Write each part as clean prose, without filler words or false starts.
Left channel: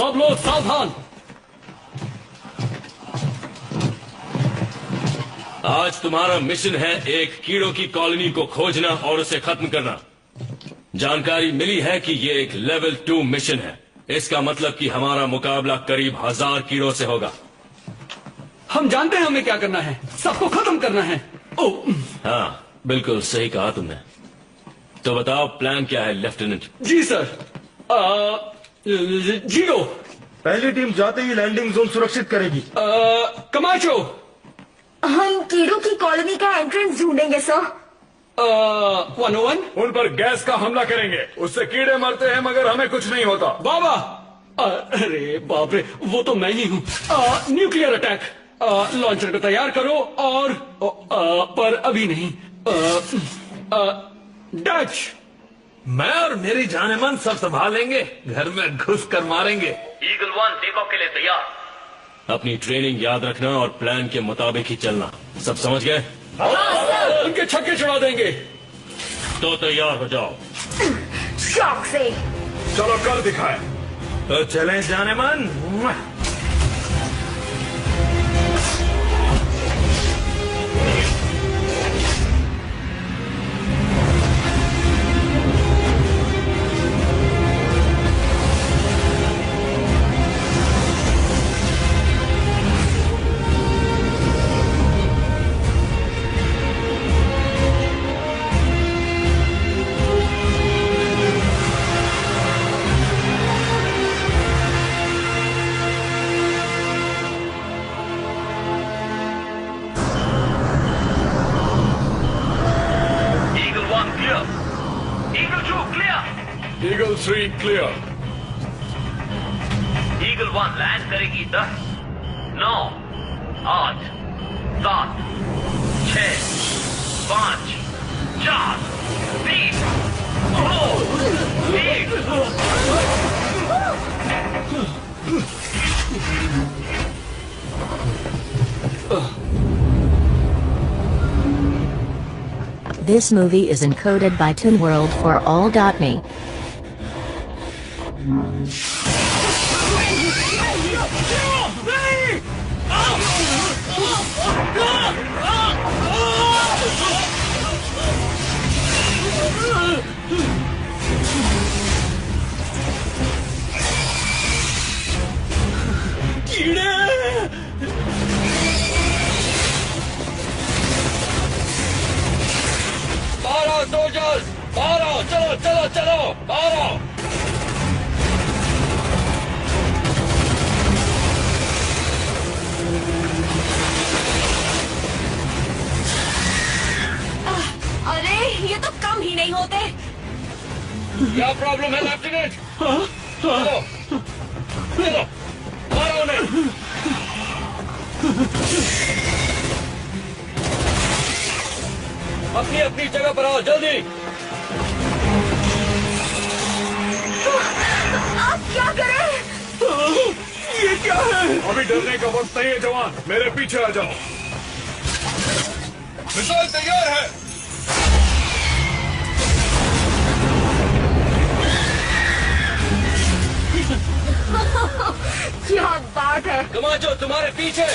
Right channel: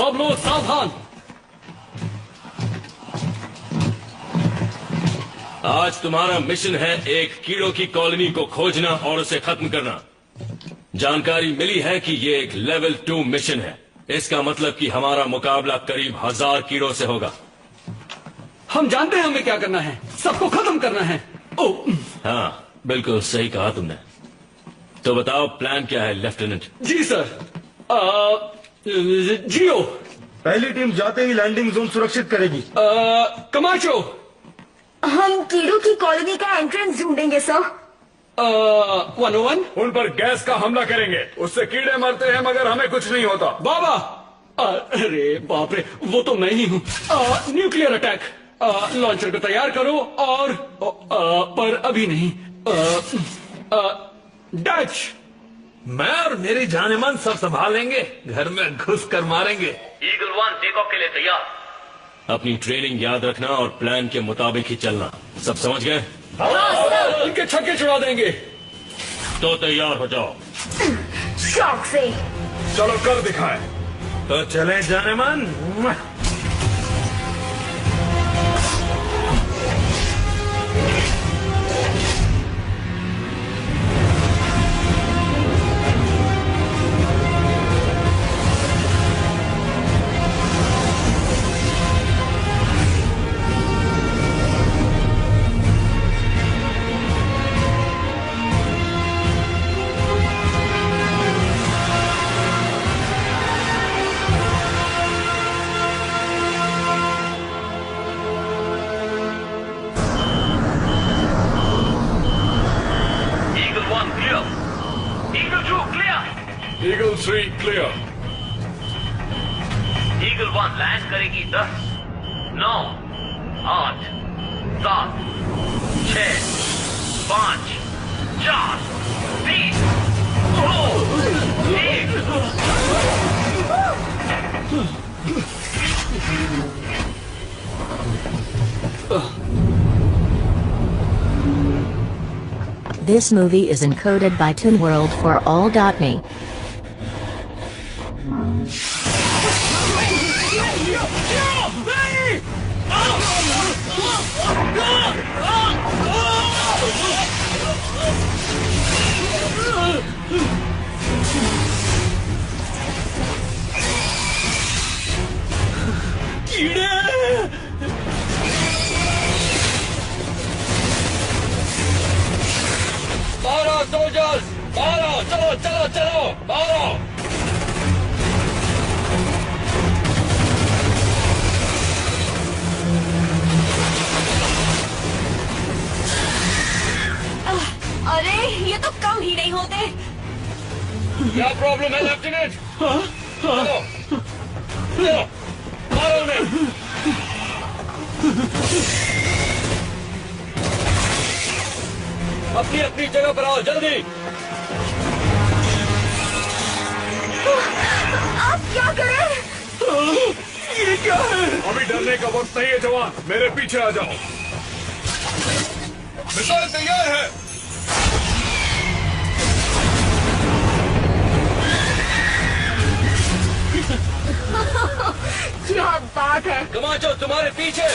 सब लोग सावधान। आज तुम्हारा मिशन है एक कीड़ों की कॉलोनी को खोजना और उसे खत्म करना। जानकारी मिली है कि ये एक लेवल 2 मिशन है। इसका मतलब कि हमारा मुकाबला करीब 1000 कीड़ों से होगा। हम जानते हैं हमें क्या करना है, सबको खत्म करना है। हाँ, बिल्कुल सही कहा तुमने। तो बताओ प्लान क्या है लेफ्टिनेंट? जी सर। जियो। पहली टीम जाते ही लैंडिंग जोन सुरक्षित करेगी। कमाचो। हम कीड़ों की कॉलोनी का एंट्रेंस ढूंढेंगे सर। 101। उन पर गैस का हमला करेंगे, उससे कीड़े मरते हैं मगर हमें कुछ नहीं होता। बाबा। अरे बाप रे, वो तो मैं ही हूँ। Nuclear attack. लॉन्चर को तैयार करो और पर अभी नहीं। डच। मैं और मेरी जानेमन सब संभालेंगे, घर में घुस कर मारेंगे। ईगल 1 टेक ऑफ के लिए तैयार। अपनी ट्रेनिंग याद रखना और प्लान के मुताबिक ही चलना। सब समझ गए? उनके छक्के छुड़ा देंगे। तो तैयार हो जाओ। शौक से। चलो कर दिखाएं। तो चलें Jaaneman. Eagle 3 clear. Eagle 1 land करेगी 10, 9, 8, 7, 6, 5, 4, 3, 2, 1। This movie is encoded by ToonWorld for all.me. Soldiers बाहर आओ, चलो चलो चलो बाहर आओ। अरे ये तो कम ही नहीं होते। क्या प्रॉब्लम है लेफ्टिनेंट? चलो चलो मारो उन्हें। अपनी अपनी जगह पर आओ जल्दी। आप क्या करें? ये क्या है? अभी डरने का वक्त नहीं है जवान, मेरे पीछे आ जाओ। मिसाइल तैयार है। क्या बात है। कमाचो तुम्हारे पीछे।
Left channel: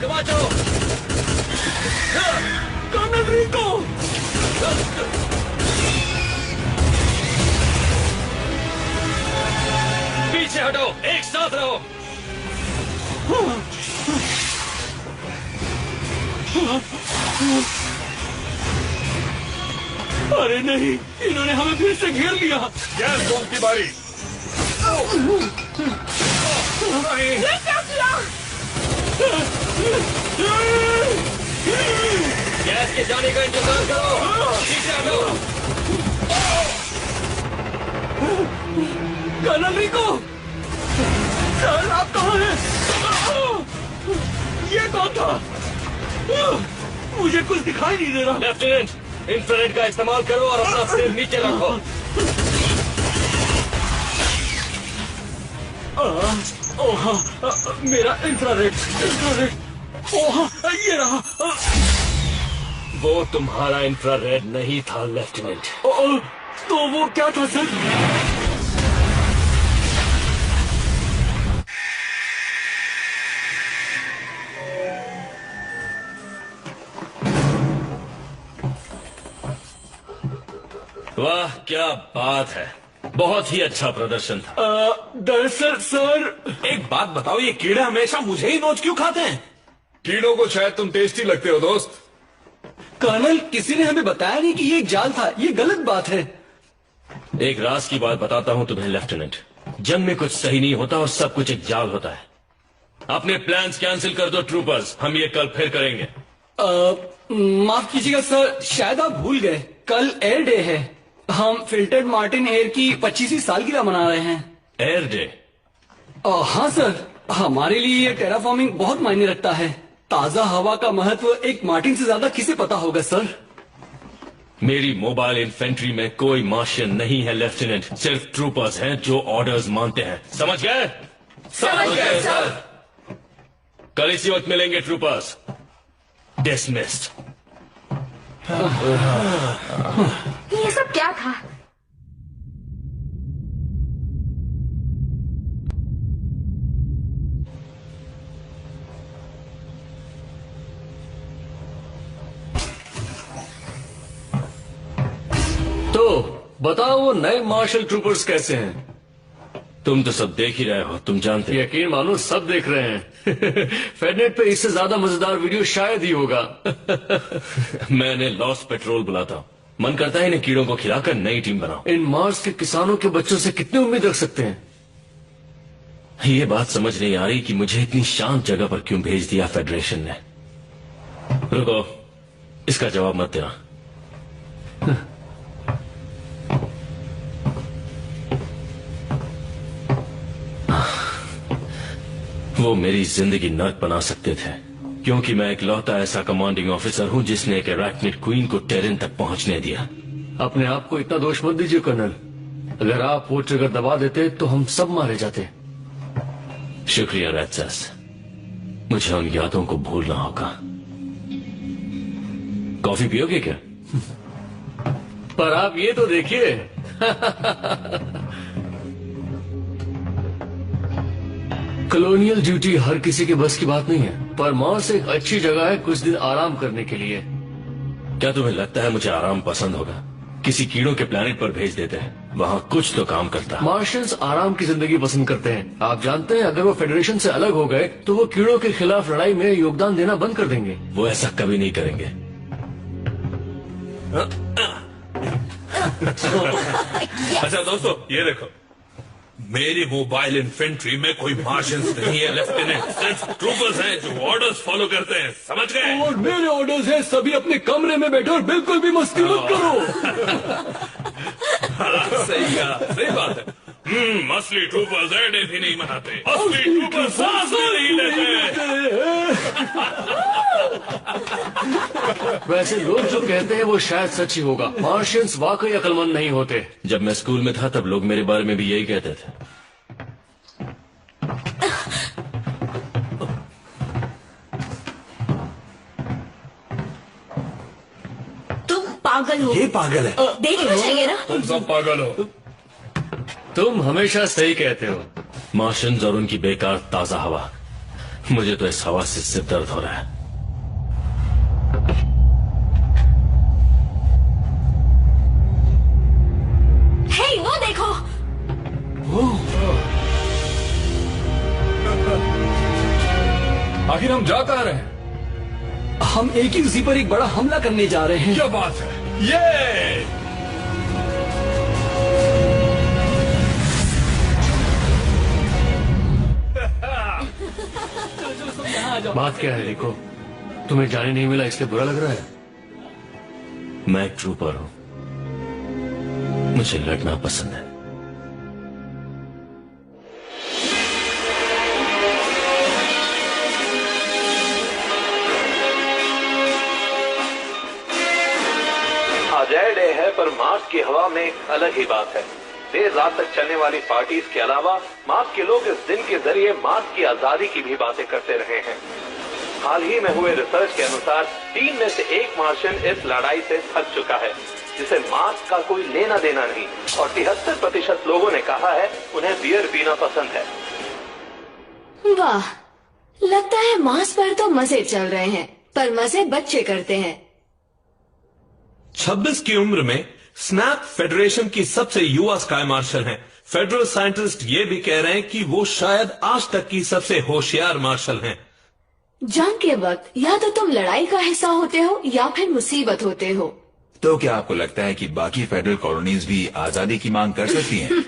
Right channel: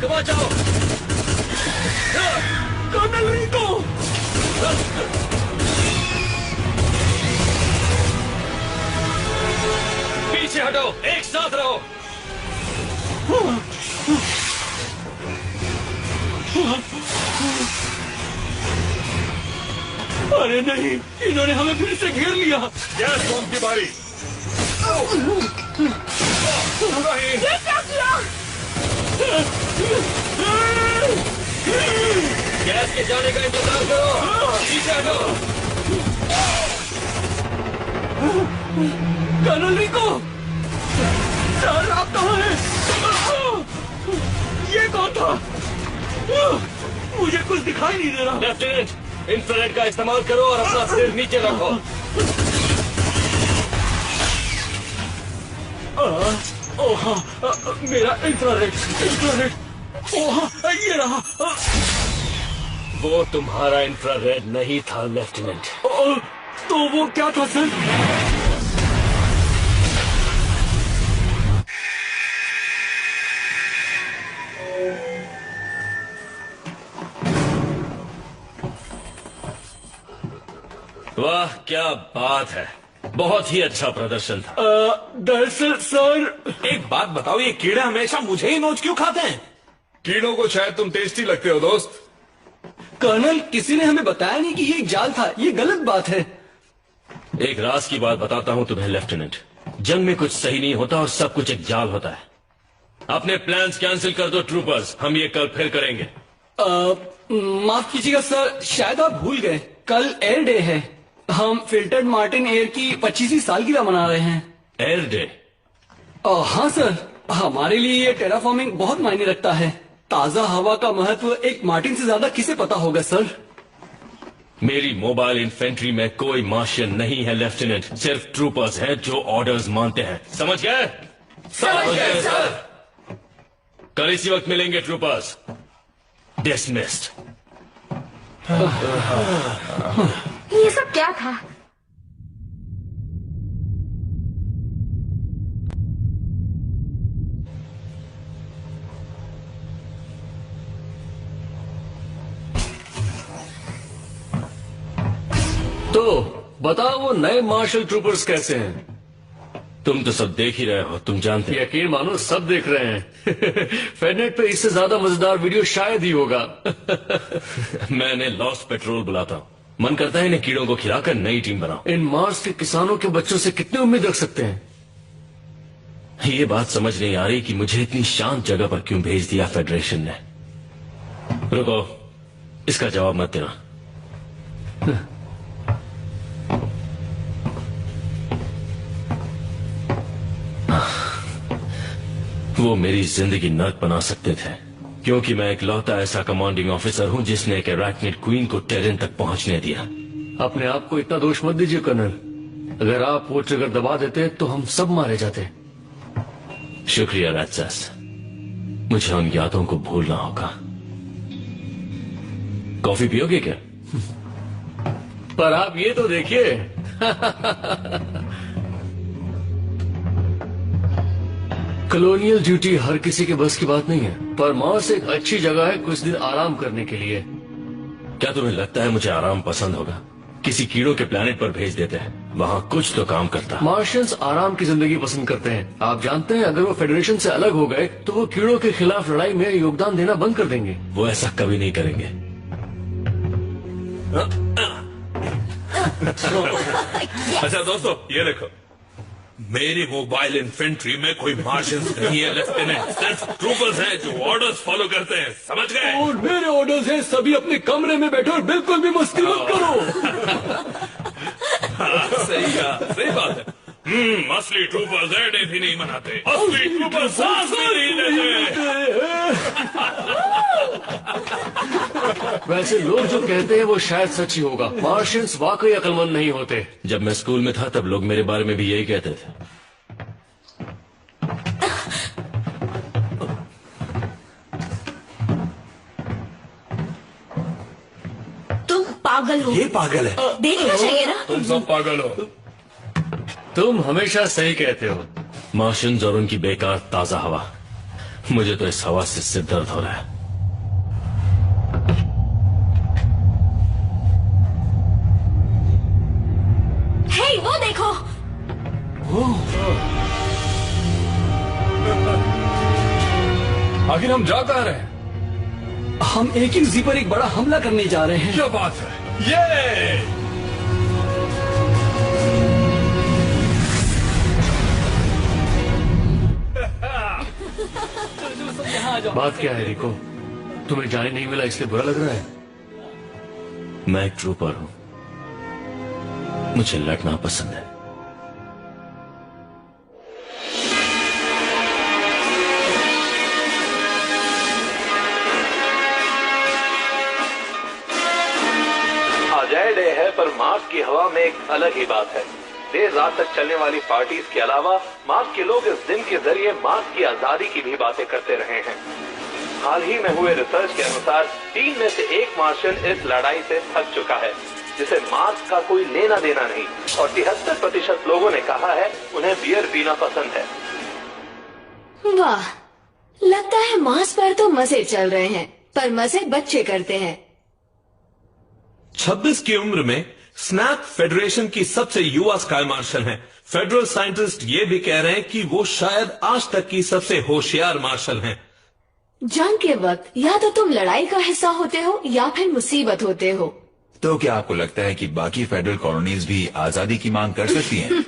कमाचो। कर्नल रिको। पीछे हटो, एक साथ रहो। अरे नहीं, इन्होंने हमें फिर से घेर लिया। गैस बॉम्ब की बारी। ये क्या किया? गैस के जाने का इंतजार करो। पीछे हटो। कर्नल रिको, सर आप कहाँ हैं? ये कौन था? मुझे कुछ दिखाई नहीं दे रहा। लेफ्टिनेंट, इंफ्रारेड का इस्तेमाल करो और अपना सिर नीचे रखो। ओह मेरा इंफ्रारेड। ओह ये रहा। वो तुम्हारा इंफ्रारेड नहीं था लेफ्टिनेंट। तो वो क्या था सर? वाह क्या बात है, बहुत ही अच्छा प्रदर्शन था। दरअसल सर, एक बात बताओ, ये कीड़े हमेशा मुझे ही नोच क्यों खाते हैं? कीड़ों को शायद तुम टेस्टी लगते हो दोस्त। कर्नल किसी ने हमें बताया नहीं कि ये एक जाल था, ये गलत बात है। एक राज की बात बताता हूं तुम्हें लेफ्टिनेंट, जंग में कुछ सही नहीं होता और सब कुछ एक जाल होता है। अपने प्लान्स कैंसिल कर दो ट्रूपर्स, हम ये कल फिर करेंगे। माफ कीजिएगा सर, शायद आप भूल गए, कल एयर डे है। हम फिल्टर्ड मार्टिन एयर की 25वीं सालगिरह मना रहे हैं। Air day? हाँ सर, हमारे लिए ये टेराफॉर्मिंग बहुत मायने रखता है। ताजा हवा का महत्व एक मार्टिन से ज्यादा किसे पता होगा सर? मेरी मोबाइल इन्फेंट्री में कोई मार्शियन नहीं है लेफ्टिनेंट, सिर्फ ट्रूपर्स हैं जो ऑर्डर्स मानते हैं। समझ गए? समझ गए सर। कल इसी वक्त मिलेंगे ट्रूपर्स। डिसमिस्ड। ये सब क्या था? तो बताओ वो नए मार्शल ट्रूपर्स कैसे हैं? तुम तो सब देख ही रहे हो, तुम जानते हो। यकीन मानो सब देख रहे हैं। फेडनेट पे इससे ज्यादा मजेदार वीडियो शायद ही होगा। मैंने लॉस्ट पेट्रोल बुलाता हूँ, मन करता है इन्हें कीड़ों को खिलाकर नई टीम बनाओ। इन मार्स के किसानों के बच्चों से कितनी उम्मीद रख सकते हैं? ये बात समझ नहीं आ रही कि मुझे इतनी शांत जगह पर क्यों भेज दिया फेडरेशन ने। रुको, इसका जवाब मत देना। वो मेरी जिंदगी नर्क बना सकते थे, क्योंकि मैं इकलौता ऐसा कमांडिंग ऑफिसर हूं जिसने एक अराक्निड क्वीन को टेरेन तक पहुंचने दिया। अपने आप को इतना दोष मत दीजिए कर्नल, अगर आप वो ट्रिगर दबा देते तो हम सब मारे जाते। शुक्रिया रैट्सस, मुझे उन यादों को भूलना होगा। कॉफी पियोगे क्या? पर आप ये तो देखिए। कॉलोनियल ड्यूटी हर किसी के बस की बात नहीं है, पर मार्स एक अच्छी जगह है कुछ दिन आराम करने के लिए। क्या तुम्हें लगता है मुझे आराम पसंद होगा? किसी कीड़ों के प्लेनेट पर भेज देते हैं, वहाँ कुछ तो काम करता। मार्शियंस आराम की जिंदगी पसंद करते हैं। आप जानते हैं, अगर वो फेडरेशन से अलग हो गए तो वो कीड़ों के खिलाफ लड़ाई में योगदान देना बंद कर देंगे। वो ऐसा कभी नहीं करेंगे। अच्छा दोस्तों, ये देखो, मेरी मोबाइल इन्फेंट्री में कोई मार्शियंस नहीं है लेफ्टिनेंट, सिर्फ ट्रूपर्स हैं जो ऑर्डर्स फॉलो करते हैं। समझ गए? और मेरे ऑर्डर्स हैं, सभी अपने कमरे में बैठो और बिल्कुल भी मस्ती मत करो। सही कहा, सही बात है। असली ट्रूपर्स एयर डे भी नहीं मनाते, असली ट्रूपर्स सांस भी नहीं लेते। वैसे लोग जो कहते हैं वो शायद सच ही होगा। मार्शियंस वाकई अक्लमंद नहीं होते। जब मैं स्कूल में था तब लोग मेरे बारे में भी यही कहते थे। तुम पागल हो। ये पागल है। देखना चाहिए ना। तुम सब पागल हो। तुम हमेशा सही कहते हो। मार्शियंस और उनकी बेकार ताजा हवा, मुझे तो इस हवा से सिर दर्द हो रहा है। हे, वो देखो। आखिर हम जा कहाँ रहे हैं? हम एक ही उसी पर एक बड़ा हमला करने जा रहे हैं। क्या बात है? ये बात क्या है रिको? तुम्हें जाने नहीं मिला इसलिए बुरा लग रहा है? मैं एक ट्रूपर हूं, मुझे लड़ना पसंद है। आज एयर डे है, पर मार्स की हवा में एक अलग ही बात है। देर रात तक चलने वाली पार्टीज के अलावा मार्स के लोग इस दिन के जरिए मार्स की आजादी की भी बातें करते रहे हैं। हाल ही में हुए रिसर्च के अनुसार 3 में से 1 मार्शियन इस लड़ाई से थक चुका है, जिसे मार्स का कोई लेना देना नहीं, और 73% लोगों ने कहा है उन्हें बियर पीना पसंद है। वाह, लगता है मार्स पर तो मजे चल रहे हैं, पर मजे बच्चे करते हैं। 26 की उम्र में स्नैप फेडरेशन की सबसे युवा स्काई मार्शल हैं। फेडरल साइंटिस्ट ये भी कह रहे हैं कि वो शायद आज तक की सबसे होशियार मार्शल हैं। जंग के वक्त या तो तुम लड़ाई का हिस्सा होते हो या फिर मुसीबत होते हो। तो क्या आपको लगता है कि बाकी फेडरल कॉलोनीज भी आजादी की मांग कर सकती हैं?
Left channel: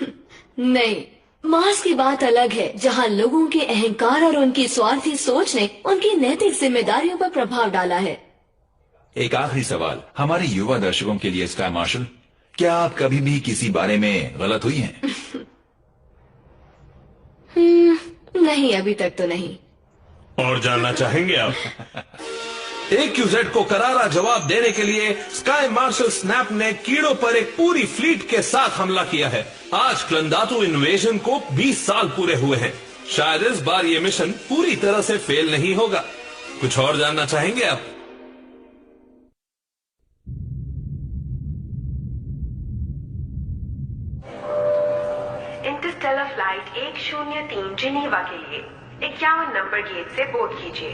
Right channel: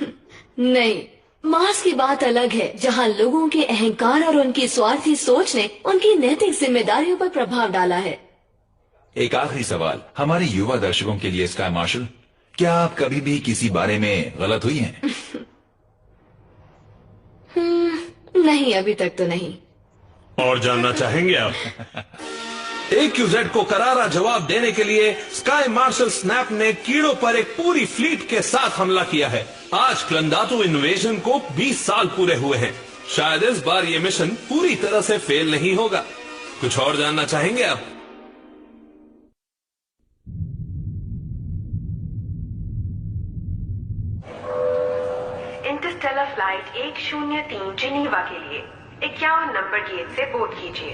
नहीं, मार्स की बात अलग है, जहां लोगों के अहंकार और उनकी स्वार्थी सोच ने उनकी नैतिक जिम्मेदारियों पर प्रभाव डाला है। एक आखिरी सवाल हमारे युवा दर्शकों के लिए, स्काई मार्शल, क्या आप कभी भी किसी बारे में गलत हुई हैं? नहीं, अभी तक तो नहीं। और जानना चाहेंगे आप? AQZ को करारा जवाब देने के लिए स्काई मार्शल स्नैप ने कीड़ों पर एक पूरी फ्लीट के साथ हमला किया है। आज क्लंदातु इन्वेजन को 20 साल पूरे हुए हैं। शायद इस बार ये मिशन पूरी तरह से फेल नहीं होगा। कुछ और जानना चाहेंगे आप? इंटरस्टेलर फ्लाइट 103 जिनीवा के लिए 51 नंबर गेट से बोर्ड कीजिए।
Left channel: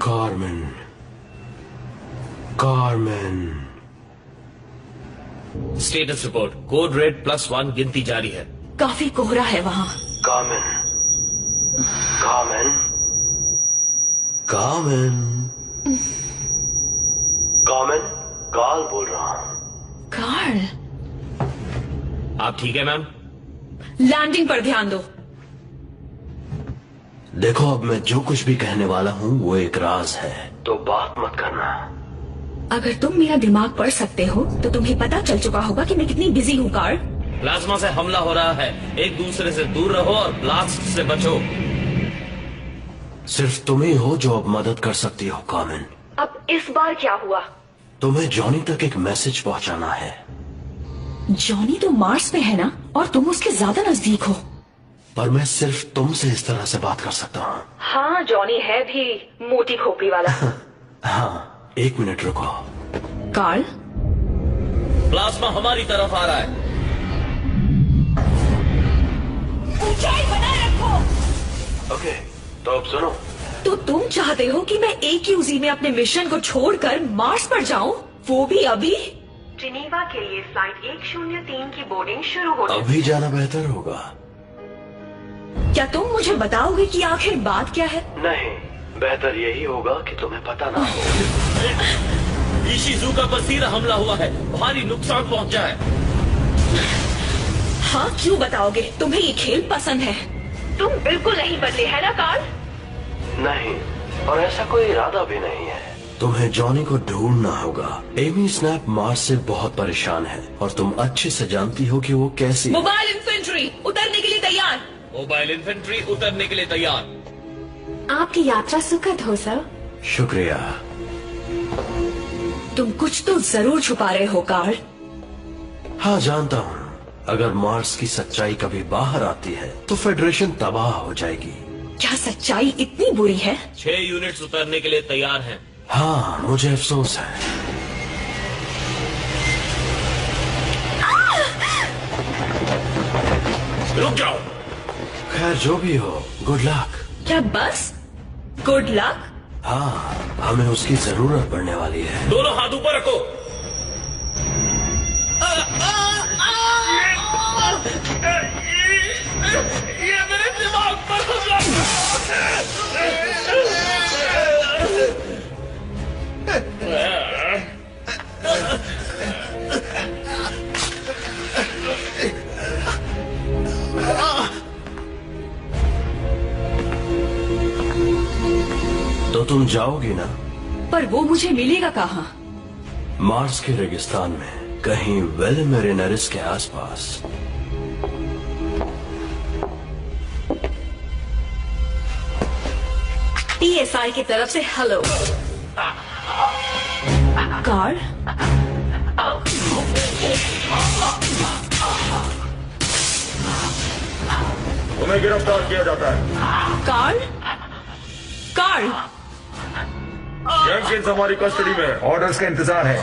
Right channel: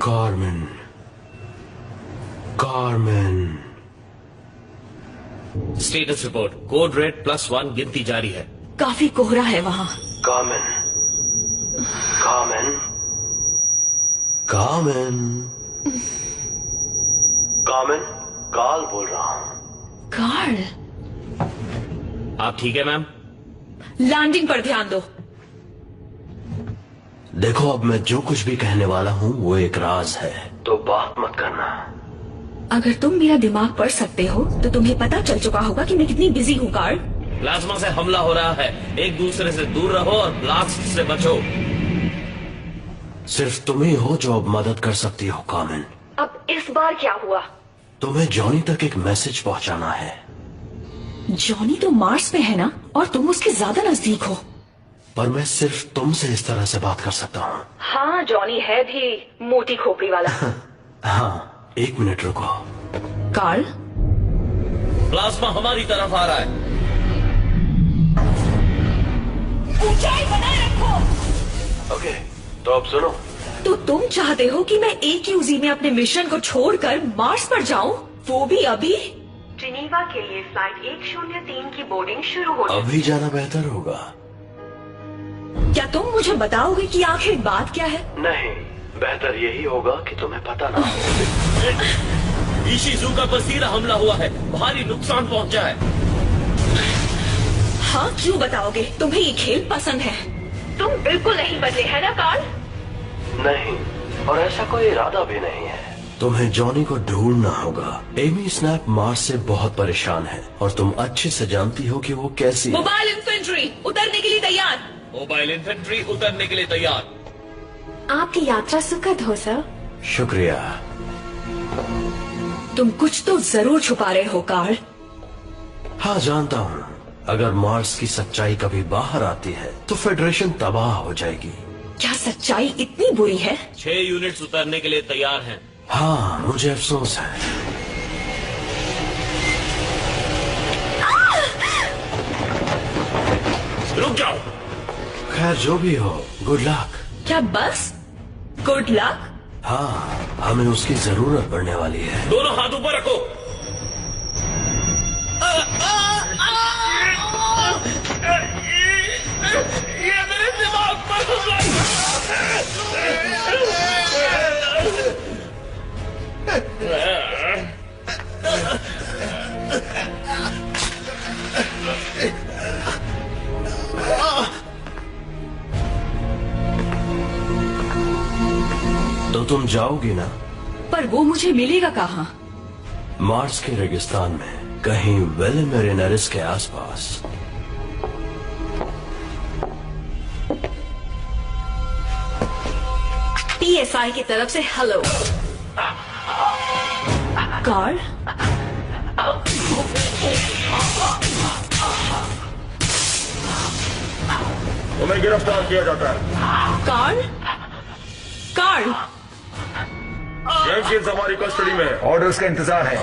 Carmen. Status report, code red +1 गिनती जारी है। काफी कोहरा है वहाँ। कार्मेन, कार्ल बोल रहा हूँ। कार्ल, आप ठीक है मैम? लैंडिंग पर ध्यान दो। देखो, अब मैं जो कुछ भी कहने वाला हूँ वो एक राज है, तो बात मत करना। अगर तुम मेरा दिमाग पढ़ सकते हो तो तुम्हें पता चल चुका होगा कि मैं कितनी बिजी हूँ कार्ल। प्लाज्मा से हमला हो रहा है, एक दूसरे से दूर रहो और ब्लास्ट से बचो। सिर्फ तुम ही हो जो अब मदद कर सकती हो कार्मेन। अब इस बार क्या हुआ? तुम्हें जॉनी तक एक मैसेज पहुंचाना है। जॉनी तो मार्स पे है ना, और तुम उसके ज्यादा नजदीक हो। पर मैं सिर्फ तुमसे इस तरह से बात कर सकता हूँ। हाँ, जॉनी है भी मोटी खोपड़ी वाला। हाँ, 1 मिनट रुको। कार्ल, प्लाज्मा हमारी तरफ आ रहा है। ऊंचाई बनाए रखो। ओके, तो अब सुनो। तो तुम चाहते हो कि मैं AQZ में अपने मिशन को छोड़कर मार्स पर जाऊं, वो भी अभी? जिनीवा के लिए फ्लाइट 103 की बोर्डिंग शुरू हो चुकी है। अभी जाना बेहतर होगा। क्या तुम मुझे बताओगे कि आखिर बात क्या है? नहीं, बेहतर यही होगा कि तुम्हें पता ना हो। इशिज़ुका पर सीधा हमला हुआ है, भारी नुकसान पहुंचा है। हाँ, क्यों बताओगे? तुम्हें ये खेल पसंद है। तुम बिल्कुल नहीं बदले है ना कार्ल? नहीं, और ऐसा कोई इरादा भी नहीं है। तुम्हें जॉनी को ढूंढना होगा। एमी स्नैप मार्स से बहुत परेशान है और तुम अच्छे से जानती हो कि वो कैसी। मोबाइल इन्फेंट्री उतरने के लिए तैयार। मोबाइल इन्फेंट्री उतरने के लिए तैयार। आपकी यात्रा सुखद हो सर। शुक्रिया। तुम कुछ तो जरूर छुपा रहे हो कार्ल। हाँ, जानता हूँ। अगर मार्स की सच्चाई कभी बाहर आती है तो फेडरेशन तबाह हो जाएगी। क्या सच्चाई इतनी बुरी है? 6 यूनिट्स उतरने के लिए तैयार हैं। हाँ, मुझे अफसोस है। रुक जाओ। खैर, जो भी हो, गुड लक। क्या बस गुड लक? हाँ, हमें उसकी जरूरत पड़ने वाली है। दोनों हाथ ऊपर रखो। ये मेरे दिमाग पर हमला। तो तुम जाओगी ना? पर वो मुझे मिलेगा कहाँ? मार्स के रेगिस्तान में, कहीं वेलेमेरिनरिस के आसपास। PSI की तरफ से हेलो। कार्ल, तुम्हें गिरफ्तार किया जाता है। कार्ल? कार्ल? जेनकिंस हमारी कस्टडी में है। ऑर्डर्स का इंतजार है।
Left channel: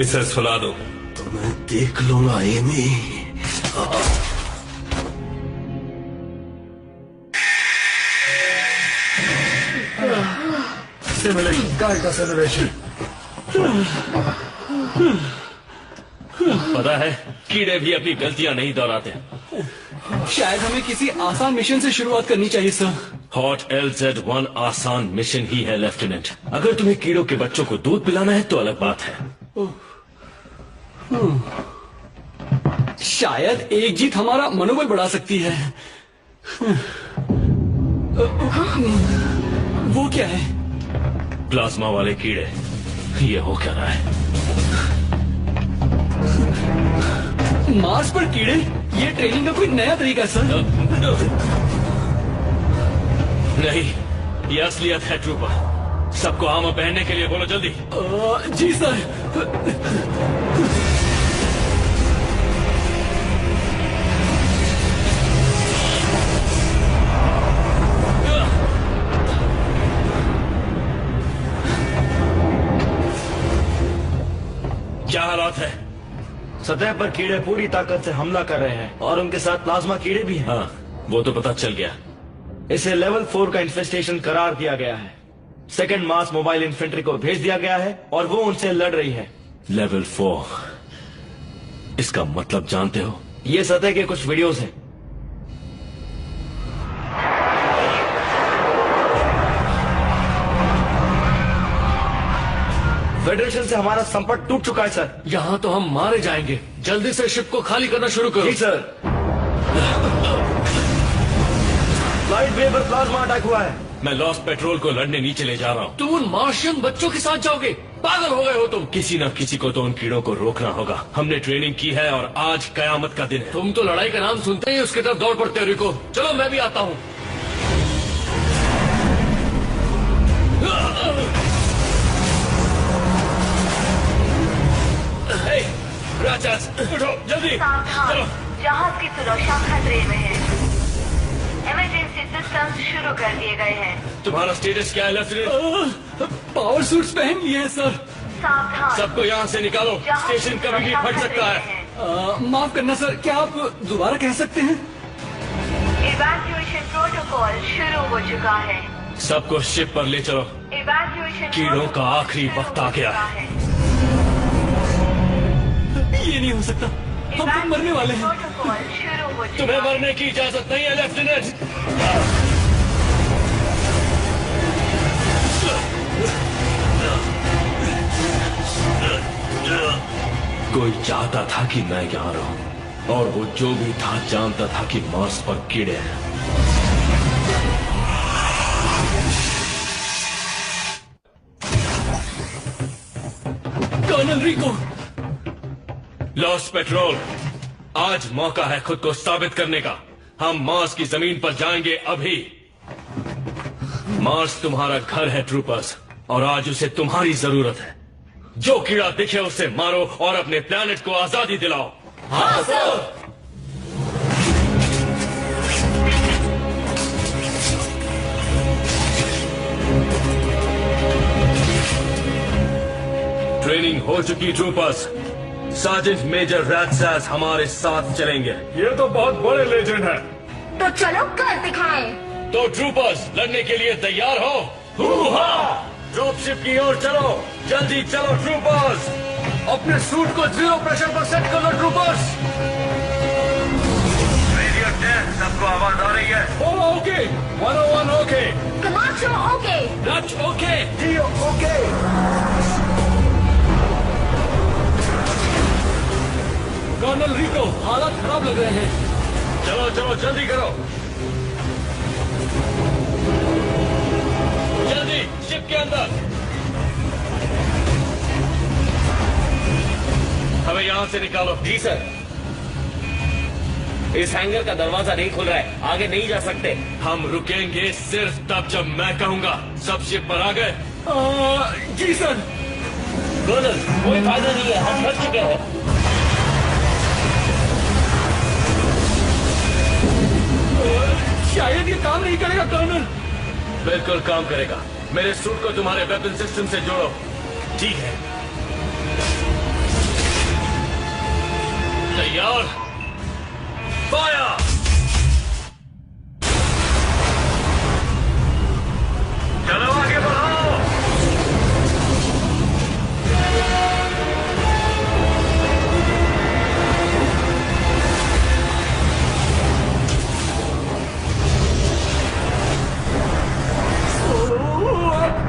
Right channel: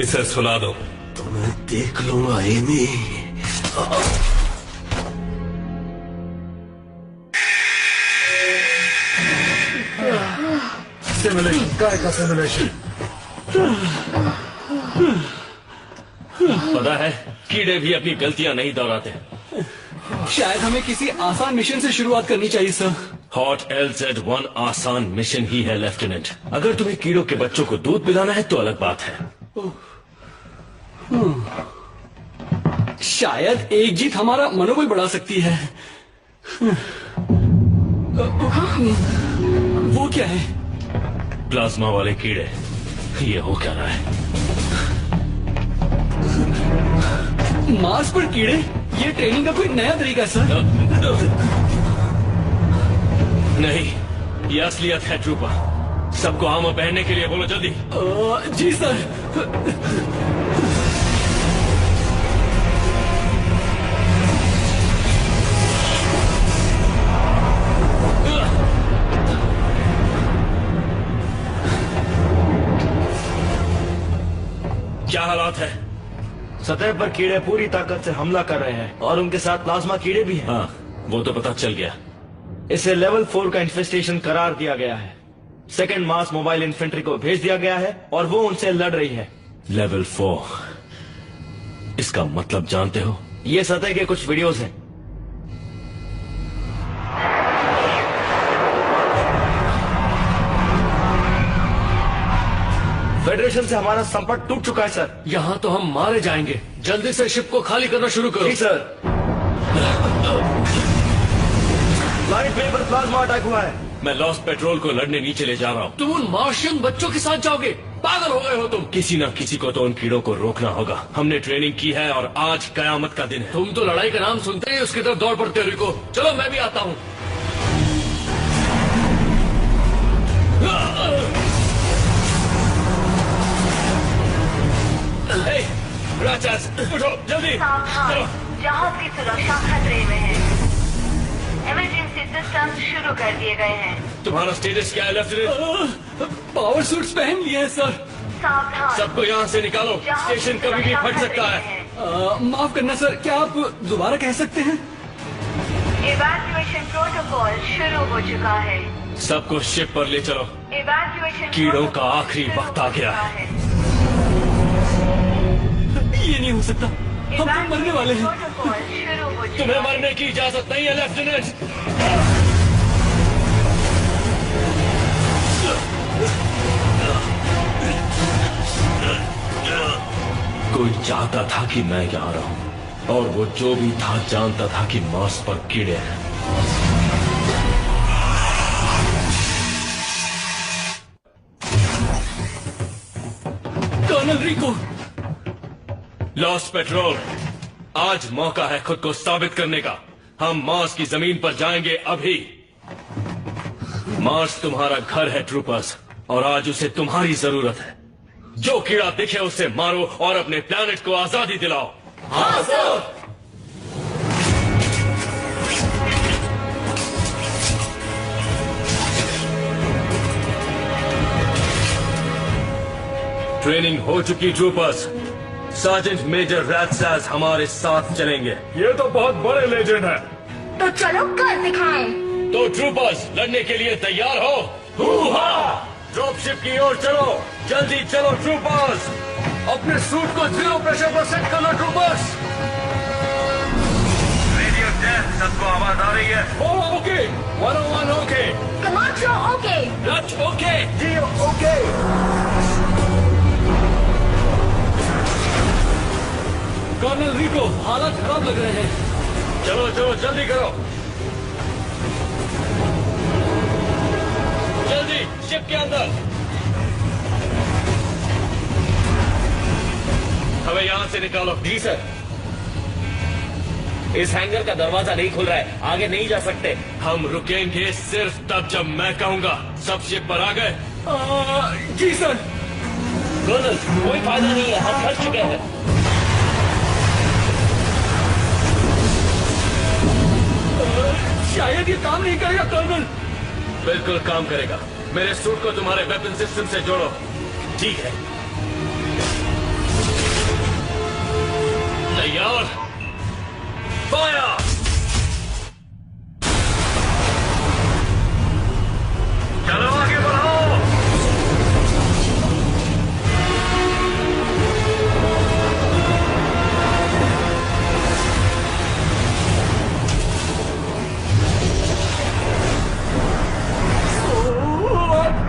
इसे सुला दो। तो मैं देख लूंगा एमी। सिमुलेशन, काय का सिमुलेशन? पता है, कीड़े भी अपनी गलतियां नहीं दोहराते। शायद हमें किसी आसान मिशन से शुरुआत करनी चाहिए सर। हॉट LZ-1 आसान मिशन ही है लेफ्टिनेंट। अगर तुम्हें कीड़ों के बच्चों को दूध पिलाना है तो अलग बात है। शायद एक जीत हमारा मनोबल बढ़ा सकती है। वो क्या है? प्लाज्मा वाले कीड़े। ये हो क्या रहा है? मार्स पर कीड़े? ये ट्रेनिंग का कोई नया तरीका सर? नहीं, ये असलियत है ट्रूपर। सबको आर्मर पहनने के लिए बोलो जल्दी। जी सर। क्या हालात है? सतह पर कीड़े पूरी ताकत से हमला कर रहे हैं और उनके साथ प्लाज्मा कीड़े भी हैं। हाँ, वो तो पता चल गया। इसे लेवल 4 का इन्फेस्टेशन करार दिया गया है। सेकंड मास मोबाइल इन्फेंट्री को भेज दिया गया है और वो उनसे लड़ रही है। लेवल 4, इसका मतलब जानते हो? ये सतह के कुछ वीडियोस हैं। फेडरेशन से हमारा संपर्क टूट चुका है सर। यहाँ तो हम मारे जाएंगे। जल्दी से शिप को खाली करना शुरू करो। जी सर। लाइट वे पर प्लाज्मा अटैक हुआ है। मैं लॉस्ट पेट्रोल को लड़ने नीचे ले जा रहा हूँ। तुम उन मार्शियन बच्चों के साथ जाओगे? पागल हो गए हो तुम। किसी न किसी को तो उन कीड़ों को रोकना होगा। हमने ट्रेनिंग की है और आज कयामत का दिन है। तुम तो लड़ाई का नाम सुनते ही उसकी तरफ दौड़ पड़ते हो। रिको, चलो मैं भी आता हूँ। राक्षस, उठो जल्दी। सावधान, जहाज की सुरक्षा खतरे में है। इमरजेंसी सिस्टम शुरू कर दिए गए हैं। तुम्हारा स्टेटस क्या है लेफ्टिनेंट? पावर सूट्स पहन लिए हैं सर। सावधान, सबको यहाँ से निकालो। स्टेशन कभी भी फट सकता है। माफ करना सर, क्या आप दोबारा कह सकते हैं? इवैक्यूएशन प्रोटोकॉल शुरू हो चुका है। सबको शिप पर ले चलो। इवैक्यूएशन कीड़ों का आखिरी वक्त आ गया है। ये नहीं हो सकता, हम तो मरने वाले हैं। प्रोटोकॉल शुरू हो चुका तुम्हें मरने की इजाजत नहीं है लेफ्टिनेंट। कोई चाहता था कि मैं यहाँ रहूं और वो जो भी था जानता था कि मार्स पर कीड़े हैं। कर्नल रिको। लॉस्ट पेट्रोल, आज मौका है खुद को साबित करने का। हम मार्स की जमीन पर जाएंगे अभी। मार्स तुम्हारा घर है ट्रूपर्स, और आज उसे तुम्हारी जरूरत है। जो कीड़ा दिखे उसे मारो और अपने प्लैनेट को आजादी दिलाओ। हाँ सर। ट्रेनिंग हो चुकी ट्रूपर्स। सार्जेंट मेजर रैथसास हमारे साथ चलेंगे। ये तो बहुत बड़े लेजेंड हैं। तो चलो कर दिखाएं। तो ट्रूपर्स, लड़ने के लिए तैयार हो? ड्रॉप शिप की ओर चलो, जल्दी चलो ट्रूपर्स। अपने सूट को 0 प्रेशर पर सेट कर लो ट्रूपर्स। रेडियो टेस्ट, सबको आवाज आ रही है? Okay, 101 okay, commando okay, Dutch okay, जियो ओके। कर्नल रिको, हालात खराब लग रहे हैं। चलो चलो जल्दी करो, जल्दी शिप के अंदर। हमें यहां से निकालो। जी सर। इस हैंगर का दरवाजा नहीं खुल रहा है, आगे नहीं जा सकते। हम रुकेंगे सिर्फ तब जब मैं कहूंगा। सब शिप पर आ गए? जी सर। कर्नल, कोई फायदा नहीं है, हम थक चुके हैं। शायद ये काम नहीं करेगा कर्नल। बिल्कुल काम करेगा। मेरे सूट को तुम्हारे वेपन सिस्टम से जोड़ो। ठीक है। तैयार, फायर। चलो आगे बढ़ो।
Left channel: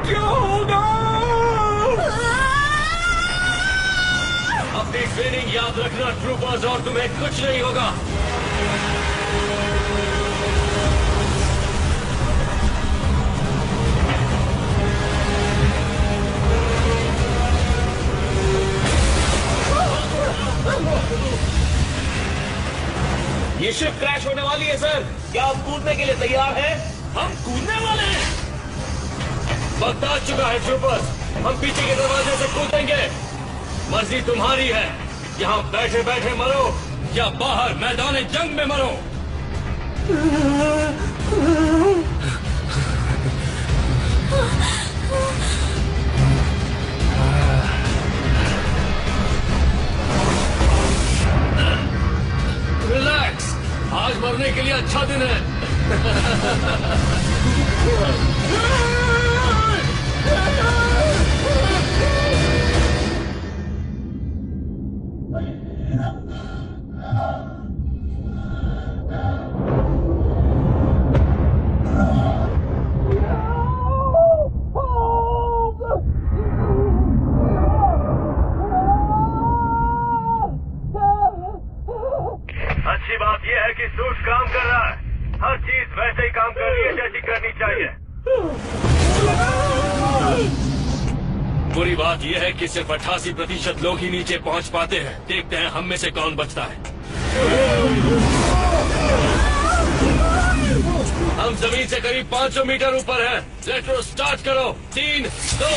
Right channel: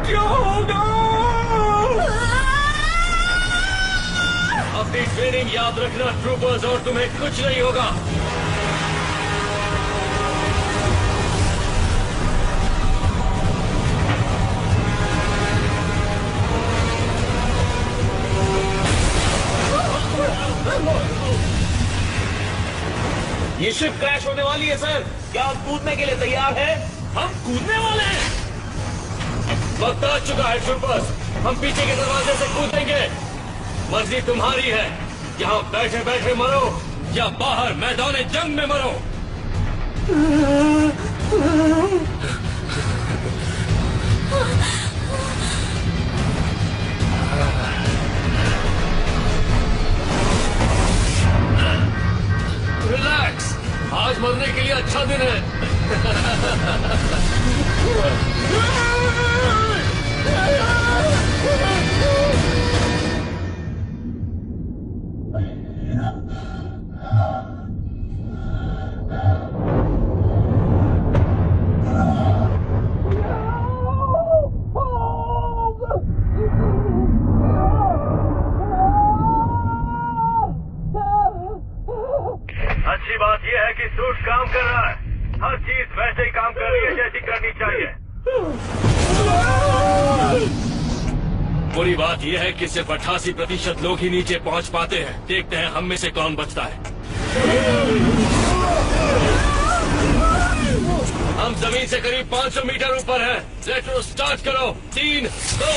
क्या होगा? अपनी ट्रेनिंग याद रखना ट्रूपर्स, और तुम्हें कुछ नहीं होगा। ये शिप क्रैश होने वाली है सर। क्या आप कूदने के लिए तैयार हैं? हम कूदने वाले हैं। वक्त आ चुका है ट्रूपर्स, हम पीछे के दरवाजे से कूदेंगे। मर्जी तुम्हारी है, यहाँ बैठे बैठे मरो या बाहर मैदान जंग में मरो। रिलैक्स, आज मरने के लिए अच्छा दिन है। अच्छी बात यह है कि सूट काम कर रहा है। हर चीज वैसे ही काम कर रही है जैसी करनी चाहिए। बुरी बात यह है कि सिर्फ 88% लोग ही नीचे पहुंच पाते हैं। देखते हैं हम में से कौन बचता है। हम जमीन से करीब 500 मीटर ऊपर हैं। रेट्रो स्टार्ट करो। 3, 2,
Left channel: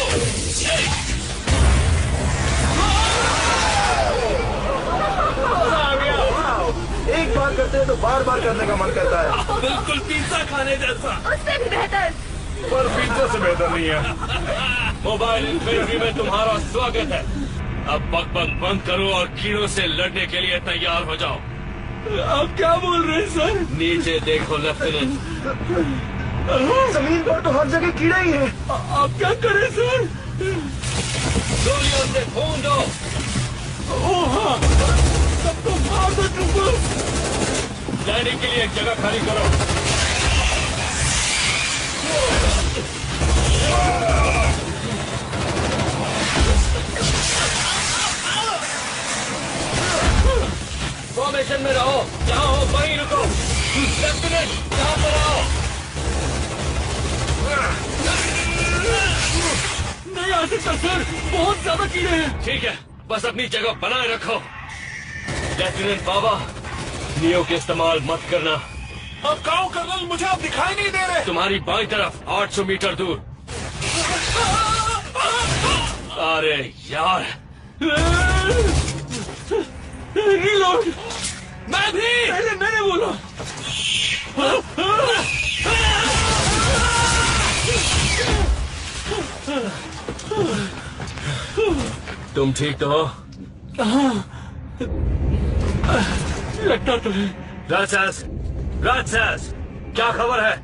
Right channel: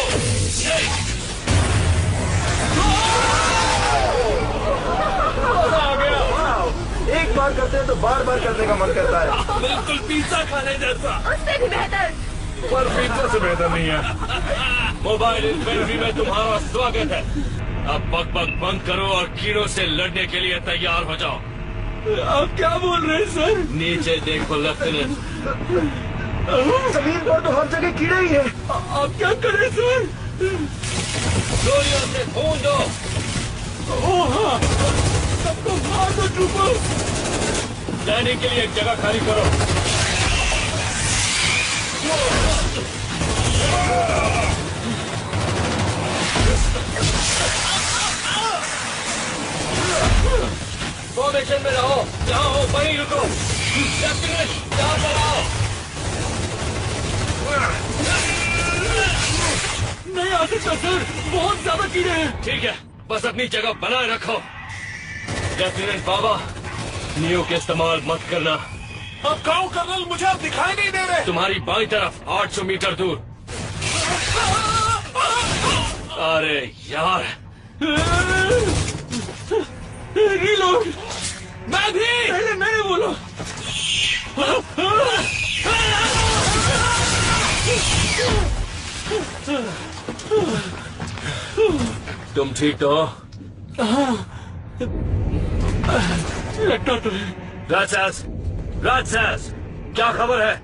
1। एक बार करते हैं तो बार बार करने का मन करता है। बिल्कुल पिज्जा खाने जैसा। उससे भी बेहतर। पर पिज्जा से बेहतर नहीं है। मोबाइल इन्फेंट्री में तुम्हारा स्वागत है। अब बक बक बंद करो और कीड़ों से लड़ने के लिए तैयार हो जाओ। आप क्या बोल रहे हैं सर? नीचे देखो लेफ्टिनेंट। जमीन पर तो हर जगह कीड़े ही हैं। आप क्या करें सर? गोलियों से खून दो। ओह हाँ, सबको मार दो ट्रूपर्स। लैंडिंग के लिए एक जगह खाली करो। फॉर्मेशन में रहो। जहाँ हो वहीं रुको। लेफ्टिनेंट, यहाँ पर आओ। नहीं आ सकता सर, बहुत ज्यादा कीड़े हैं। ठीक है, बस अपनी जगह बनाए रखो। लेफ्टिनेंट बाबा, नियो के इस्तेमाल मत करना। अब गाँव कर्नल, मुझे आप दिखाई नहीं दे रहे। तुम्हारी बाईं तरफ 800 मीटर दूर। अरे यार, रीलोड। मैं भी। पहले मैंने बोला। तुम ठीक तो हो? लगता तो है। राजसेल्स, क्या खबर है?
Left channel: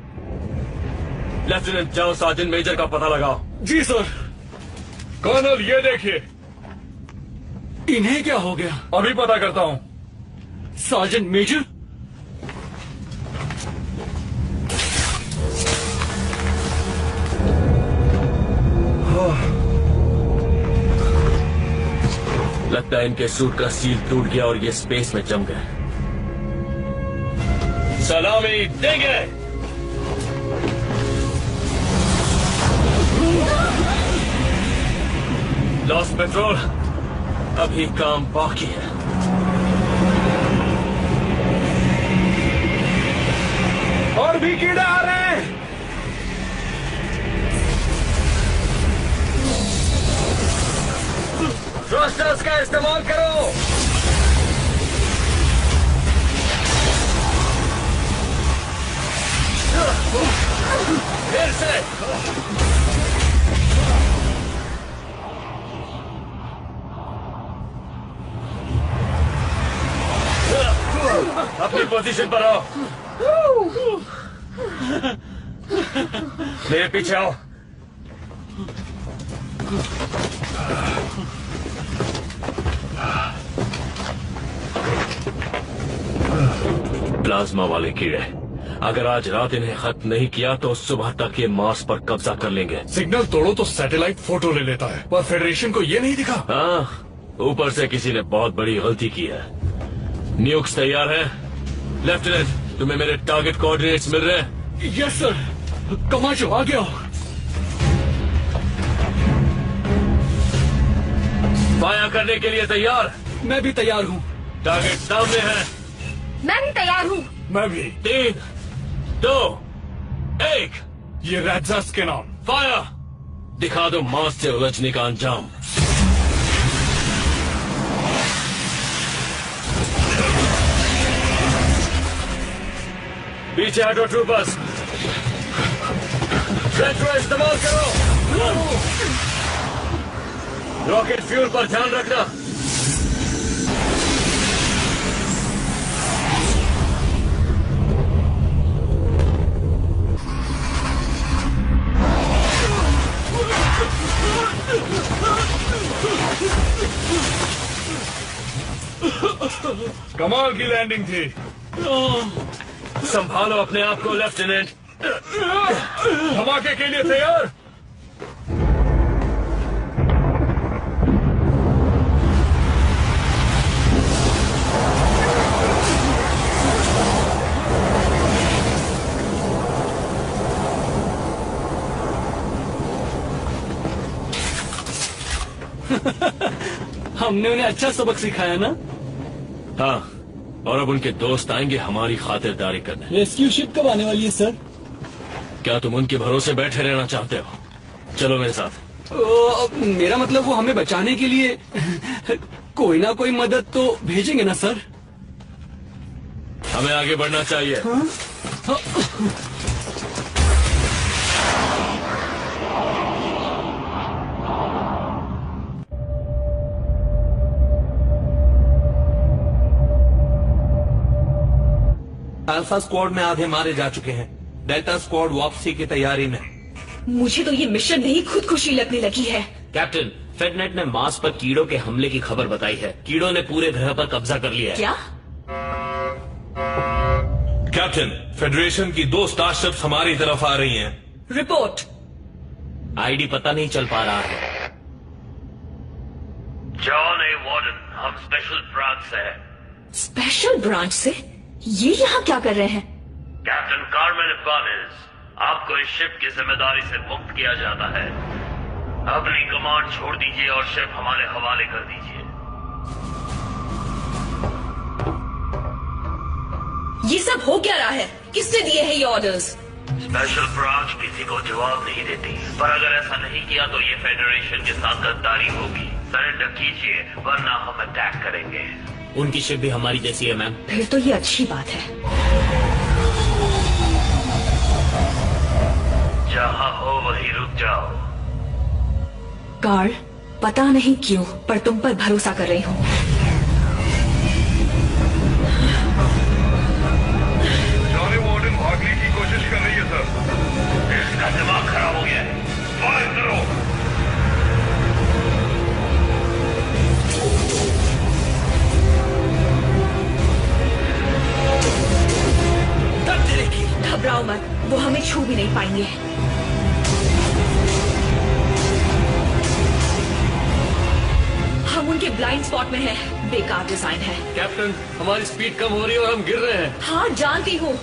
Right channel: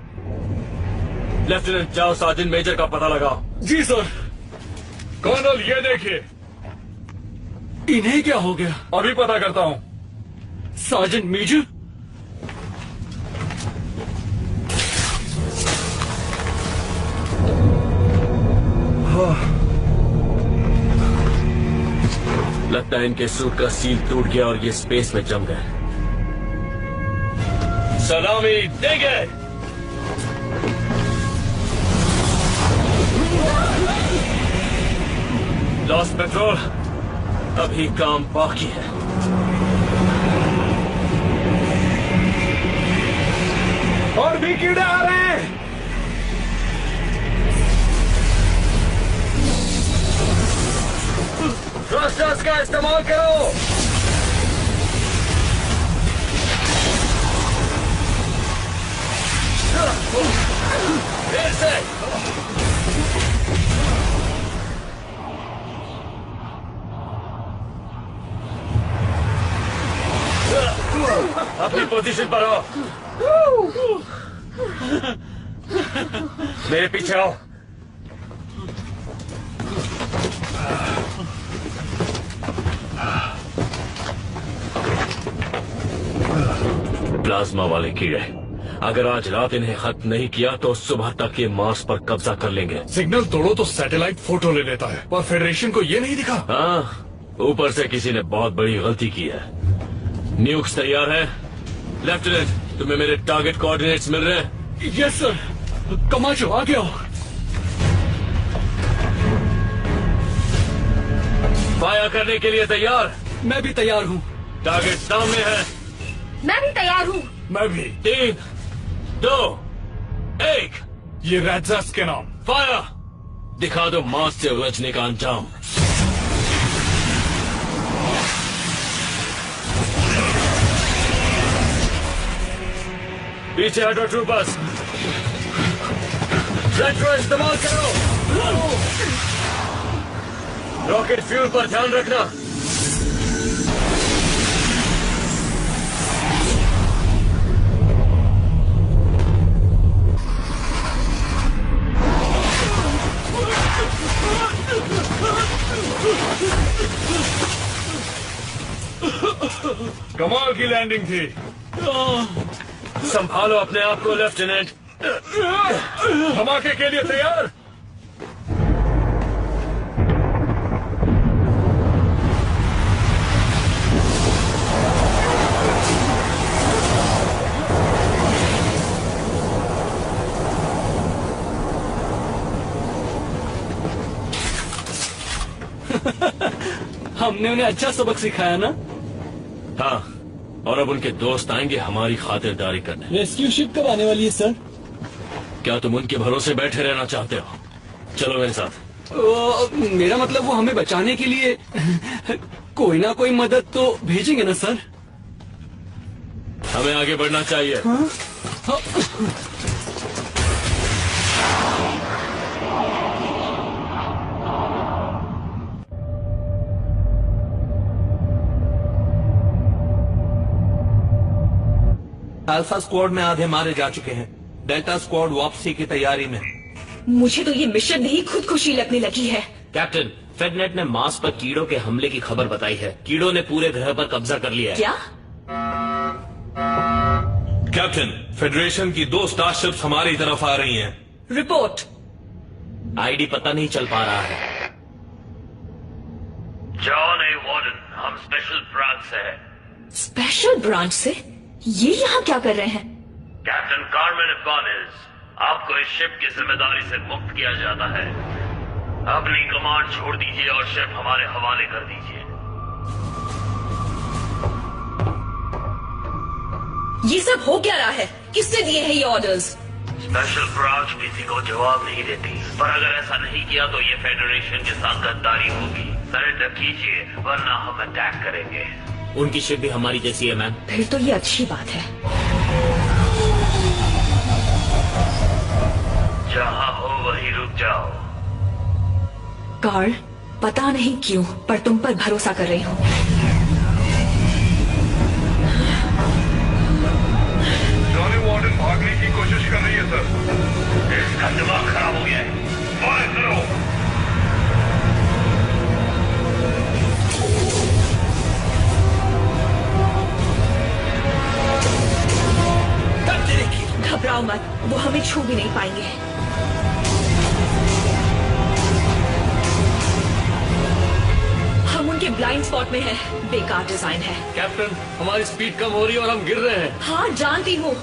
लेफ्टिनेंट, जाओ सार्जेंट मेजर का पता लगाओ। जी सर। कर्नल, ये देखिए। इन्हें क्या हो गया? अभी पता करता हूँ। Sergeant major? लगता है इनके सूट का सील टूट गया और ये स्पेस में जम गए। सलामी देंगे। लॉस पेट्रोल, अभी काम बाकी है। और भी कीड़े आ रहे हैं। थ्रस्टर्स का इस्तेमाल करो। फिर से अपनी पोजीशन पर आओ। मेरे पीछे आओ। प्लाज्मा वाले कीड़े, अगर आज रात इन्हें खत्म नहीं किया तो सुबह तक ये मार्स पर कब्जा कर लेंगे। सिग्नल तोड़ो तो सैटेलाइट फोटो ले लेता है, पर फेडरेशन को ये नहीं दिखा। हाँ, ऊपर से किसी ने बहुत बड़ी गलती की है। न्यूक्स तैयार है? लेफ्टिनेंट, तुम्हें मेरे टारगेट कोऑर्डिनेट्स मिल रहे हैं? Yes sir. कमाचो आ गया। फायर करने के लिए तैयार? मैं भी तैयार हूँ। टारगेट सामने है। मैं भी तैयार हूँ। मैं भी। 3, 2, 1। ये रैट्स के नाम। फायर! दिखा दो मार्स से उलझने का अंजाम। पीछे हटो ट्रूपर्स। रेट्रो इस्तेमाल करो। रॉकेट फ्यूल पर ध्यान रखना। कमाल की लैंडिंग थी। संभालो अपने आप को लेफ्टिनेंट। धमाके के लिए तैयार? हमने उन्हें अच्छा सबक सिखाया ना? हाँ, और अब उनके दोस्त आएंगे हमारी खातिरदारी करने। रेस्क्यू शिप कब आने वाली है सर? क्या तुम उनके भरोसे बैठे रहना चाहते हो? चलो मेरे साथ। मेरा मतलब वो हमें बचाने के लिए कोई ना कोई मदद तो भेजेंगे ना सर? हमें आगे बढ़ना चाहिए। हाँ? हाँ। अल्फा स्क्वाड में आधे मारे जा चुके हैं। डेल्टा स्क्वाड वापसी की तैयारी में। मुझे तो ये मिशन नहीं खुदकुशी लगने लगी है। कैप्टन, फेडनेट ने मार्स पर कीड़ों के हमले की खबर बताई है। कीड़ों ने पूरे ग्रह पर कब्जा कर लिया है। क्या? कैप्टन, फेडरेशन की 2 स्टारशिप्स हमारी तरफ आ रही हैं। रिपोर्ट। आईडी पता नहीं चल पा रहा है। जॉन ए वार्डन, हम स्पेशल ब्रांच से हैं। स्पेशल ब्रांच से? ये यहाँ क्या कर रहे हैं? कैप्टन कार्मेन इबानेज, आपको इस शिप की जिम्मेदारी से मुक्त किया जाता है। अपनी कमांड छोड़ दीजिए और शिप हमारे हवाले कर दीजिए। ये सब हो क्या रहा है? किसने दिए हैं ये ऑर्डर्स? स्पेशल ब्रांच किसी को जवाब नहीं देती, पर अगर ऐसा नहीं किया तो ये फेडरेशन के साथ गद्दारी होगी। सरेंडर कीजिए वरना हम अटैक करेंगे। उनकी शिप भी हमारी जैसी है मैम। फिर तो ये अच्छी बात है। जहाँ हो वहीं रुक जाओ। कार्ल, पता नहीं क्यों पर तुम पर भरोसा कर रही हूँ। जॉनी वार्डन भागने की कोशिश कर रही है सर। इसका दिमाग खराब हो गया है। फायर करो। घबराओ मत, वो हमें छू भी नहीं पाएंगे। हम उनके ब्लाइंड स्पॉट में हैं। बेकार डिजाइन है। कैप्टन, हमारी स्पीड कम हो रही है और हम गिर रहे हैं। हाँ जानती हूँ।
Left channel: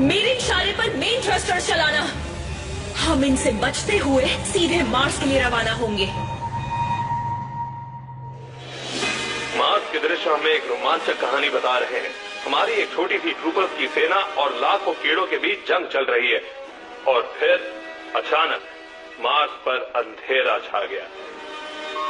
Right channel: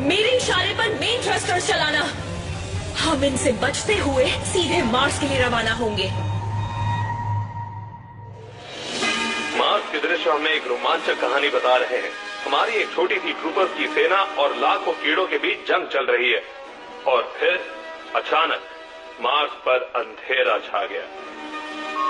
मेरे इशारे पर मेन थ्रस्टर चलाना। हम इनसे बचते हुए सीधे मार्स के लिए रवाना होंगे। मार्स के दृश्य हमें एक रोमांचक कहानी बता रहे हैं। हमारी एक छोटी सी ट्रूपर्स की सेना और लाखों कीड़ों के बीच जंग चल रही है और फिर अचानक मार्स पर अंधेरा छा गया।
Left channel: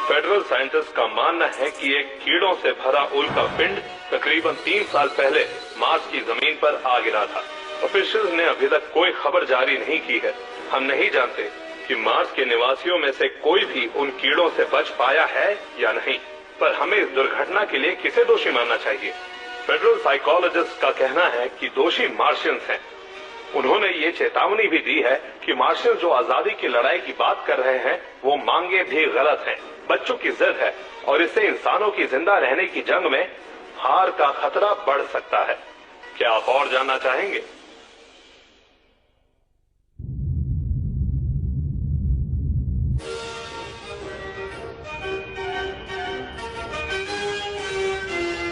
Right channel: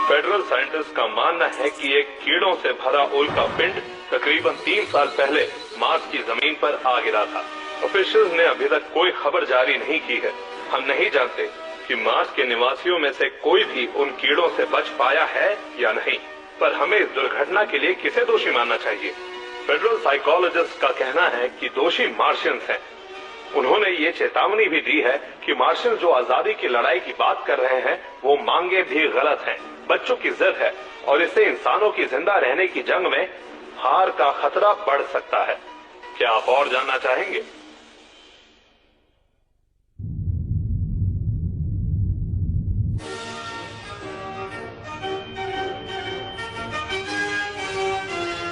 फेडरल साइंटिस्ट का मानना है कि एक कीड़ों से भरा उल्का पिंड तकरीबन 3 साल पहले मार्स की जमीन पर आ गिरा था। ऑफिशियल्स ने अभी तक कोई खबर जारी नहीं की है। हम नहीं जानते कि मार्स के निवासियों में से कोई भी उन कीड़ों से बच पाया है या नहीं, पर हमें इस दुर्घटना के लिए किसे दोषी मानना चाहिए? फेडरल साइकोलॉजिस्ट का कहना है कि दोषी मार्शियंस हैं। उन्होंने ये चेतावनी भी दी है कि मार्शियंस जो आजादी की लड़ाई की बात कर रहे हैं वो मांगे भी गलत हैं, बच्चों की जिद है और इससे इंसानों की जिंदा रहने की जंग में हार का खतरा बढ़ सकता है। क्या आप और जानना चाहेंगे?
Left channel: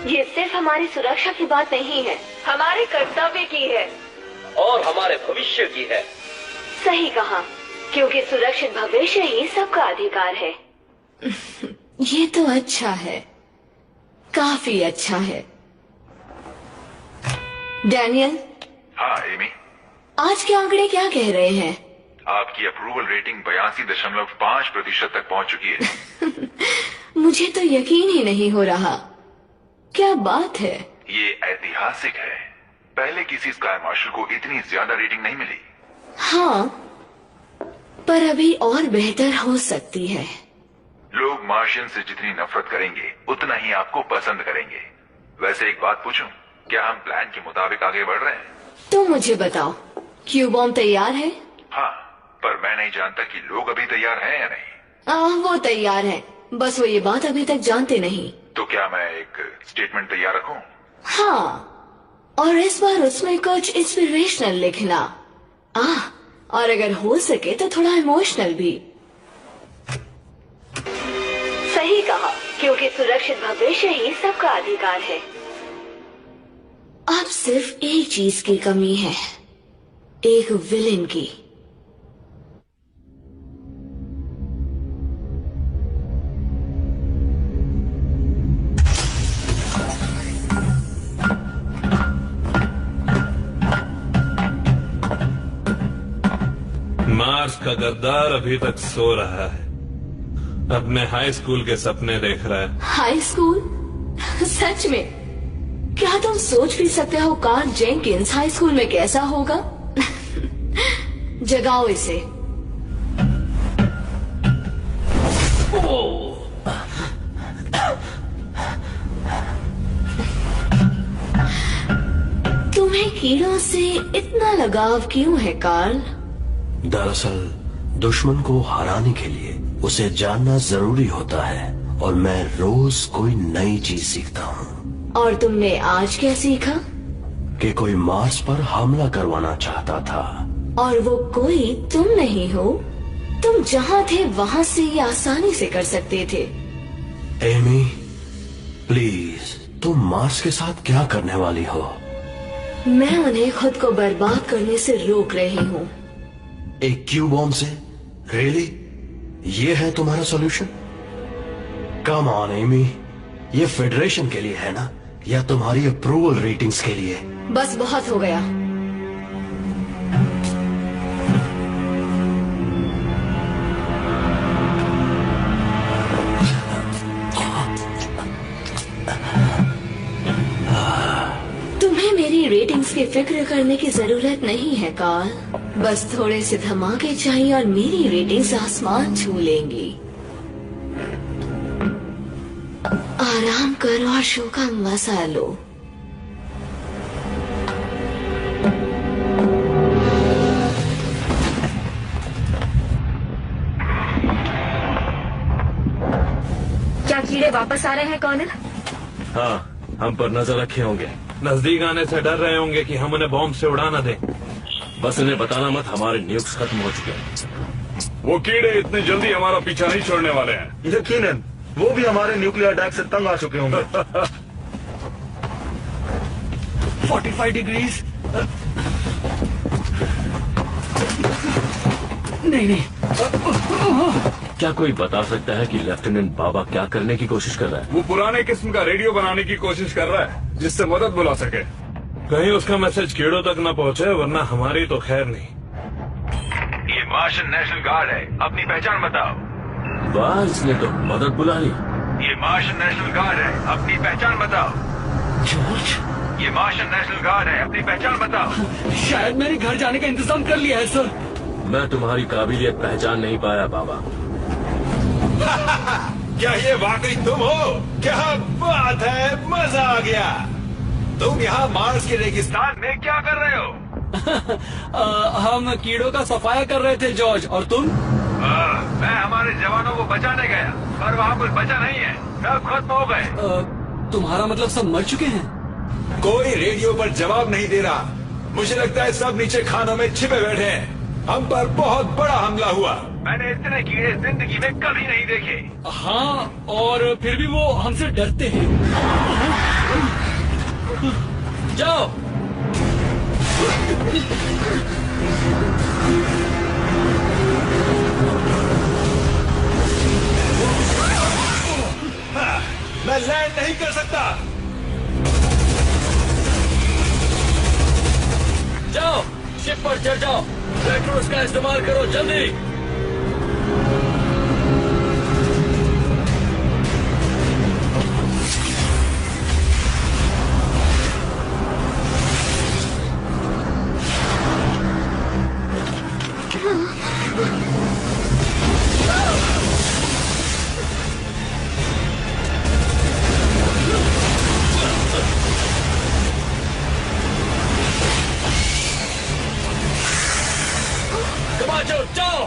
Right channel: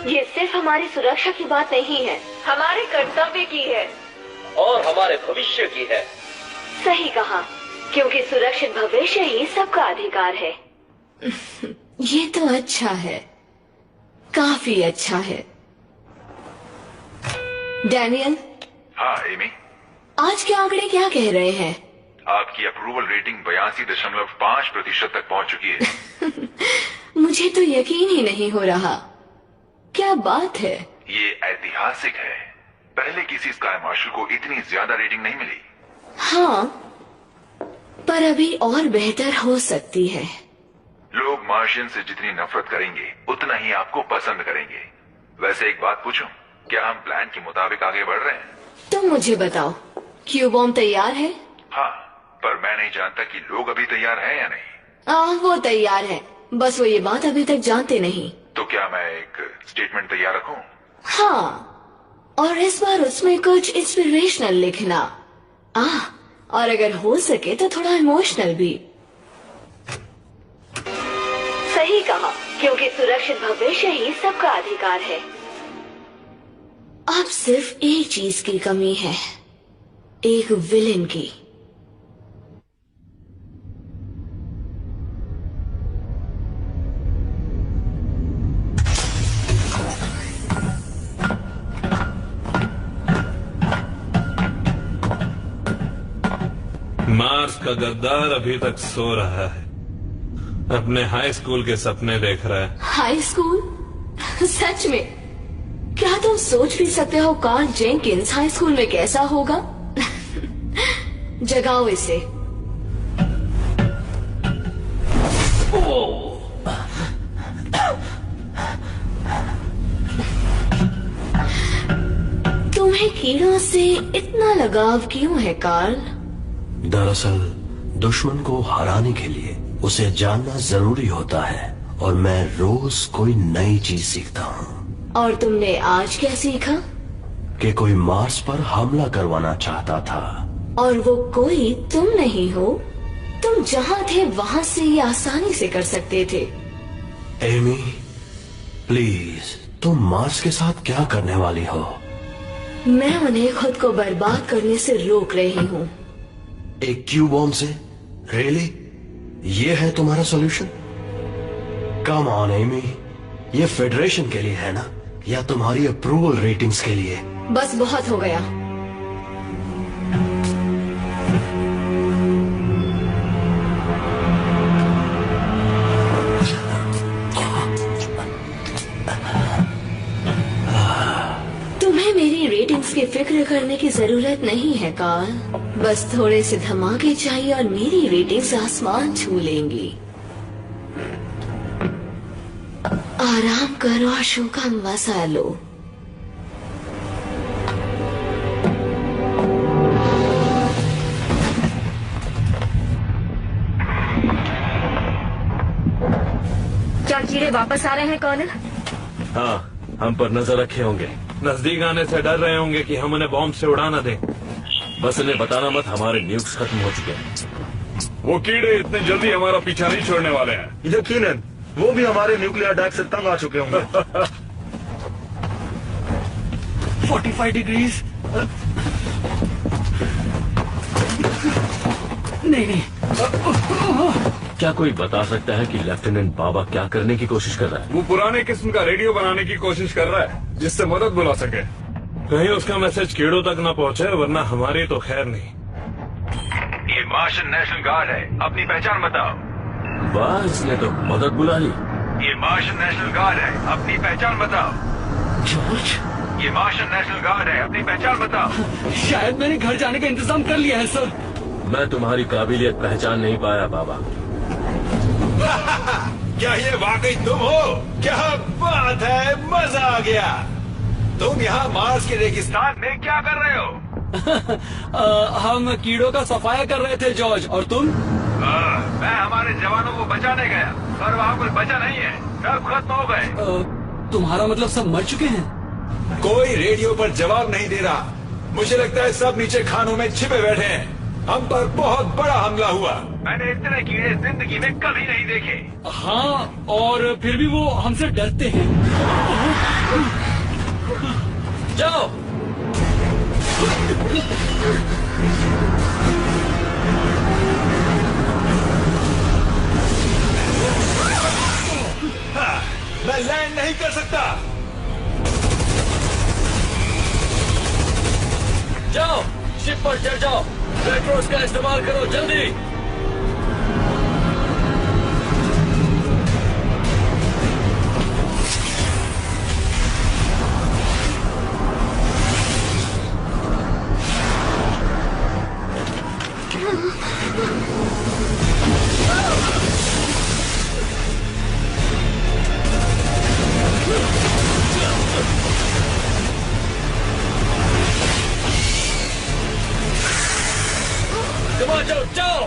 ये सिर्फ हमारी सुरक्षा की बात नहीं है, हमारे कर्तव्य की है और हमारे भविष्य की है। सही कहा, क्योंकि सुरक्षित भविष्य ही सबका अधिकार है। ये तो अच्छा है, काफी अच्छा है। डैनियल। हाँ एमी। आज के आंकड़े क्या कह रहे हैं? आपकी अप्रूवल रेटिंग 82.5% तक पहुंच चुकी है। मुझे तो यकीन ही नहीं हो रहा। क्या बात है? ये ऐतिहासिक है। पहले किसी स्काई मार्शल को इतनी ज्यादा रेटिंग नहीं मिली। हाँ, पर अभी और बेहतर हो सकती है। लोग मार्शियन से जितनी नफरत करेंगे उतना ही आपको पसंद करेंगे। वैसे एक बात पूछूं, क्या हम प्लान के मुताबिक आगे बढ़ रहे हैं? तुम मुझे बताओ, क्यू बॉम्ब तैयार है? हाँ, पर मैं नहीं जानता कि लोग अभी तैयार हैं या नहीं। वो तैयार हैं, बस वो ये बात अभी तक जानते नहीं। तो क्या मैं एक स्टेटमेंट तैयार रखूं? हाँ, और इस बार उसमें कुछ इंस्पिरेशनल लिखना। और अगर हो सके तो थोड़ा इमोशनल भी। सही कहा, क्योंकि सुरक्षित भविष्य ही सबका अधिकार है। अब सिर्फ एक चीज की कमी है, एक विलेन की। मार्स का गद्दार अभी तक सो रहा है, अपने हाई स्कूल के सपने देख रहा है। High school? सच में? क्या तुम सोच भी सकते हो कार्ल जेनकिंस हाई स्कूल में कैसा होगा? जगाओ इसे। तुम्हें कीड़ों से इतना लगाव क्यों है कार्ल? दरअसल दुश्मन को हराने के लिए उसे जानना जरूरी होता है, और मैं रोज कोई नई चीज सीखता हूँ। और तुमने आज क्या सीखा? कि कोई मार्स पर हमला करवाना चाहता था। और वो कोई तुम नहीं हो। तुम जहाँ थे वहाँ से ये आसानी से कर सकते थे। एमी, प्लीज, तुम मार्स के साथ क्या करने वाली हो? मैं उन्हें खुद को बर्बाद करने से रोक रही हूँ। एक क्यू बॉम्ब से? रियली? ये है तुम्हारा सॉल्यूशन? कम ऑन एमी, ये फेडरेशन के लिए है ना, या तुम्हारी अप्रूवल रेटिंग्स के लिए? बस बहुत हो गया। तुम्हें मेरी रेटिंग्स की फिक्र करने की जरूरत नहीं है कार्ल। बस थोड़े से धमाके चाहिए और मेरी रेटिंग्स आसमान छू लेंगी। आराम करो और शो का मजा लो। क्या कीड़े वापस आ रहे हैं कर्नल? हाँ, हम पर नजर रखे होंगे। नजदीक आने से डर रहे होंगे कि हम उन्हें बॉम्ब से उड़ा न दें। बस उन्हें बताना मत, हमारे न्यूक्स खत्म हो चुके हैं। वो कीड़े इतनी जल्दी हमारा पीछा नहीं छोड़ने वाले हैं। यकीनन, वो भी हमारे न्यूक्लियर अटैक से तंग आ चुके होंगे। 45 डिग्रीज। नहीं। क्या कोई बता सकता है कि लेफ्टिनेंट बाबा क्या करने की कोशिश कर रहा है? वो पुराने किस्म का रेडियो बनाने की कोशिश कर रहा है जिससे मदद बुला सके। कहीं उसका मैसेज कीड़ों तक न पहुंचे, वरना हमारी तो खैर नहीं। ये मार्शियन नेशनल गार्ड है, अपनी पहचान बताओ। वाह, इसने तो मदद बुला ली। ये मार्शन नेशनल गार्ड है, अपनी पहचान बताओ। जॉर्ज, ये मार्शन नेशनल गार्ड है, अपनी पहचान बताओ। शायद मैंने घर जाने का इंतजाम कर लिया है सर। मैं तुम्हारी काबिलियत पहचान नहीं पाया बाबा। क्या ये वाकई तुम हो? क्या बात है, मजा आ गया। तुम यहाँ मार्स के रेगिस्तान में क्या कर रहे हो? हम कीड़ों का सफाया कर रहे थे जॉर्ज, और तुम? मैं हमारे जवानों को बचाने गया, पर वहाँ कोई बचा नहीं है, सब खत्म हो गए। तुम्हारा मतलब सब मर चुके हैं? कोई रेडियो पर जवाब नहीं दे रहा। मुझे लगता है सब नीचे खानों में छिपे बैठे हैं। हम पर बहुत बड़ा हमला हुआ। मैंने इतने कीड़े जिंदगी में कभी नहीं देखे। हाँ, और फिर भी वो हमसे डरते हैं। जाओ। हाँ, मैं लैंड नहीं कर सकता। जाओ, शिप पर चढ़ जाओ। रेट्रोस का इस्तेमाल करो, जल्दी। जाओ जाओ।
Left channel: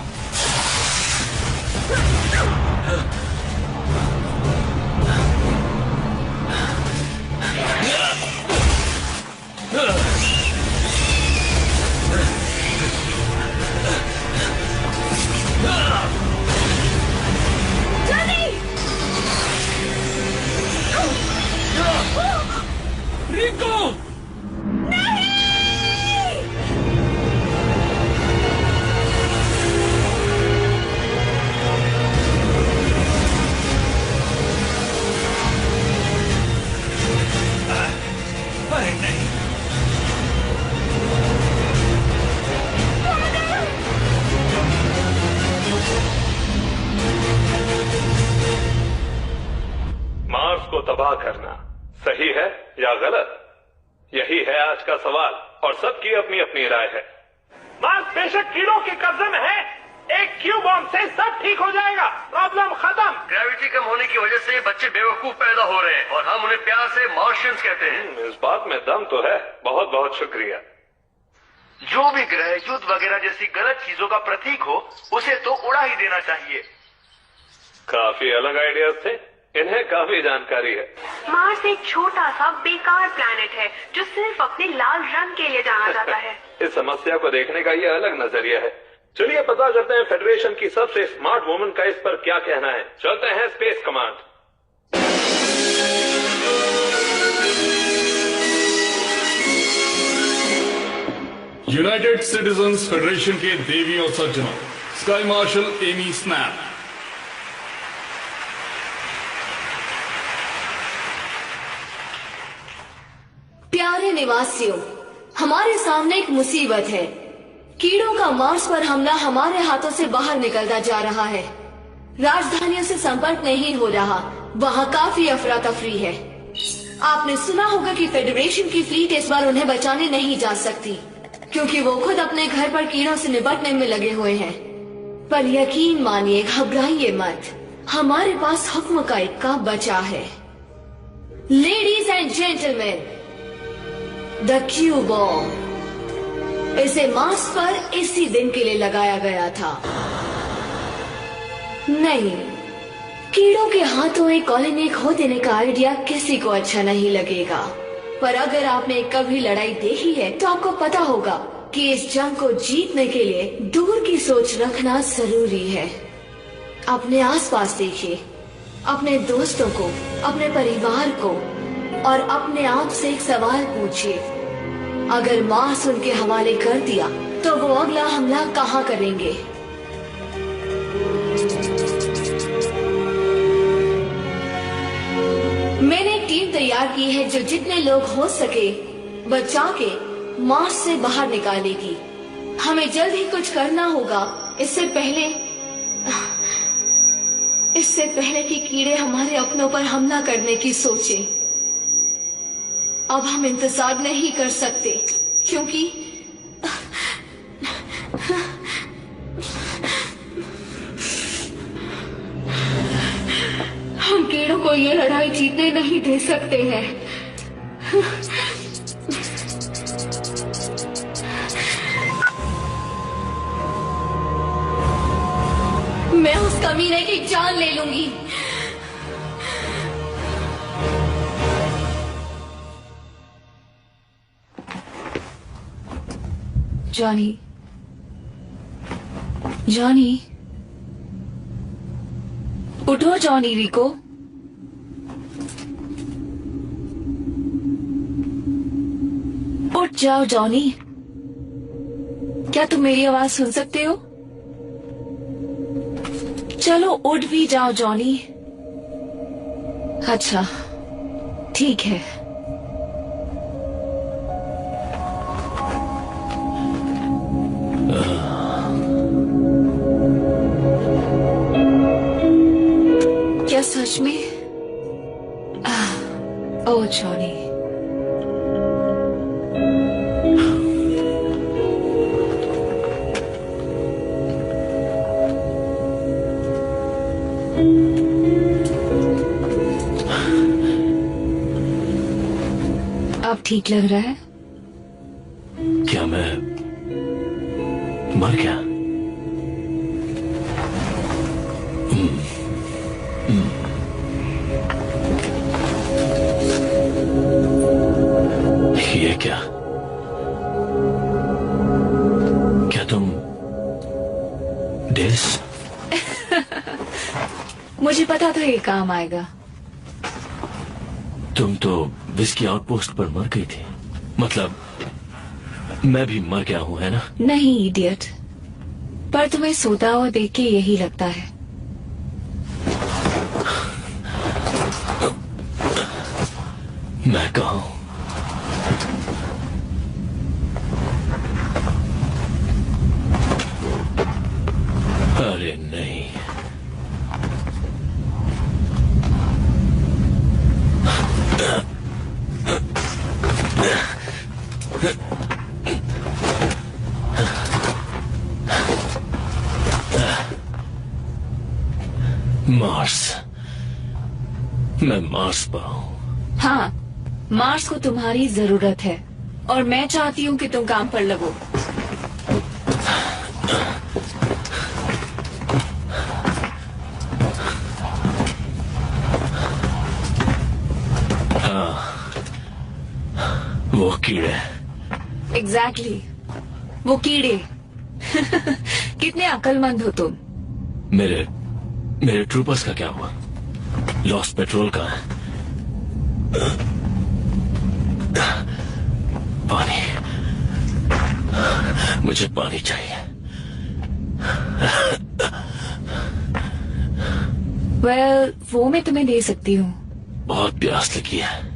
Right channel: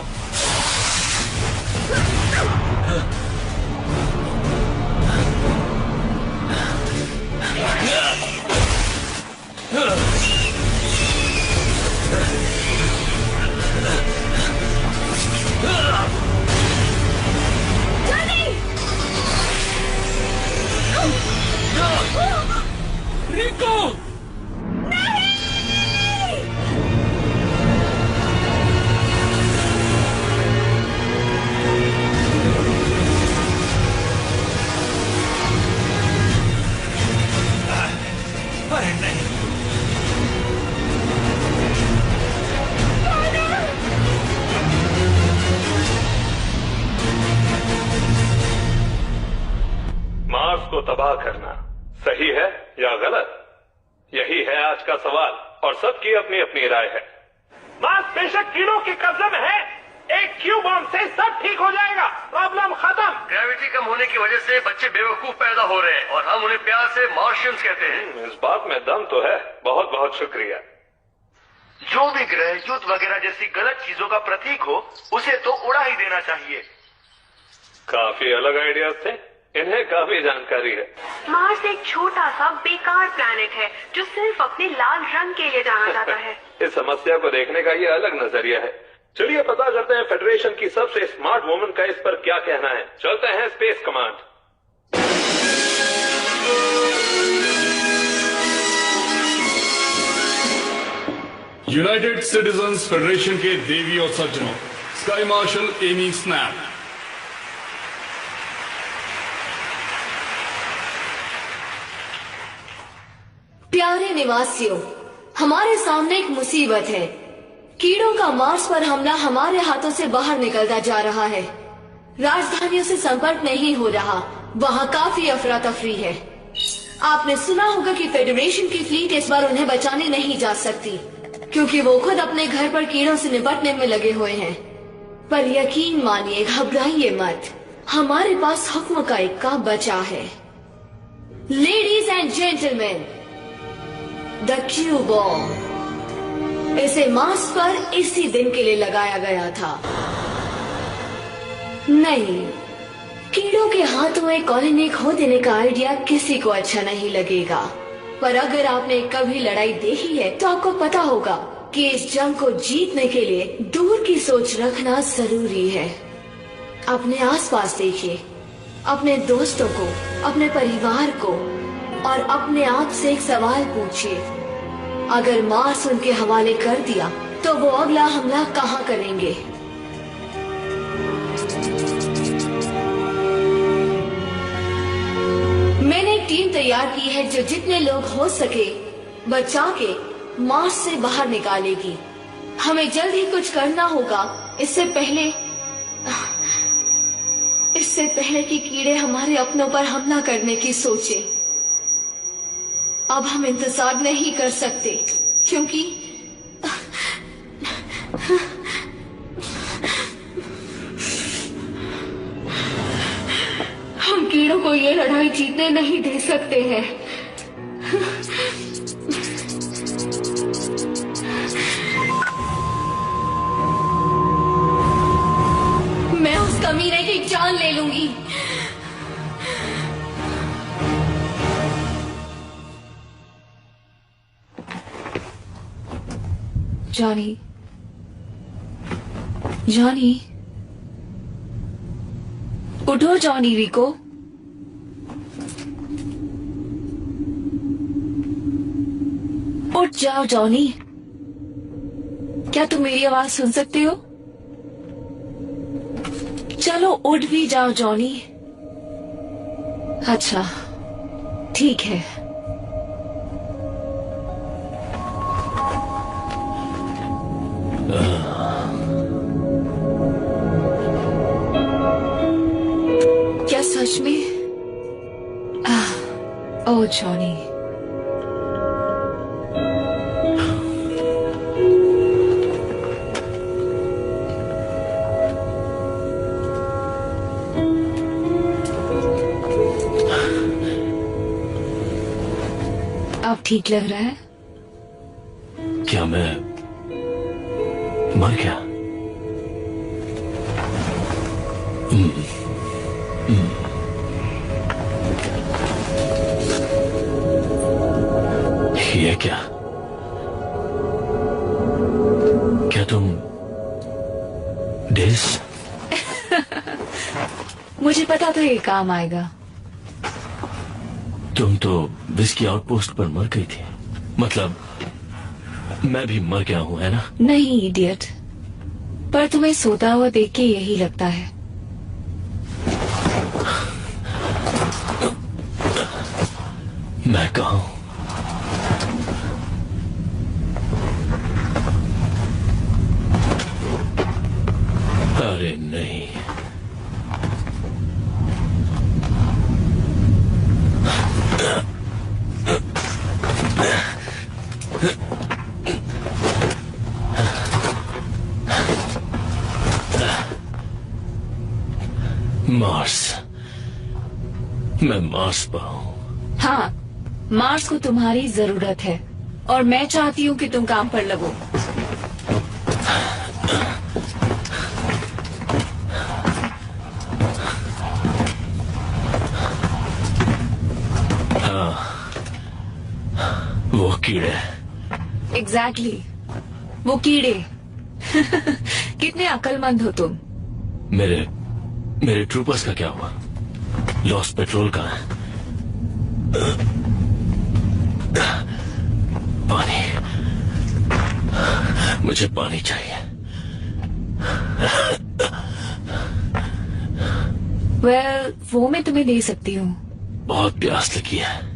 रिको, अरे नहीं। मार्स को तबाह करना सही है या गलत, यही है आज का सवाल, और सबकी अपनी अपनी राय है। मार्स बेशक कीड़ों के कब्जे में है, एक क्यू बॉम्ब से सब ठीक हो जाएगा, प्रॉब्लम खत्म। ग्रेविटी कम होने की वजह से बच्चे बेवकूफ पैदा हो रहे हैं, और हम उन्हें प्यार से मार्शियंस कहते हैं। इस बात में दम तो है। बहुत बहुत शुक्रिया। जो भी ग्रह युद्ध वगैरह जैसी गलत चीजों का प्रतीक हो, उसे तो उड़ा ही देना चाहिए। काफी अलग आइडियाज थे, इन्हें काफी जानकारी है। मार्स एक छोटा सा बेकार प्लैनेट है जो सिर्फ अपने लाल रंग के लिए जाना जाता है। इस समस्या को देखने का ये अलग नजरिया है। चलिए पता करते हैं फेडरेशन की सबसे स्मार्ट वुमन का इस पर क्या कहना है। चलते हैं space command. United citizens federation के देवी और सज्जनों, स्काई मार्शल एमी स्नैप। प्यारे निवासियों, हमारे सामने एक मुसीबत है। कीड़ों का मार्स पर हमला हमारे हाथों से बाहर निकलता जा रहा है। राजधानियों से संपर्क नहीं हो रहा, वहाँ काफी अफरा तफरी है। आपने सुना होगा कि फेडरेशन की फ्लीट इस बार उन्हें बचाने नहीं जा सकती, क्योंकि वो खुद अपने घर पर कीड़ों से निपटने में लगे हुए हैं। पर यकीन मानिए, घबराइए मत, हमारे पास हुक्म का इक्का बचा है। Ladies and gentleman, the Q bomb. इसे मार्स पर इसी दिन के लिए लगाया गया था। नहीं, कीड़ों के हाथों एक कॉलोनी खो देने का आइडिया किसी को अच्छा नहीं लगेगा, पर अगर आपने कभी लड़ाई देखी है तो आपको पता होगा कि इस जंग को जीतने के लिए दूर की सोच रखना जरूरी है। अपने आसपास देखिए, अपने दोस्तों को, अपने परिवार को, और अपने आप से एक सवाल पूछिए, अगर मार्स उनके हवाले कर दिया तो वो अगला हमला कहाँ करेंगे? मैंने एक टीम तैयार की है जो जितने लोग हो सके बचा के मार्स से बाहर निकालेगी। हमें जल्द ही कुछ करना होगा, इससे पहले इससे पहले कि कीड़े हमारे अपनों पर हमला करने की सोचें, अब हम इंतजार नहीं कर सकते, क्योंकि हम कीड़ों को ये लड़ाई जीतने नहीं दे सकते हैं। मैं उस कमीने की जान ले लूंगी। जॉनी, जॉनी, उठो जॉनी। रिको, उठ जाओ जॉनी। क्या तुम मेरी आवाज सुन सकते हो? चलो उठ भी जाओ जॉनी। अच्छा, ठीक है। क्या सच में? ओह जॉनी, अब ठीक लग रहा है? क्या मैं मर गया? ये क्या? क्या तुम डेस? मुझे पता था ये काम आएगा। तुम तो विस्की आउटपोस्ट पर मर गई थी। मतलब मैं भी मर गया हूं, है ना? नहीं इडियट, पर तुम्हें सोता हुआ देख के यही लगता है। मैं कहाँ हूं? अरे नहीं, मार्स। मैं मार्स पर हूं। हाँ, मार्स को तुम्हारी जरूरत है और मैं चाहती हूँ कि तुम काम पर लगो। हाँ, वो कीड़े। एग्जैक्टली, वो कीड़े। कितने अक्लमंद हो तुम। मेरे ट्रूपर्स का क्या हुआ? लॉस्ट पेट्रोल कहाँ है? पानी, मुझे पानी चाहिए। वेल, वो मैं तुम्हें दे सकती हूँ। बहुत प्यास लगी है।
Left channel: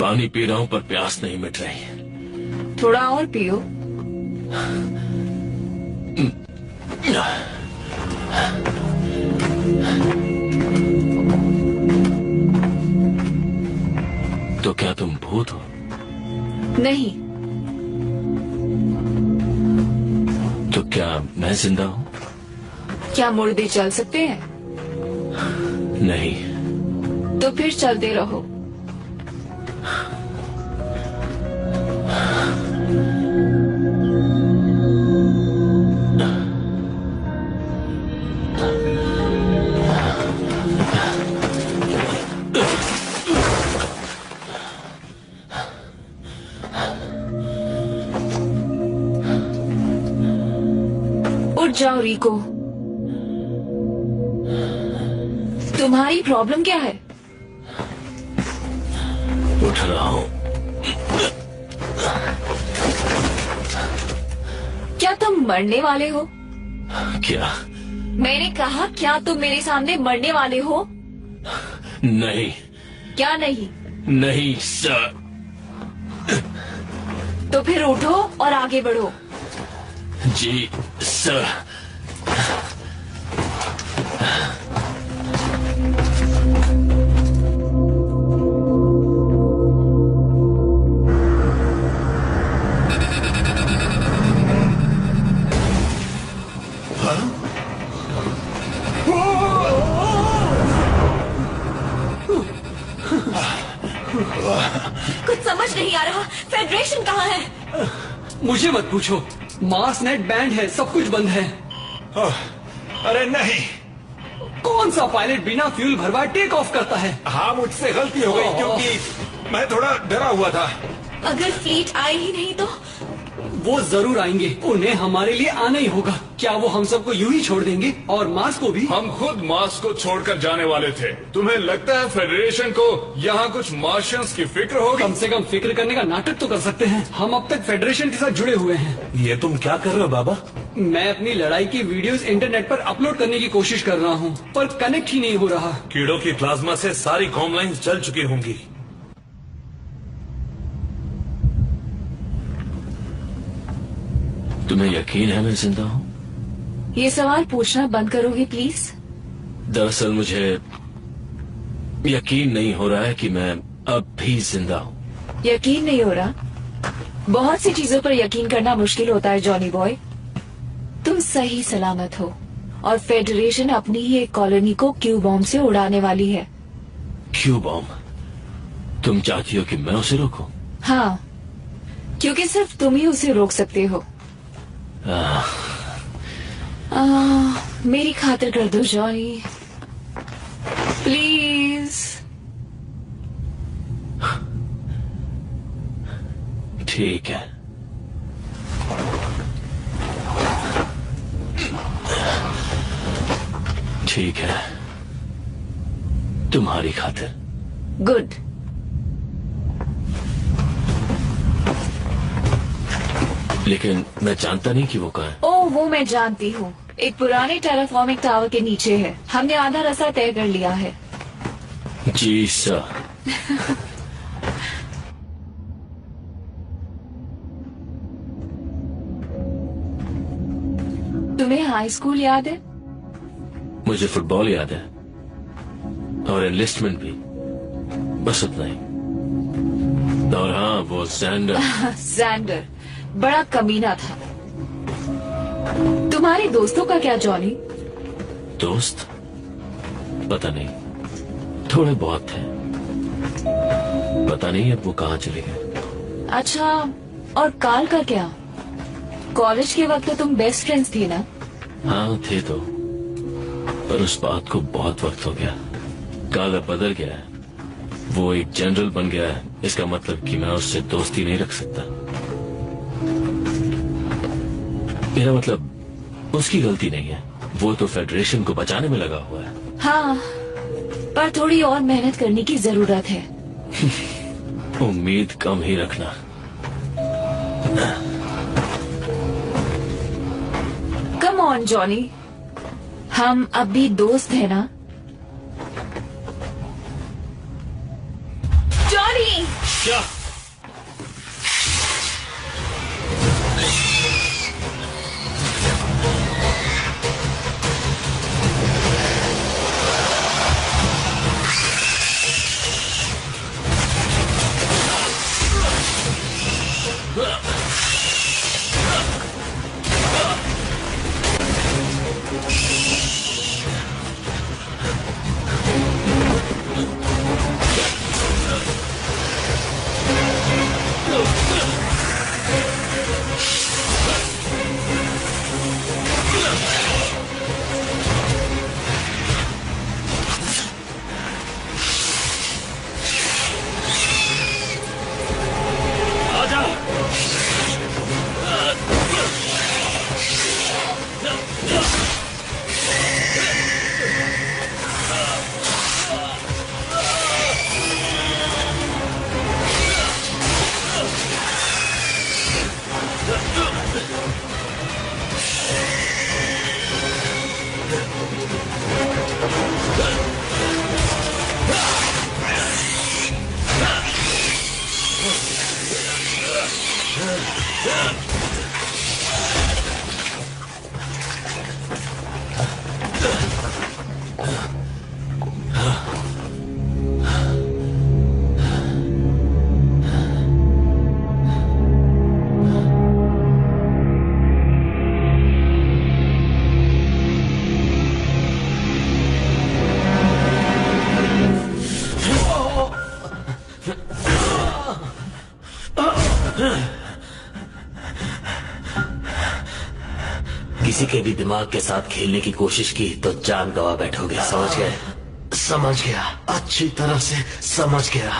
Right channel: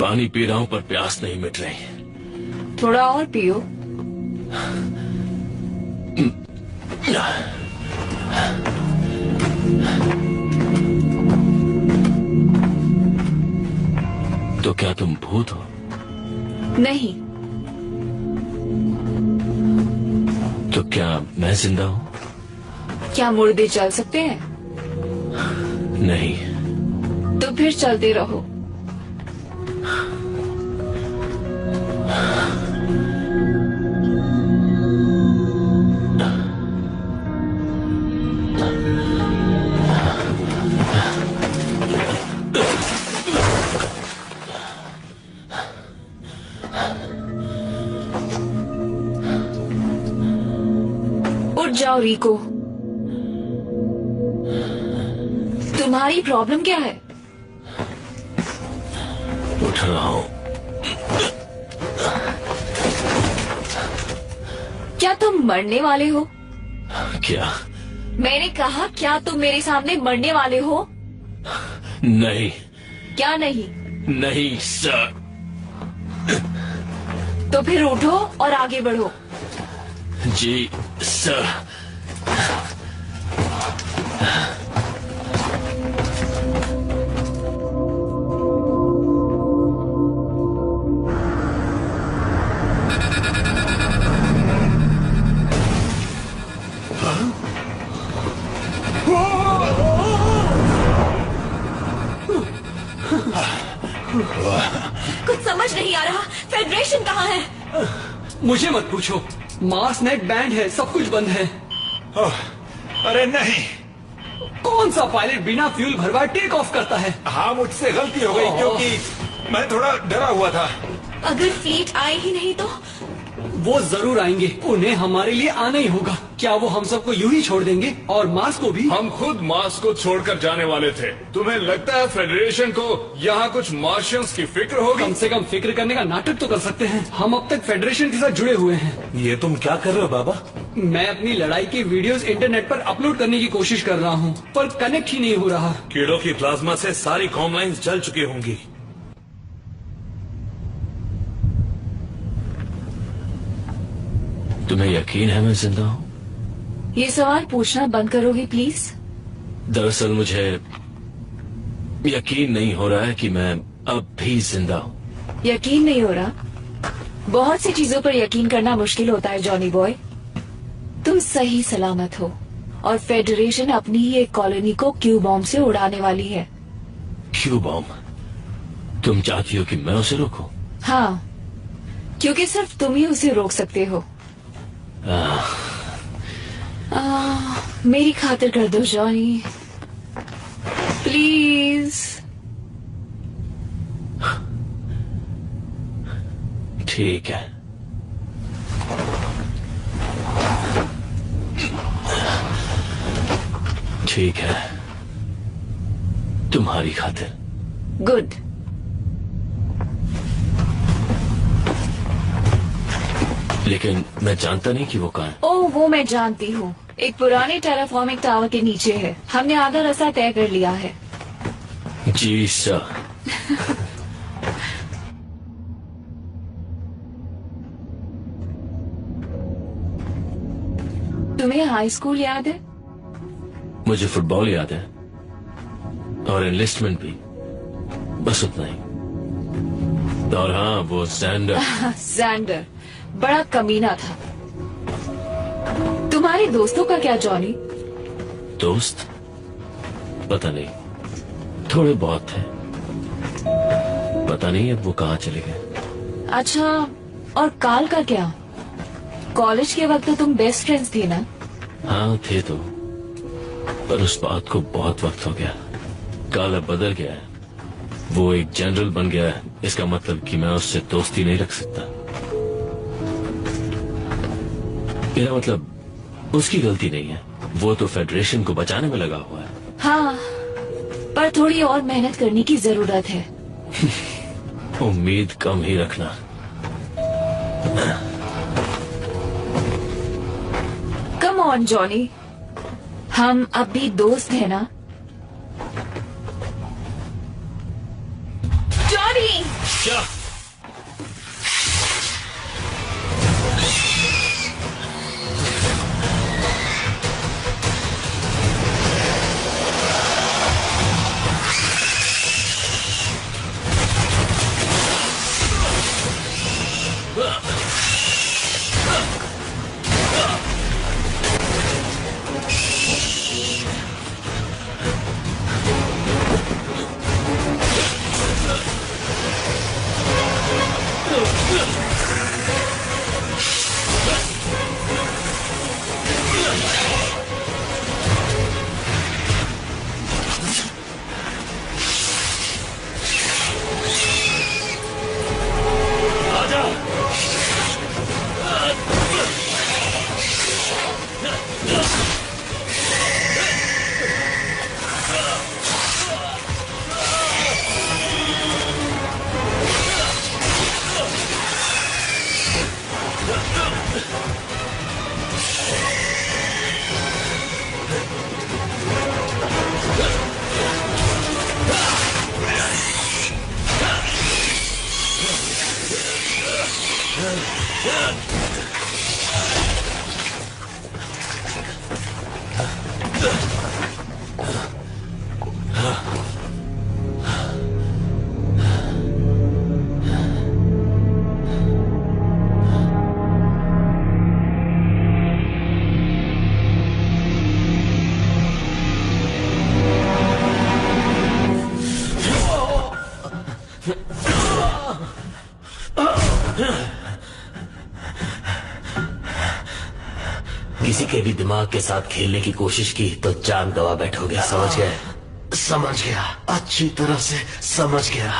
पानी पी रहा हूं पर प्यास नहीं मिट रही। थोड़ा और पियो। तो क्या तुम भूत हो? नहीं। तो क्या मैं जिंदा हूं? क्या मुर्दे चल सकते हैं? नहीं। तो फिर चलते रहो। उठ जाओ रिको। तुम्हारी प्रॉब्लम क्या है? उठ रहा हूं। क्या तुम मरने वाले हो? क्या? मैंने कहा क्या तुम मेरे सामने मरने वाले हो? नहीं। क्या नहीं? नहीं सर। तो फिर उठो और आगे बढ़ो। जी सर। कुछ समझ नहीं आ रहा। फेडरेशन कहाँ है? मुझे मत पूछो। मार्स नेट बैंड है, सब कुछ बंद है। अरे नहीं। कौन सा पायलट बिना फ्यूल भरवाए टेक ऑफ करता है? हाँ, मुझसे गलती हो गई क्योंकि मैं थोड़ा डरा हुआ था। अगर फ्लीट आए ही नहीं तो? वो जरूर आएंगे, उन्हें हमारे लिए आना ही होगा। क्या वो हम सबको यूं ही छोड़ देंगे और मार्स को भी? हम खुद मार्स को छोड़कर जाने वाले थे। तुम्हें लगता है फेडरेशन को यहाँ कुछ मार्शियंस की फिक्र होगी? कम से कम फिक्र करने का नाटक तो कर सकते हैं। हम अब तक फेडरेशन के साथ जुड़े हुए हैं। ये तुम क्या कर रहे हो बाबा? मैं अपनी लड़ाई की वीडियोस इंटरनेट पर अपलोड करने की कोशिश कर रहा हूँ, पर कनेक्ट ही नहीं हो रहा। कीड़ों की प्लाज्मा से सारी कॉम लाइन्स जल चुकी होंगी। तुम्हें यकीन है मैं जिंदा हूँ? ये सवाल पूछना बंद करोगे प्लीज? दरअसल मुझे यकीन नहीं हो रहा है कि मैं अब भी जिंदा हूँ। यकीन नहीं हो रहा? बहुत सी चीजों पर यकीन करना मुश्किल होता है जॉनी बॉय। तुम सही सलामत हो और फेडरेशन अपनी ही एक कॉलोनी को क्यू बॉम्ब से उड़ाने वाली है। Q bomb? तुम चाहती हो कि मैं उसे रोकूं? हाँ, क्योंकि सिर्फ तुम ही उसे रोक सकते हो। मेरी खातिर कर दो जॉनी, प्लीज। ठीक है। ठीक है, तुम्हारी खातिर। गुड। लेकिन मैं जानता नहीं कि वो कहाँ है। ओह, वो मैं जानती हूँ। एक पुराने टेराफॉर्मिक टावर के नीचे है। हमने आधा रास्ता तय कर लिया है। जी सर। तुम्हें हाई स्कूल याद है? मुझे फुटबॉल याद है और एनलिस्टमेंट भी, बस उतना ही। और हाँ, वो सैंडर। सैंडर बड़ा कमीना था। तुम्हारे दोस्तों का क्या जॉनी? दोस्त? पता नहीं, थोड़े बहुत थे। पता नहीं अब वो कहाँ चले गए। अच्छा, और काल का क्या? कॉलेज के वक्त तो तुम बेस्ट फ्रेंड्स थी ना? हाँ थे तो, पर उस बात को बहुत वक्त हो गया। काल अब बदल गया है। वो एक जनरल बन गया है। इसका मतलब कि मैं उससे दोस्ती नहीं रख सकता। मेरा मतलब उसकी गलती नहीं है, वो तो फेडरेशन को बचाने में लगा हुआ है। हाँ, पर थोड़ी और मेहनत करने की जरूरत है। उम्मीद कम ही रखना। कम ऑन जॉनी, हम अब भी दोस्त हैं ना? जॉनी! क्या? किसी के भी दिमाग के साथ खेलने की कोशिश की तो जान गवा बैठोगे, समझ गए? समझ गया, अच्छी तरह से समझ गया।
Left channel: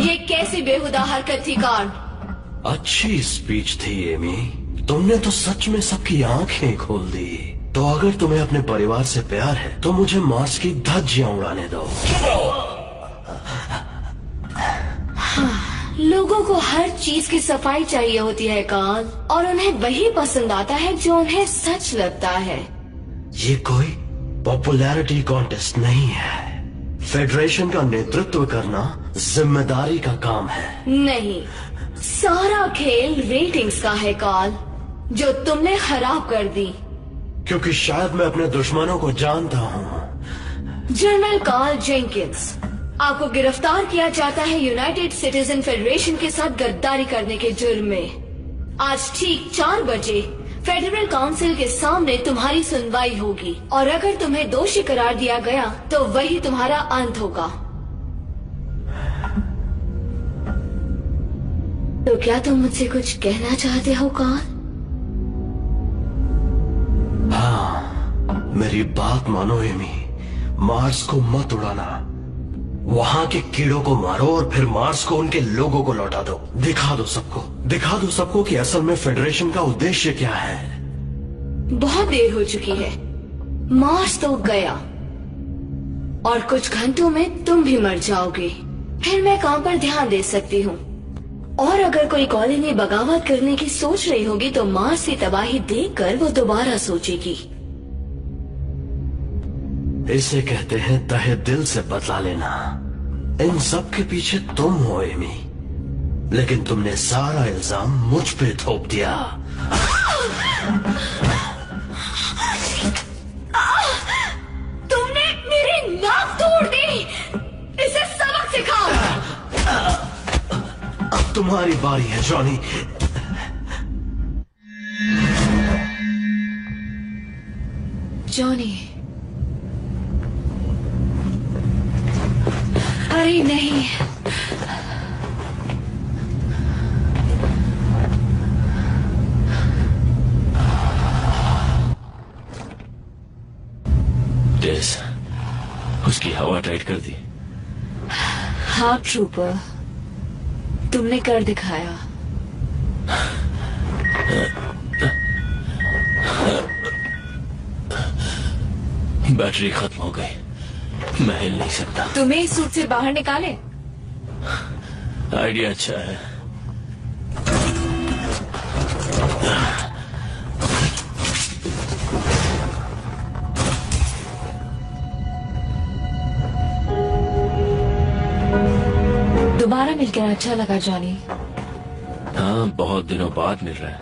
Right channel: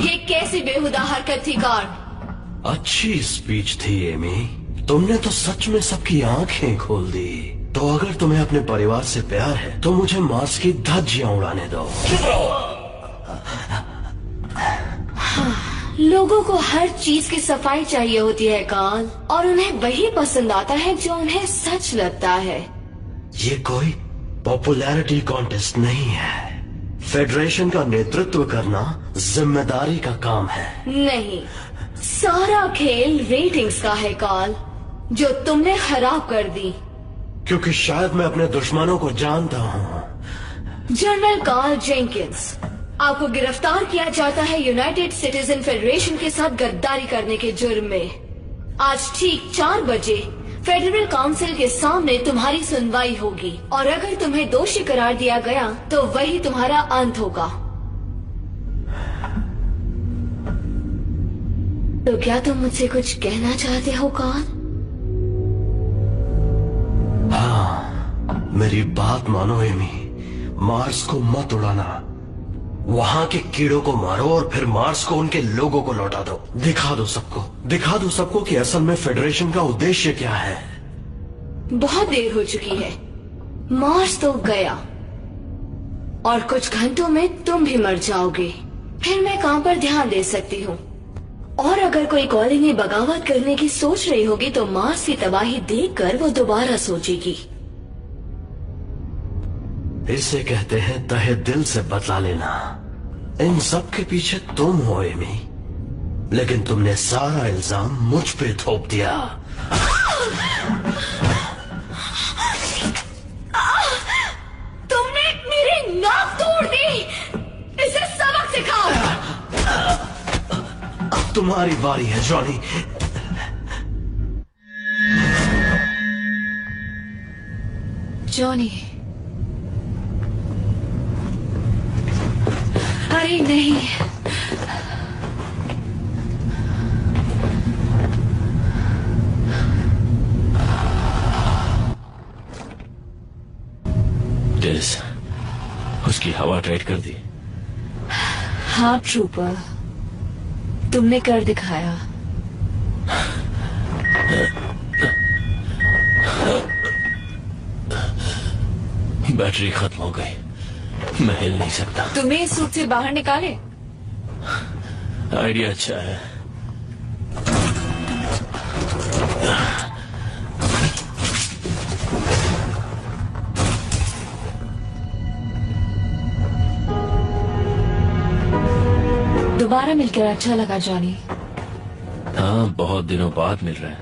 ये कैसी बेहुदा हरकत थी कार्ल? अच्छी स्पीच थी एमी, तुमने तो सच में सबकी आंखें खोल दी। तो अगर तुम्हें अपने परिवार से प्यार है तो मुझे मार्स की धज्जियां उड़ाने दो। चुप रहो। लोगों को हर चीज की सफाई चाहिए होती है कार्ल, और उन्हें वही पसंद आता है जो उन्हें सच लगता है। ये कोई पॉपुलैरिटी कॉन्टेस्ट नहीं है। फेडरेशन का नेतृत्व करना जिम्मेदारी का काम है। नहीं, सारा खेल रेटिंग्स का है कार्ल, जो तुमने खराब कर दी। क्योंकि शायद मैं अपने दुश्मनों को जानता हूँ। जनरल कार्ल जेंकिंस, आपको गिरफ्तार किया जाता है यूनाइटेड सिटीजन फेडरेशन के साथ गद्दारी करने के जुर्म में। आज ठीक 4 बजे फेडरल काउंसिल के सामने तुम्हारी सुनवाई होगी, और अगर तुम्हें दोषी करार दिया गया तो वही तुम्हारा अंत होगा। तो क्या तुम मुझसे कुछ कहना चाहते हो कार्ल? हाँ, मेरी बात मानो एमी, मार्स को मत उड़ाना। वहां के कीड़ों को मारो और फिर मार्स को उनके लोगों को लौटा दो। दिखा दो सबको कि असल में फेडरेशन का उद्देश्य क्या है। बहुत देर हो चुकी है, मार्स तो गया, और कुछ घंटों में तुम भी मर जाओगे। फिर मैं काम पर ध्यान दे सकती हूँ। और अगर कोई कॉलोनी बगावत करने की सोच रही होगी तो मार्स की तबाही देखकर वो दोबारा सोचेगी। इसे कहते हैं तहे दिल से बदला लेना। इन सब के पीछे तुम हो एमी, लेकिन तुमने सारा इल्जाम मुझ पे थोप दिया। तुमने मेरी नाक तोड़ दी। इसे सबक सिखाओ। अब तुम्हारी बारी है जॉनी। जॉनी, अरे नहीं, डेस, उसकी हवा टाइट कर दी। हाँ ट्रूपर, तुमने कर दिखाया। बैटरी खत्म हो गई, मैं हिल नहीं सकता। तुम्हें इस सूट से बाहर निकाले? आइडिया अच्छा है। दोबारा मिलकर अच्छा लगा जॉनी। हाँ, बहुत दिनों बाद मिल रहा है।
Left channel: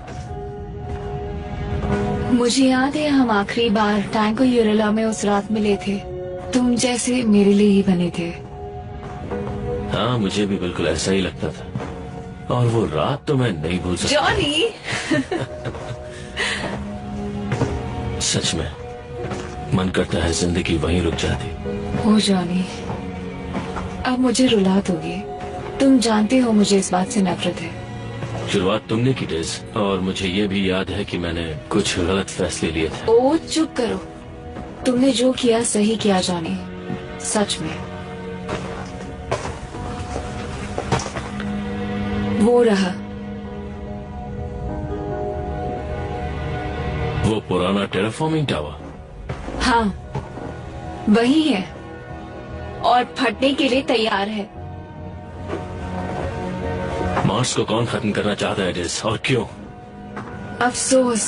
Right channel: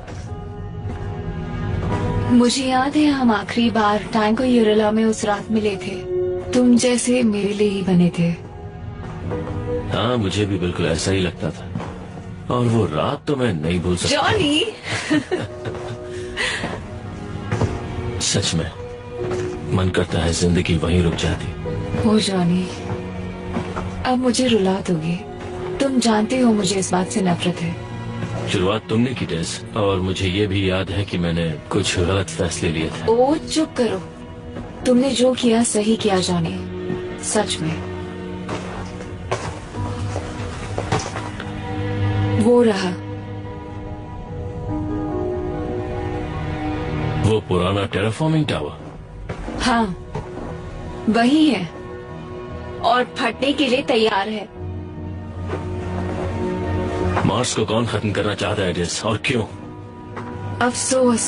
मुझे याद है हम आखिरी बार टैंको यूरेला में उस रात मिले थे। तुम जैसे मेरे लिए ही बने थे। हाँ, मुझे भी बिल्कुल ऐसा ही लगता था, और वो रात तो मैं नहीं भूल सकता। जॉनी। सच में मन करता है जिंदगी वहीं रुक जाती। ओ जॉनी, अब मुझे रुला दोगे। तुम जानते हो मुझे इस बात से नफरत है। शुरुआत तुमने की डेज, और मुझे ये भी याद है कि मैंने कुछ गलत फैसले लिए थे। ओ चुप करो, तुमने जो किया सही किया जॉनी, सच में। वो रहा, वो पुराना टेराफॉर्मिंग टावर। हाँ, वही है, और फटने के लिए तैयार है। मार्स को कौन खत्म करना चाहता है डेज, और क्यों? अफसोस,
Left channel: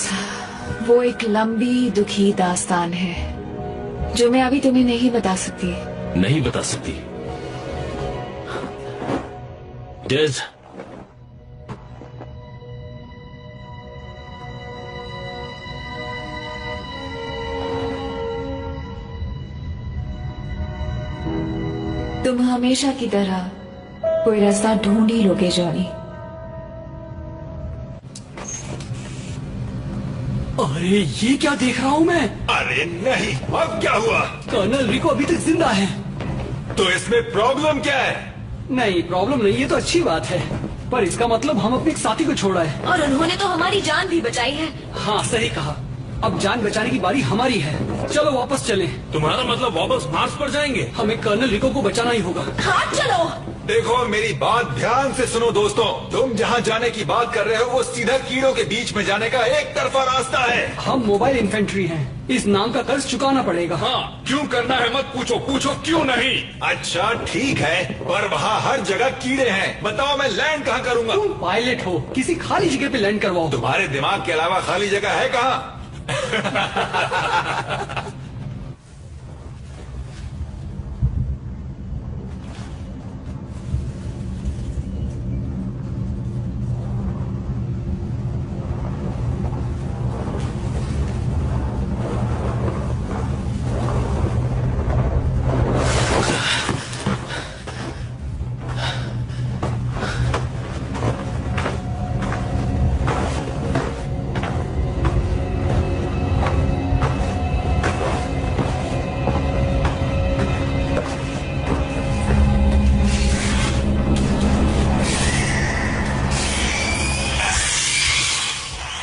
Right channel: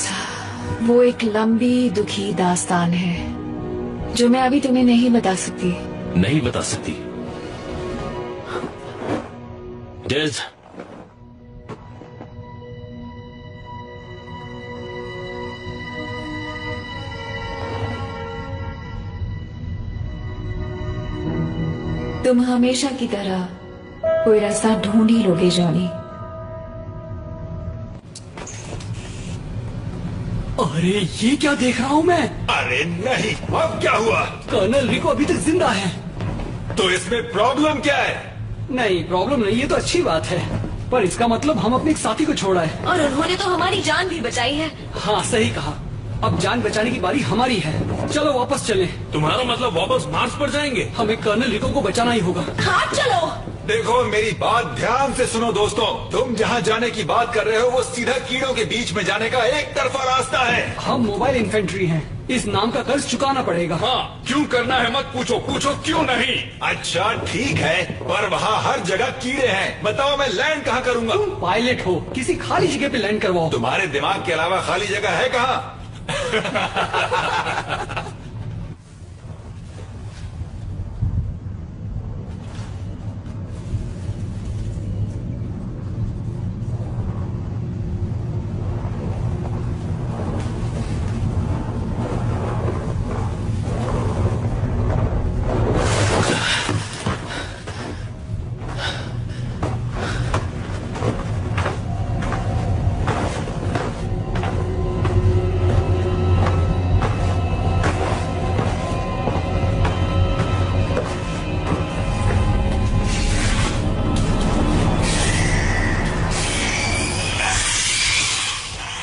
वो एक लंबी दुखी दास्तान है जो मैं अभी तुम्हें नहीं बता सकती। नहीं बता सकती? डेज, तुम हमेशा की तरह कोई रास्ता ढूंढ ही लोगे जॉनी। अरे ये क्या देख रहा हूँ मैं? अरे नहीं, अब क्या हुआ? कर्नल रिको अभी तक जिंदा है। तो इसमें प्रॉब्लम क्या है? नहीं, प्रॉब्लम नहीं, ये तो अच्छी बात है। पर इसका मतलब हम अपने एक साथी को छोड़ा है। और उन्होंने तो हमारी जान भी बचाई है। हाँ, सही कहा। अब जान बचाने की बारी हमारी है। चलो वापस चलें। तुम्हारा मतलब वापस मार्स पर जाएंगे? हमें कर्नल रिको को बचाना ही होगा। हाँ चलो। देखो मेरी बात ध्यान से सुनो दोस्तों, तुम जहाँ जाने की बात कर रहे हो वो सीधा कीड़ों के बीच में जाने का एक तरफा रास्ता है। हम मोबाइल इन्फेंट्री हैं, इस नाम का कर्ज चुकाना पड़ेगा। हाँ, क्यों करना है मत पूछो, पूछो क्यों नहीं। अच्छा ठीक है, पर वहाँ हर जगह कीड़े हैं। बताओ मैं लैंड कहाँ करूँगा? तुम पायलट हो, किसी खाली जगह पे लैंड करवाओ। तुम्हारे दिमाग के अलावा खाली जगह है कहाँ?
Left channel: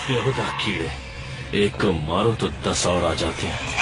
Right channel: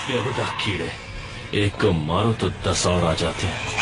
बेहुदा कीड़े, एक को मारो तो 10 और आ जाते हैं।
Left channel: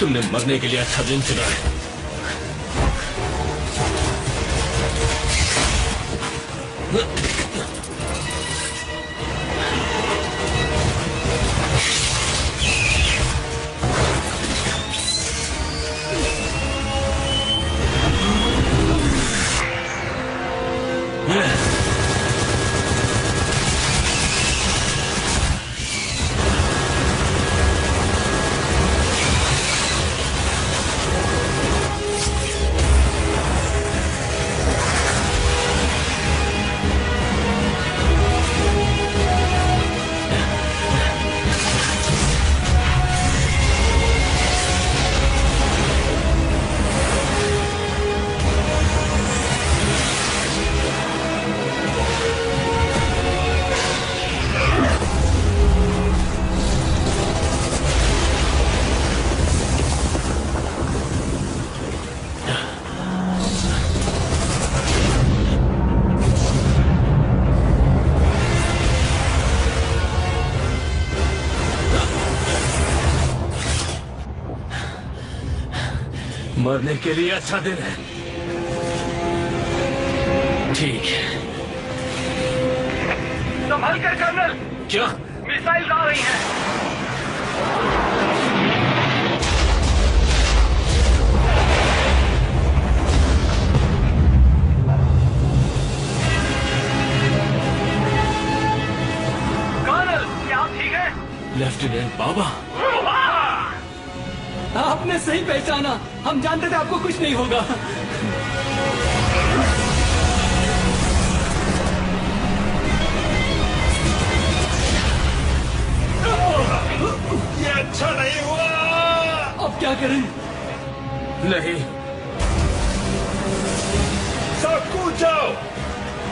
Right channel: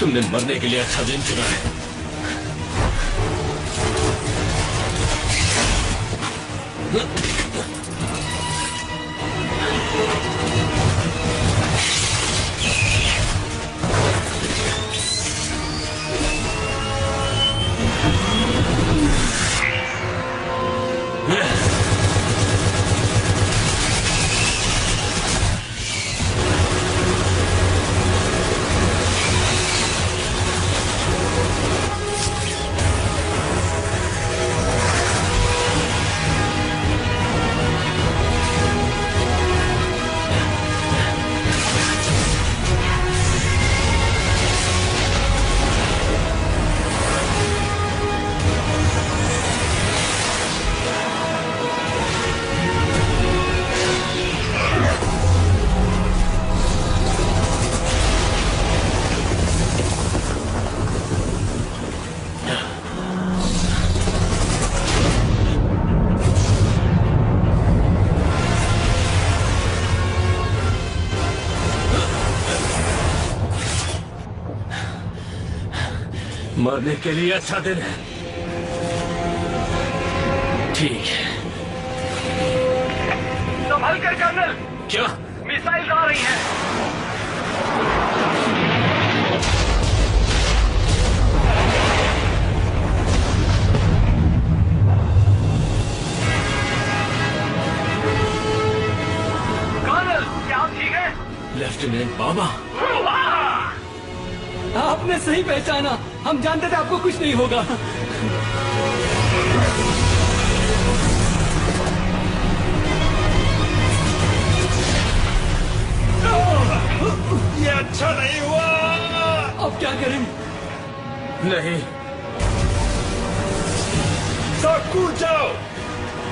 तुमने मरने के लिए अच्छा दिन चुना है। मरने के लिए अच्छा दिन है। ठीक है। संभल कर कर्नल। क्या? मिसाइल आ रही हैं। कर्नल, क्या आप ठीक हैं? लेफ्टिनेंट बाबा, आपने सही पहचाना। हम जानते थे आपको कुछ नहीं होगा। ये अच्छा नहीं हुआ। अब क्या करें? नहीं, सब कूद जाओ,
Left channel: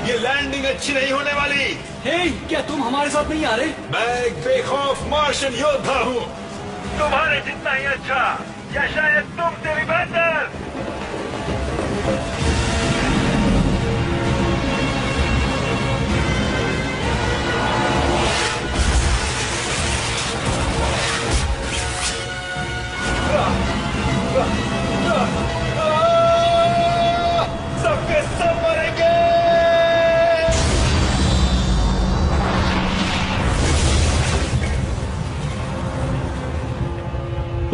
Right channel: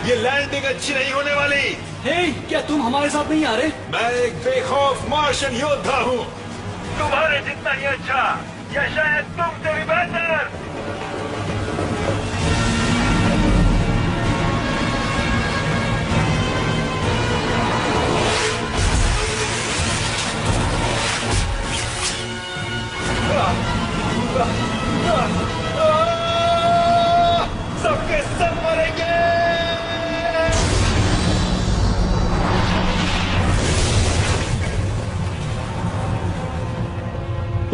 ये लैंडिंग अच्छी नहीं होने वाली। हे, क्या तुम हमारे साथ नहीं आ रहे? मैं एक बेखौफ मार्शन योद्धा हूँ। तुम्हारे जितना ही अच्छा, या शायद तुमसे भी बेहतर। सबके सब मरेंगे।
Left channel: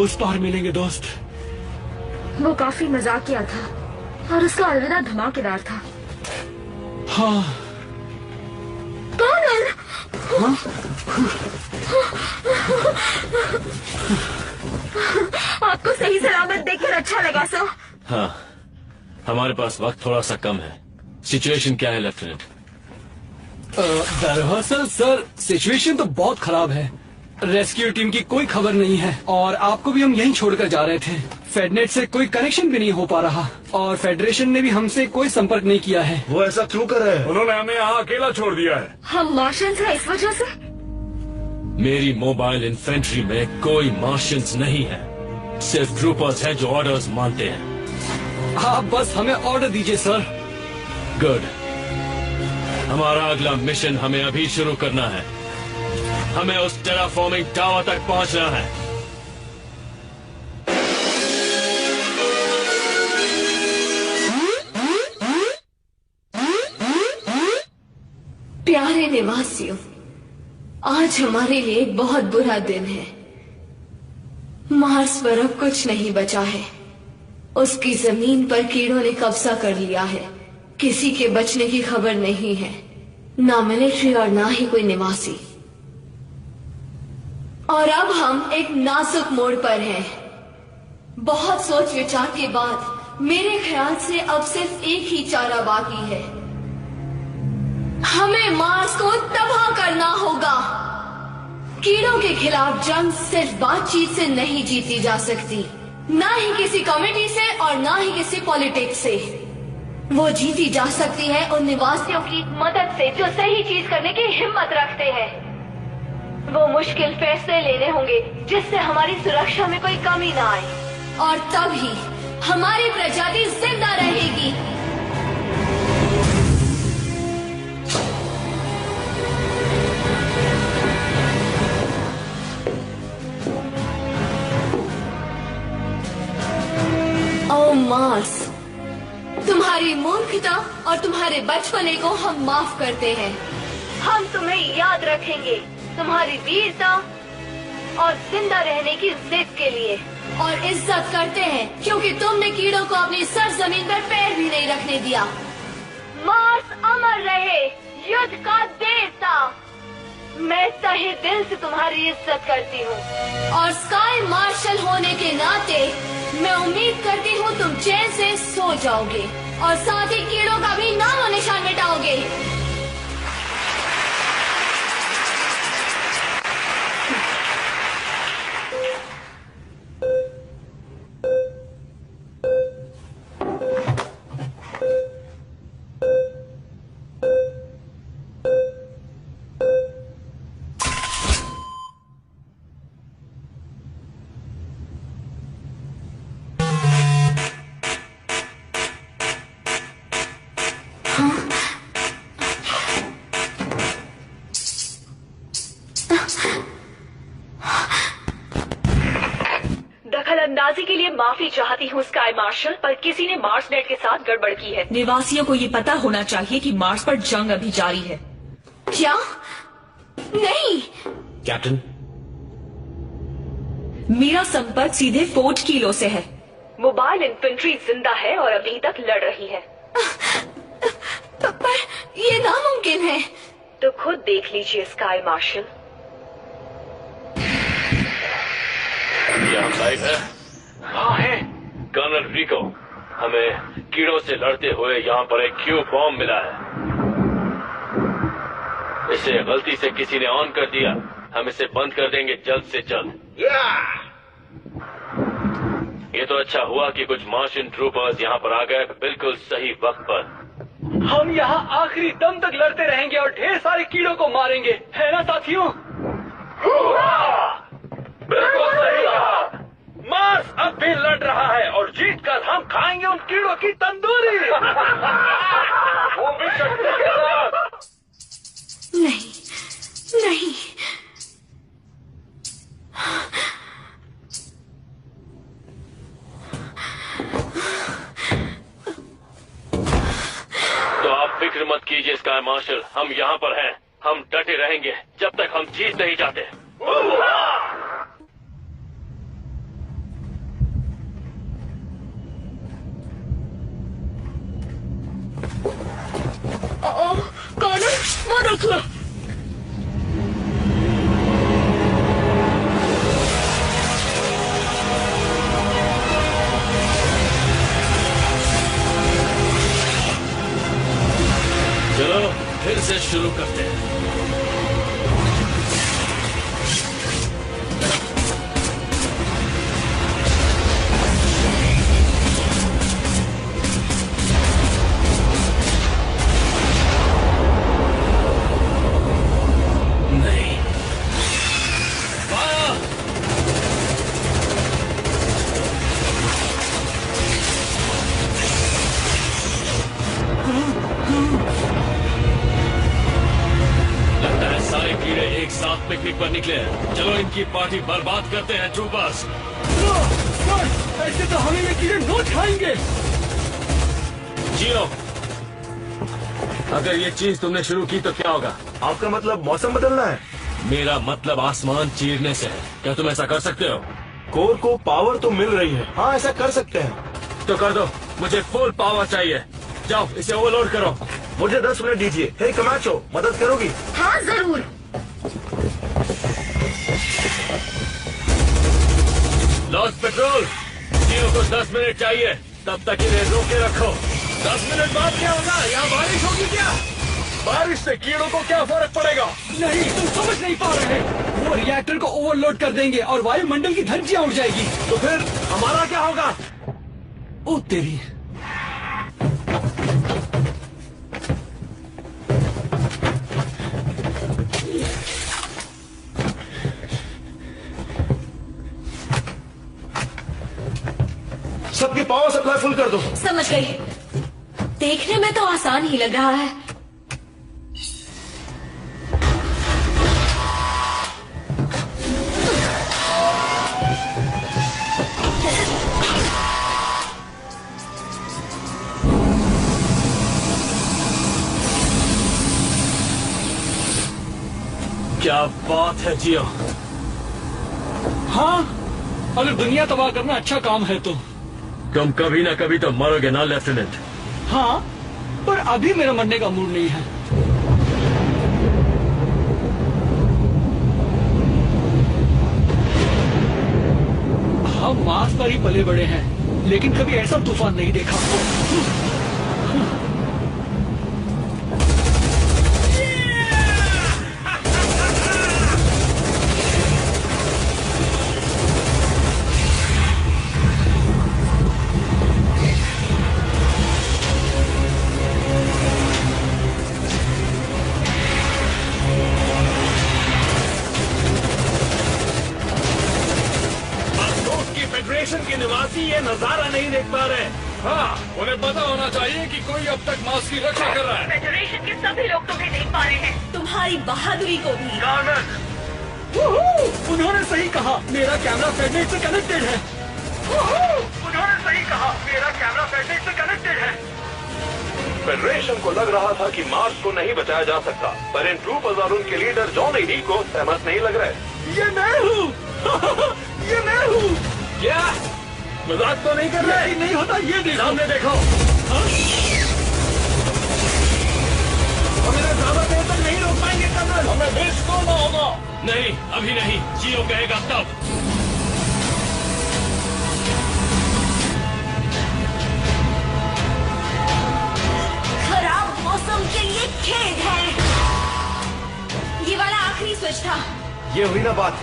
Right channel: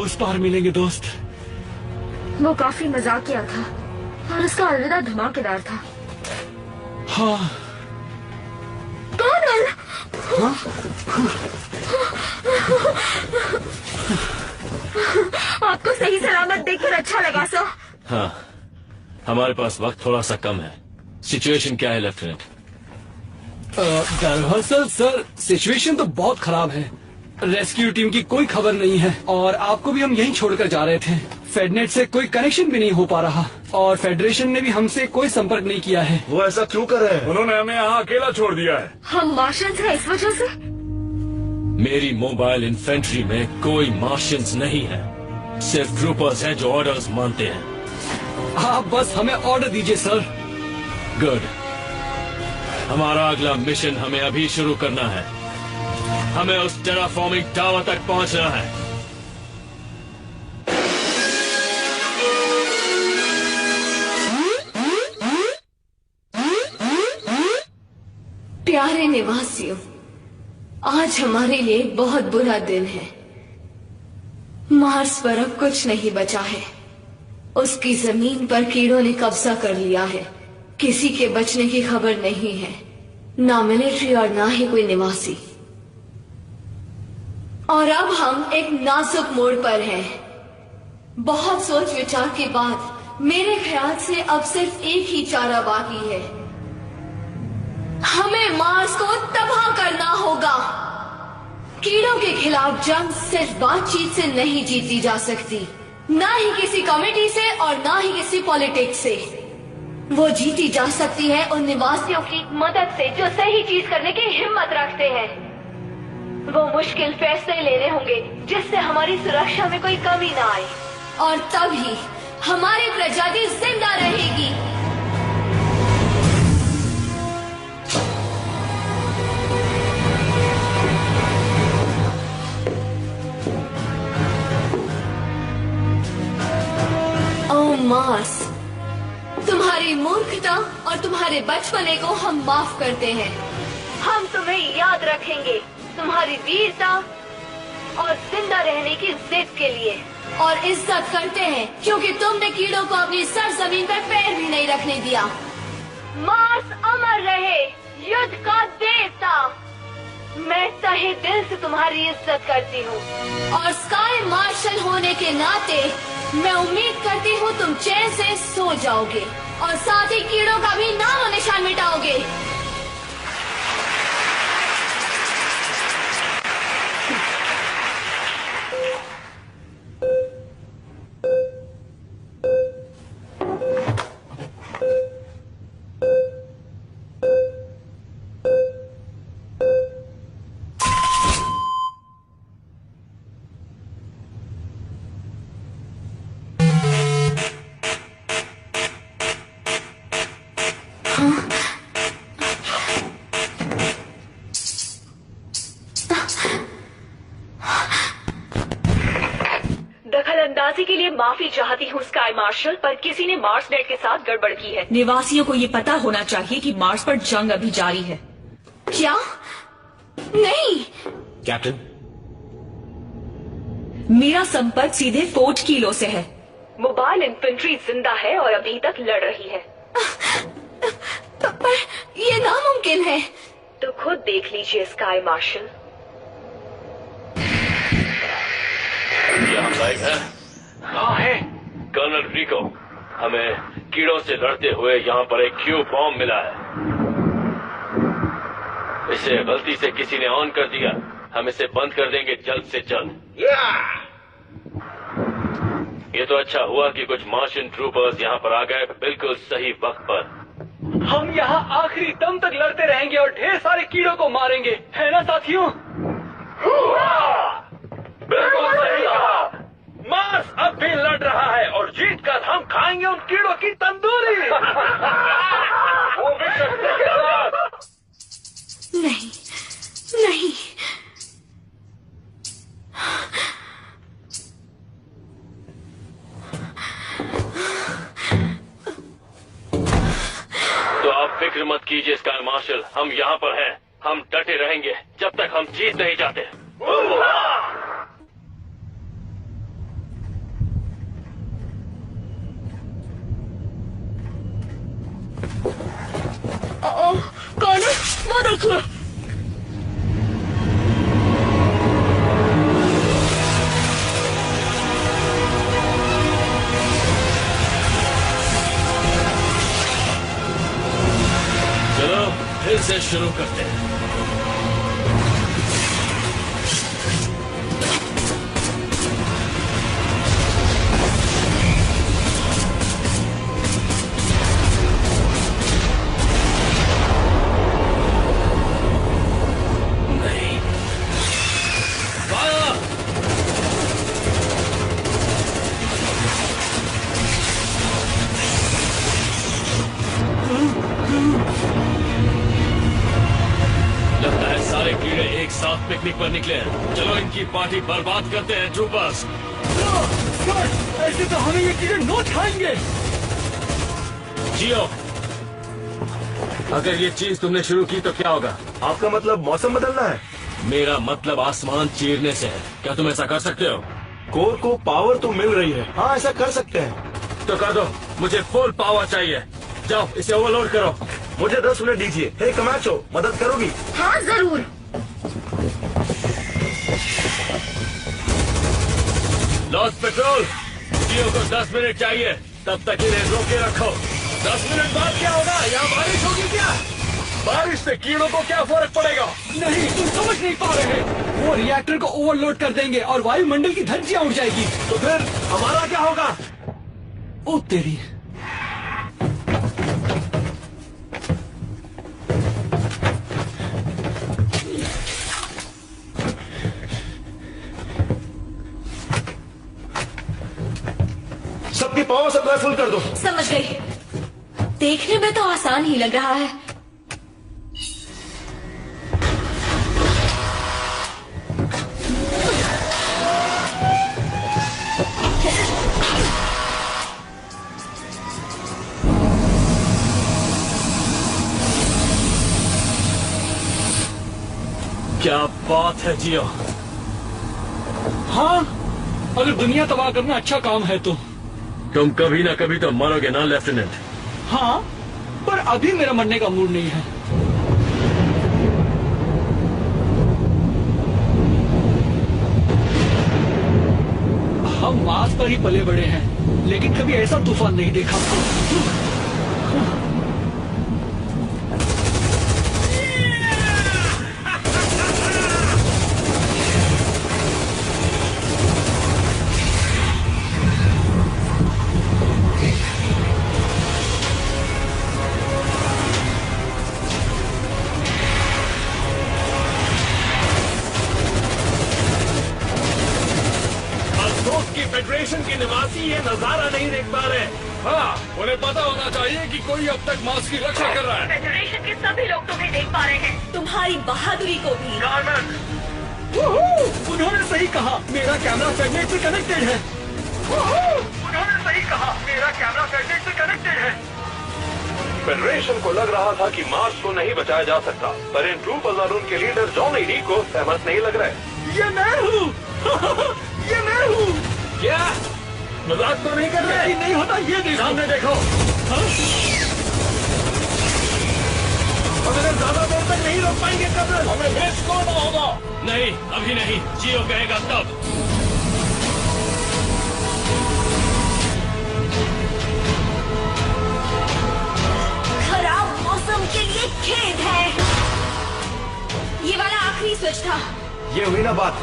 उस पार मिलेंगे दोस्त। वो काफी मजाकिया था और उसका अलविदा धमाकेदार था। हाँ। कौन है? हाँ? आपको सही सलामत देखकर अच्छा लगा सर। हाँ, हमारे पास वक्त थोड़ा सा कम है। सिचुएशन क्या है लेफ्टिनेंट? दरअसल सर सिचुएशन तो बहुत खराब है। रेस्क्यू टीम की कोई खबर नहीं है और आपको भी हम यहीं छोड़कर जा रहे थे। फेडनेट से कोई कनेक्शन भी नहीं हो पा रहा और फेडरेशन ने भी हमसे कोई संपर्क नहीं किया है। वो ऐसा क्यों कर रहे हैं? उन्होंने हमें यहाँ अकेला छोड़ दिया है। हम मार्शियंस हैं इस वजह से? मेरी मोबाइल इन्फेंट्री में कोई मार्शियंस नहीं है, सिर्फ ट्रूपर्स हैं जो ऑर्डर्स मानते हैं। आप बस हमें ऑर्डर दीजिए सर। गुड। हमारा अगला मिशन हमें अभी शुरू करना है। हमें उस टेराफॉर्मिंग टावर तक पहुंचना है। प्यारे निवासियों, आज हमारे लिए एक बहुत बुरा दिन है। मार्स पर अब कुछ नहीं बचा है। उसकी जमीन पर कीड़ों ने कब्जा कर लिया है। किसी के बचने की खबर नहीं है, ना मिलिट्री और ना ही कोई निवासी। और अब हम एक नाजुक मोड़ पर हैं। बहुत सोच विचार के बाद मेरे ख्याल से अब सिर्फ एक ही चारा बाकी है। हमें मार्स को तबाह करना होगा। कीड़ों के खिलाफ जंग सिर्फ बातचीत से नहीं जीती जा सकती, ना ही किसी कमेटी से और ना ही किसी पॉलिटिक्स से। वो जीती जा सकती है उन निवासियों की मदद से जो सही चीज करने की हिम्मत रखते हैं। वो मुश्किल फैसले लेने होंगे जिससे हमारी सुरक्षा में कोई कमी ना आए, और तभी हमारी प्रजाति जिंदा रहेगी। ओ मार्स, तुम्हारी मूर्खता और तुम्हारे बचपने को हम माफ करते हैं। हम तुम्हें याद रखेंगे तुम्हारी वीरता और जिंदा रहने की जिद के लिए, और इज्जत करते हैं क्योंकि तुमने कीड़ों को अपनी सरजमीन पर पैर भी नहीं रखने दिया। मार्स अमर रहे, युद्ध का देवता। मैं तहे दिल से तुम्हारी इज्जत करती हूँ, और स्काई मार्शल होने के नाते मैं उम्मीद करती हूँ तुम चैन से सो जाओगे और साथ ही कीड़ों का भी नाम और निशान मिटाओगे। दखलंदाजी के लिए माफी चाहती हूँ स्काई मार्शल, पर किसी ने मार्स नेट के साथ गड़बड़ की है। निवासियों को ये पता होना चाहिए कि मार्स पर जंग अभी जारी है। क्या? नहीं कैप्टन, मेरा संपर्क सीधे फोर्ट कीलो से है। मोबाइल इन्फेंट्री जिंदा है और अभी तक लड़ रही है। पर ये नामुमकिन है। तो खुद देख लीजिए स्काई मार्शल। क्या हम लाइव हैं? हाँ है। कर्नल रिको, हमें कीड़ों से लड़ते हुए यहाँ पर एक क्यू बॉम्ब मिला है। इसे गलती से किसी ने ऑन कर दिया। हम इसे बंद कर देंगे जल्द से जल्द। ये तो अच्छा हुआ कि कुछ मार्शियन ट्रूपर्स यहाँ पर आ गए बिल्कुल सही वक्त पर। हम यहाँ आखिरी दम तक लड़ते रहेंगे और ढेर सारे कीड़ों को मारेंगे, है ना साथियों? बिल्कुल सही कहा। मार्स अब भी लड़ रहा है और जीतकर हम खाएंगे उन कीड़ों की तंदूरी। वो भी शक्ति के साथ। नहीं नहीं, तो आप फिक्र मत कीजिए स्काई मार्शल, हम यहाँ पर हैं। हम डटे रहेंगे जब तक हम जीत नहीं जाते। चलो फिर से शुरू करते हैं। नहीं, फायर! लगता है सारे कीड़े एक साथ पिकनिक पर निकले हैं। चलो इनकी पार्टी बर्बाद करते हैं ट्रूपर्स। सर, ऐसे तो हमें ये कीड़े नोच खाएंगे। जियो, अगर ये चीज तुमने शुरू की तो क्या होगा? आपका मतलब मौसम बदलना है? मेरा मतलब आसमान चीरने से है। क्या तुम ऐसा कर सकते हो? कोर को पावर तो मिल रही है। हाँ, ऐसा कर सकते हैं। तो कर दो, मुझे फुल पावर चाहिए। जाओ इसे ओवरलोड करो। मुझे 10 मिनट दीजिए। हे कमाचो, मदद करोगी? हाँ जरूर। लॉस्ट पेट्रोल, जियो को 10 मिनट चाहिए। तब तक इन्हें रोके रखो। 10 मिनट बाद क्या होगा? यहाँ बारिश होगी क्या? बारिश से कीड़ों को क्या फर्क पड़ेगा? नहीं, तुम समझ नहीं पा रहे। वो रिएक्टर को ओवरलोड कर देंगे और वायुमंडल की धज्जियां उड़ जाएगी। तो फिर हमारा क्या होगा? ओ तेरी। सबकी पावर सप्लाई फुल कर दो। समझ गई। देखने में तो आसान ही लग रहा है। क्या बात है जियो। हाँ, अगर दुनिया तबाह करना अच्छा काम है तो। तुम कभी ना कभी तो मरोगे ना लेफ्टिनेंट। हाँ, पर अभी मेरा मरने का मूड नहीं है। हम मार्स पर ही पले बड़े हैं, लेकिन कभी ऐसा तूफान नहीं देखा। फेडरेशन के निवासी ये नजारा नहीं देख पा रहे। हाँ, उन्हें पता होना चाहिए कि कोई अब तक मार्स की रक्षा कर रहा है। फेडरेशन के सभी लोग तुम्हें देख पा रहे हैं, तुम्हारी बहादुरी को भी। उन्होंने सही कहा, मेरा कैमरा फेडनेट से कनेक्टेड है। उन्होंने सही कहा, मेरा कैमरा फेडनेट से कनेक्टेड है। फेडरेशन को लग रहा था कि मार्स को नहीं बचाया जा सकता, पर इन ट्रूपर्स और उनके लीडर जॉन ईडी को सहमत नहीं लग रहे। ये मैं हूँ। ये मैं हूँ। क्या मजाक तो नहीं कर रहे? नहीं होता, ये देखो। सामने देखो। हम इन्हें ज्यादा देर तक नहीं रोक पाएंगे कर्नल। हमें ब्रिज तोड़ना होगा। नहीं, अभी नहीं। जियो कहेगा तब। खराब मौसम के लिए खेद है। ये वाला आखिरी स्विच था। ये हुई ना बात।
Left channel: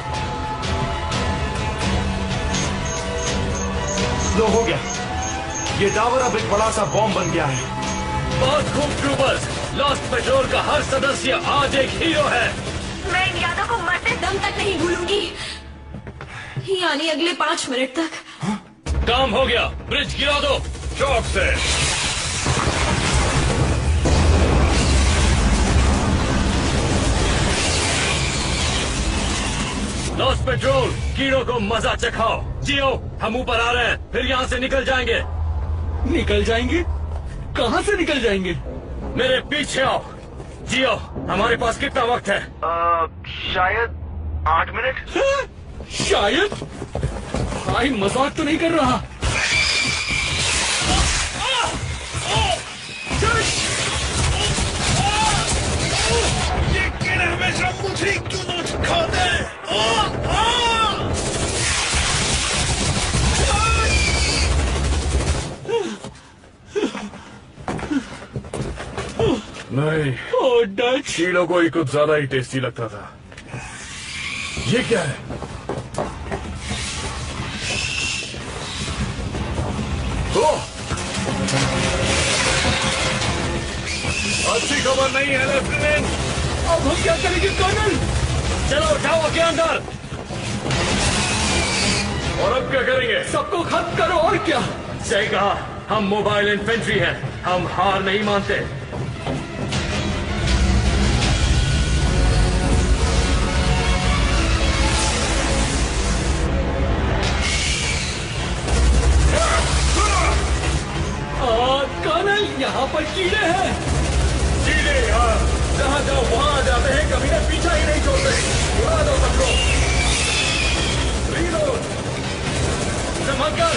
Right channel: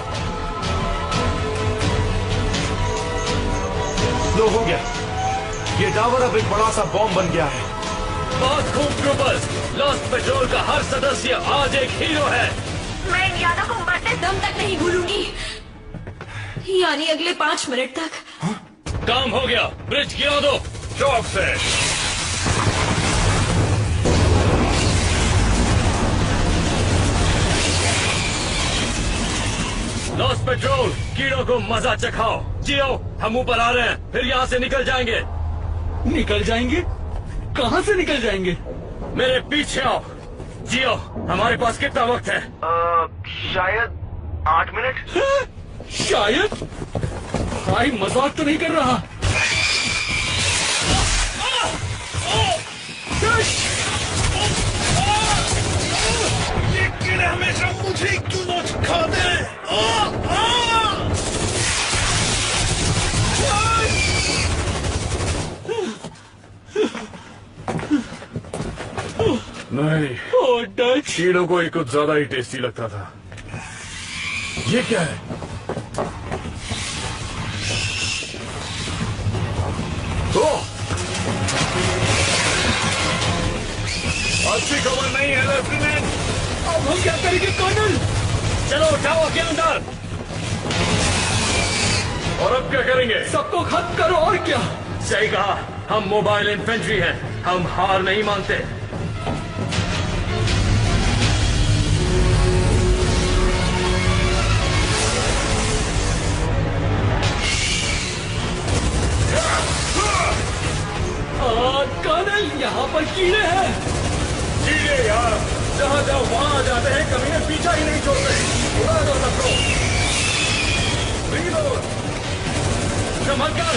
लो, हो गया। ये टावर अब एक बड़ा सा बॉम्ब बन गया है। बहुत खूब ट्रूपर्स। लॉस्ट पेट्रोल का हर सदस्य आज एक हीरो है। मैं इन यादों को मरते दम तक नहीं भूलूंगी, यानी अगले 5 मिनट तक। काम हो गया, ब्रिज गिरा दो। चौक से। लॉस्ट पेट्रोल, कीड़ों को मजा चखाओ। जियो, हम ऊपर आ रहे हैं, फिर यहाँ से निकल जाएंगे। निकल जाएंगे? कहाँ से निकल जाएंगे? मेरे पीछे आओ। जियो, हमारे पास कितना वक्त है? शायद 8 मिनट। शायद? भाई मजाक तो नहीं कर रहा। नहीं, कीड़ों को ही कुछ ज्यादा ही टेस्टी लगता था। ये क्या है? ओह! अच्छी खबर नहीं है लेफ्टिनेंट। अब हम क्या करेंगे कर्नल? चलो जाओ के अंदर। और अब क्या करेंगे? सबको खत्म करो और क्या। सही कहा, हम मोबाइल इन्फेंट्री हैं, हम हार नहीं मानते। कर्नल, यहाँ पर कीड़े हैं। कीड़े यार, जहाँ जाओ वहाँ आ जाते हैं, कमीने पीछा ही नहीं छोड़ते। उड़ा दो सबको। रीलोड। संभल कर।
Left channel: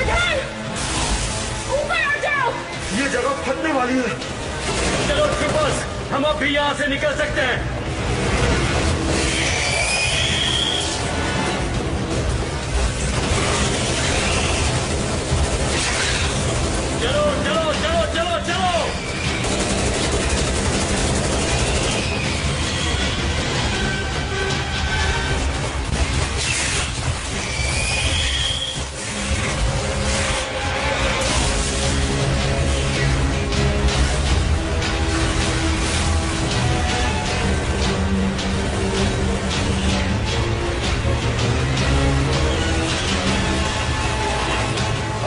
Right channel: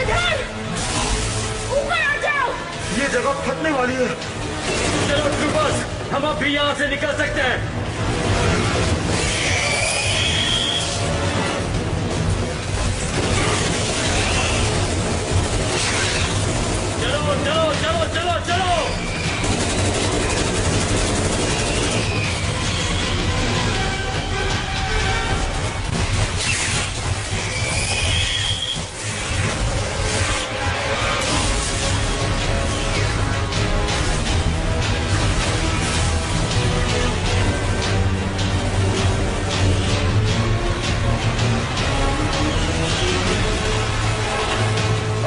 इधर ऊपर आ जाओ। ये जगह फटने वाली है। चलो ट्रूपर्स, हम अब भी यहाँ से निकल सकते हैं। चलो चलो चलो चलो चलो।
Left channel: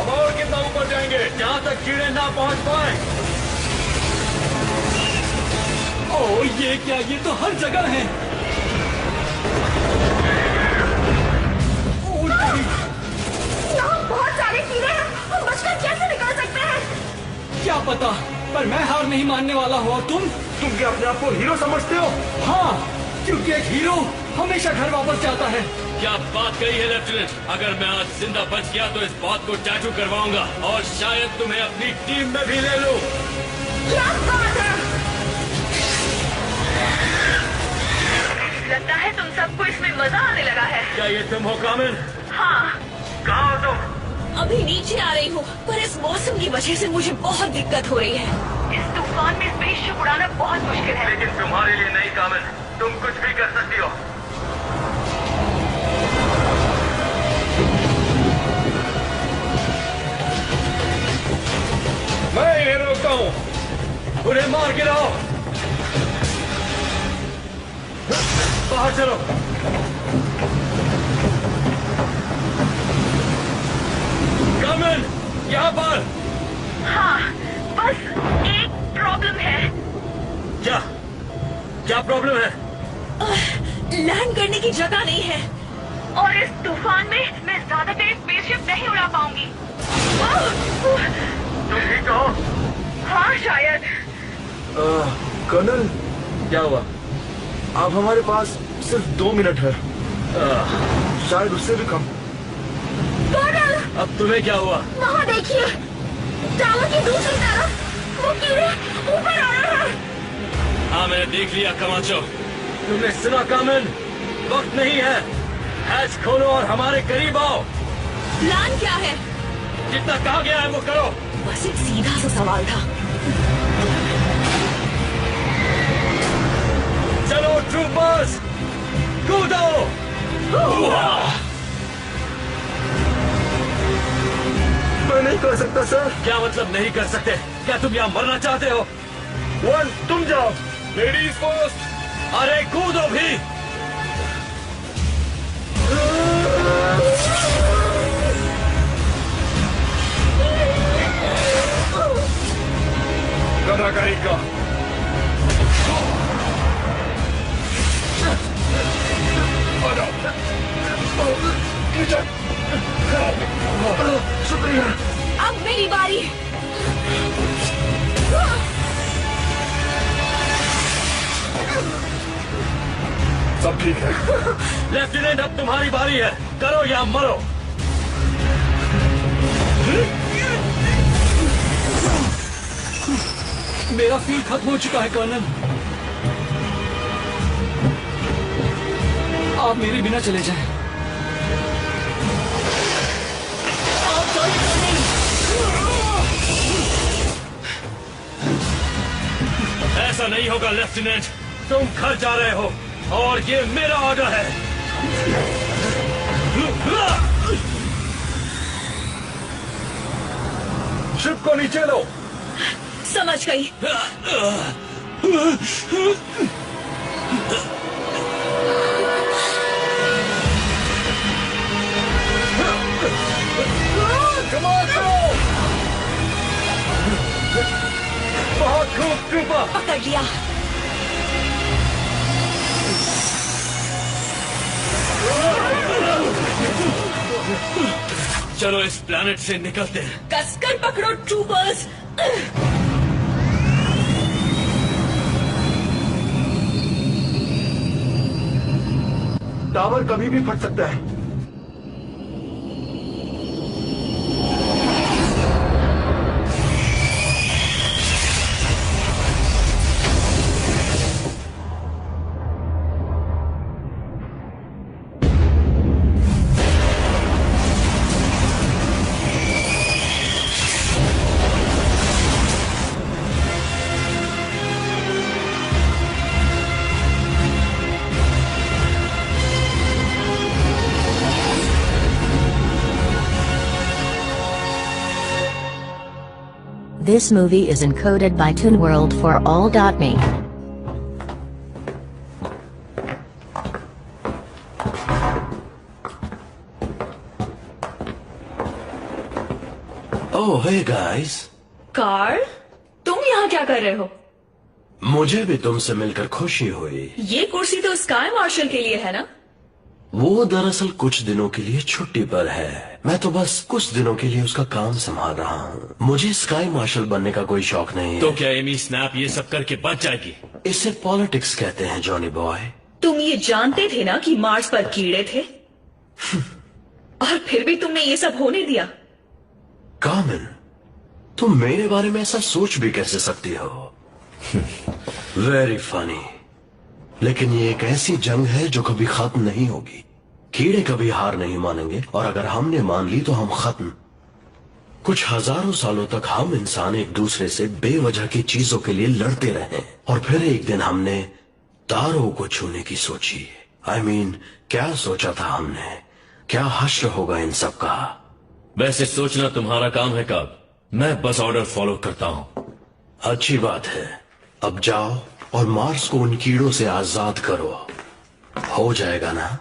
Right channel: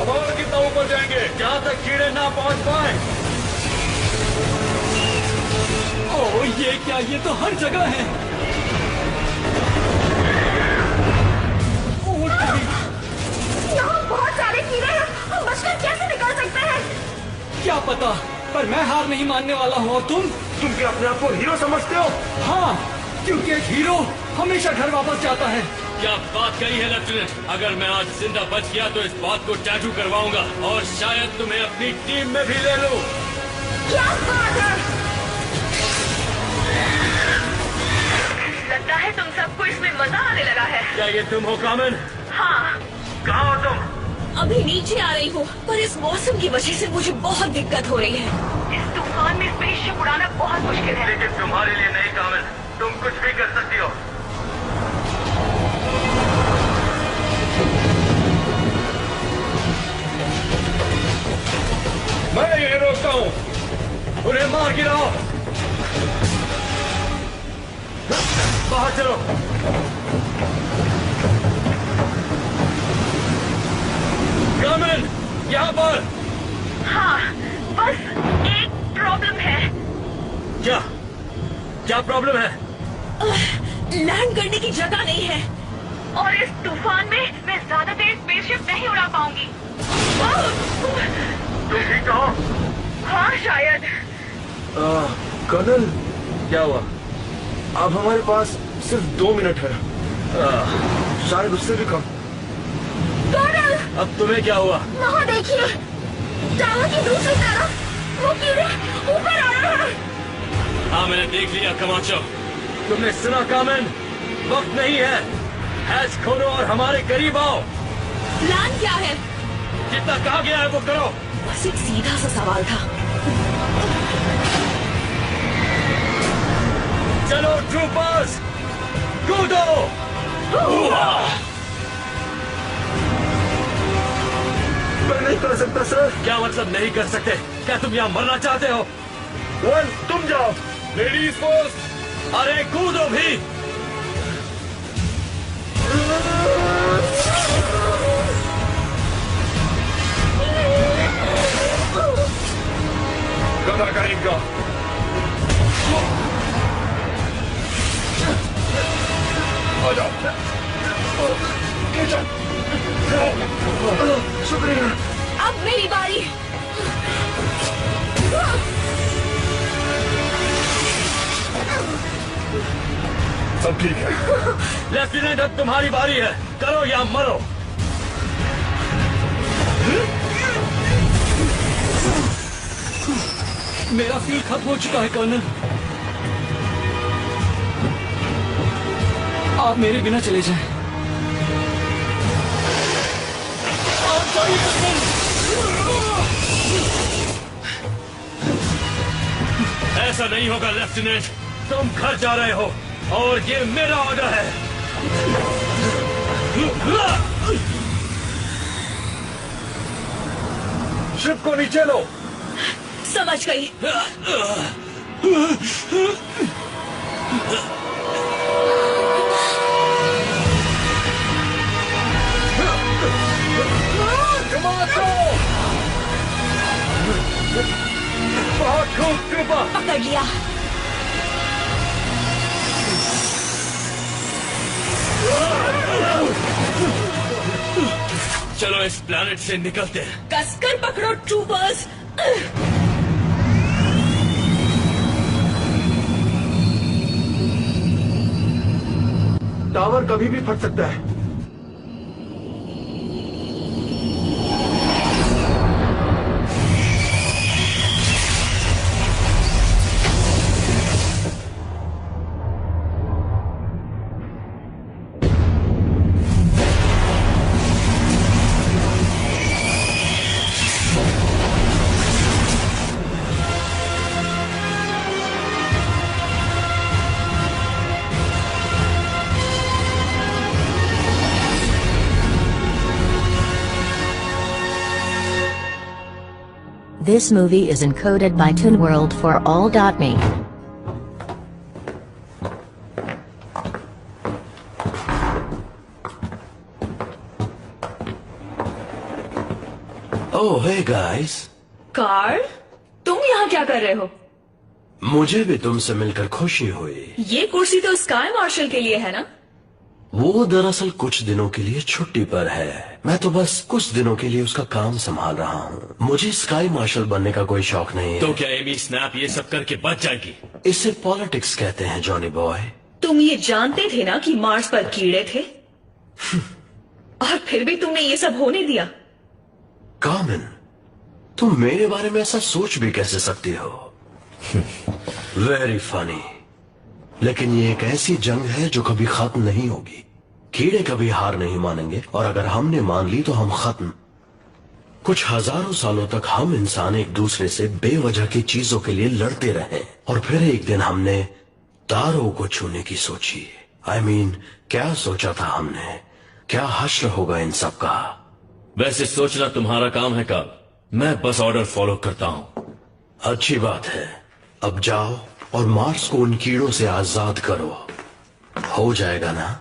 अब और कितना ऊपर जाएंगे? जहाँ तक कीड़े ना पहुँच पाए। ओह ये क्या, ये तो हर जगह है। यहाँ बहुत सारे कीड़े हैं, हम बचकर कैसे निकल सकते हैं? क्या पता, पर मैं हार नहीं मानने वाला हूँ। और तुम क्या अपने आप को हीरो समझते हो? हाँ, क्योंकि एक हीरो हमेशा घर वापस जाता है। क्या बात कही है लेफ्टिनेंट। अगर मैं आज जिंदा बच गया तो इस बात को टैटू करवाऊंगा और शायद तुम्हें अपनी टीम में भी ले लूं। क्या बात है? लगता है तुम सबको इसमें मजा आने लगा है। क्या ये तुम हो कामिन? हाँ। कहाँ हो तुम? अभी नीचे आ रही हूँ, पर इस मौसम की वजह से मुझे बहुत दिक्कत हो रही है। इस तूफान में स्पेसशिप उड़ाना बहुत मुश्किल है। लेकिन तुम्हारे लिए नहीं कामिन, तुम कुछ भी कर सकती हो। मैं इन्हें रोकता हूँ। उन्हें मार गिराओ। बाहर चलो। कामिन, यहाँ पर। हाँ, बस एक प्रॉब्लम है। क्या क्या प्रॉब्लम है? लैंड करने की जगह नहीं है, और इस तूफान में मैं ज्यादा देर स्पेसशिप नहीं उड़ा पाऊंगी। तुम ठीक हो? हाँ शायद। कर्नल, क्या हुआ? अब हमारे पास सिर्फ 2 मिनट है, शायद उससे भी कम। कर्नल, अब तुम्हें क्या हुआ? वहाँ देखिए, टावर की दूसरी तरफ वो कीड़े ऊपर आ रहे हैं। हाँ मैंने देख लिया कमाचो। तुमने सुना कामिन? वक्त नहीं है, हैच खोलो और हमारे करीब आओ। प्लान क्या है? जितना कहा गया है वो करो। बस एक सीधा सा सवाल था। चलो ट्रूपर्स, कूदो। मैं नहीं कर सकता सर। क्या मतलब नहीं कर सकते? क्या तुम यहाँ मरना चाहते हो? वन, तुम जाओ। Ladies first. अरे कूदो भी। गधा कहीं का। आ जाओ। शुक्रिया। अब मेरी बारी। सब ठीक है। लेफ्टिनेंट, अब तुम्हारी बारी है, करो या मरो। मेरा फ्यूल खत्म हो चुका है कर्नल, आप मेरे बिना चले जाएं। ऐसा नहीं होगा लेफ्टिनेंट। तुम घर जा रहे हो और ये मेरा ऑर्डर है। शिप को नीचे लो। समझ गई। बहुत खूब ट्रूपर। पकड़ लिया। चलो इस प्लैनेट से निकलते हैं। कसकर पकड़ो ट्रूपर्स। टावर कभी भी फट सकता है। This movie is encoded by ToonWorld for all.me. Oh, hey guys. Karl, तुम यहाँ क्या कर रहे हो? मुझे भी तुमसे मिलकर खुशी हुई। ये कुर्सी तो स्काई मार्शल के लिए है ना? वो दरअसल कुछ दिनों के लिए छुट्टी पर है। मैं तो बस कुछ दिनों के लिए उसका काम संभाल रहा हूँ। मुझे स्काई मार्शल बनने का कोई शौक नहीं है। तो क्या एमी स्नैप ये सब करके बच जाएगी? इसे पॉलिटिक्स कहते हैं जॉनी बॉय। तुम ये जानते थे ना कि मार्स पर कीड़े थे? और फिर भी तुमने ये सब होने दिया। कॉमन, तुम मेरे बारे में ऐसा सोच भी कैसे सकती हो? Very funny. लेकिन ये एक ऐसी जंग है जो कभी खत्म नहीं होगी। कीड़े कभी हार नहीं मानेंगे और अगर हमने मान ली तो हम खत्म। कुछ हजारों सालों तक हम इंसान एक दूसरे से बेवजह की चीजों के लिए लड़ते रहे और फिर एक दिन हमने तारों को छूने की सोची। I mean, क्या सोचा था हमने? क्या हश्र होगा इन सब का? वैसे सोचना तुम्हारा काम है कार्ल। मैं बस ऑर्डर फॉलो करता हूँ। अच्छी बात है। अब जाओ और मार्स को उन कीड़ों से आजाद करो। हो जाएगा ना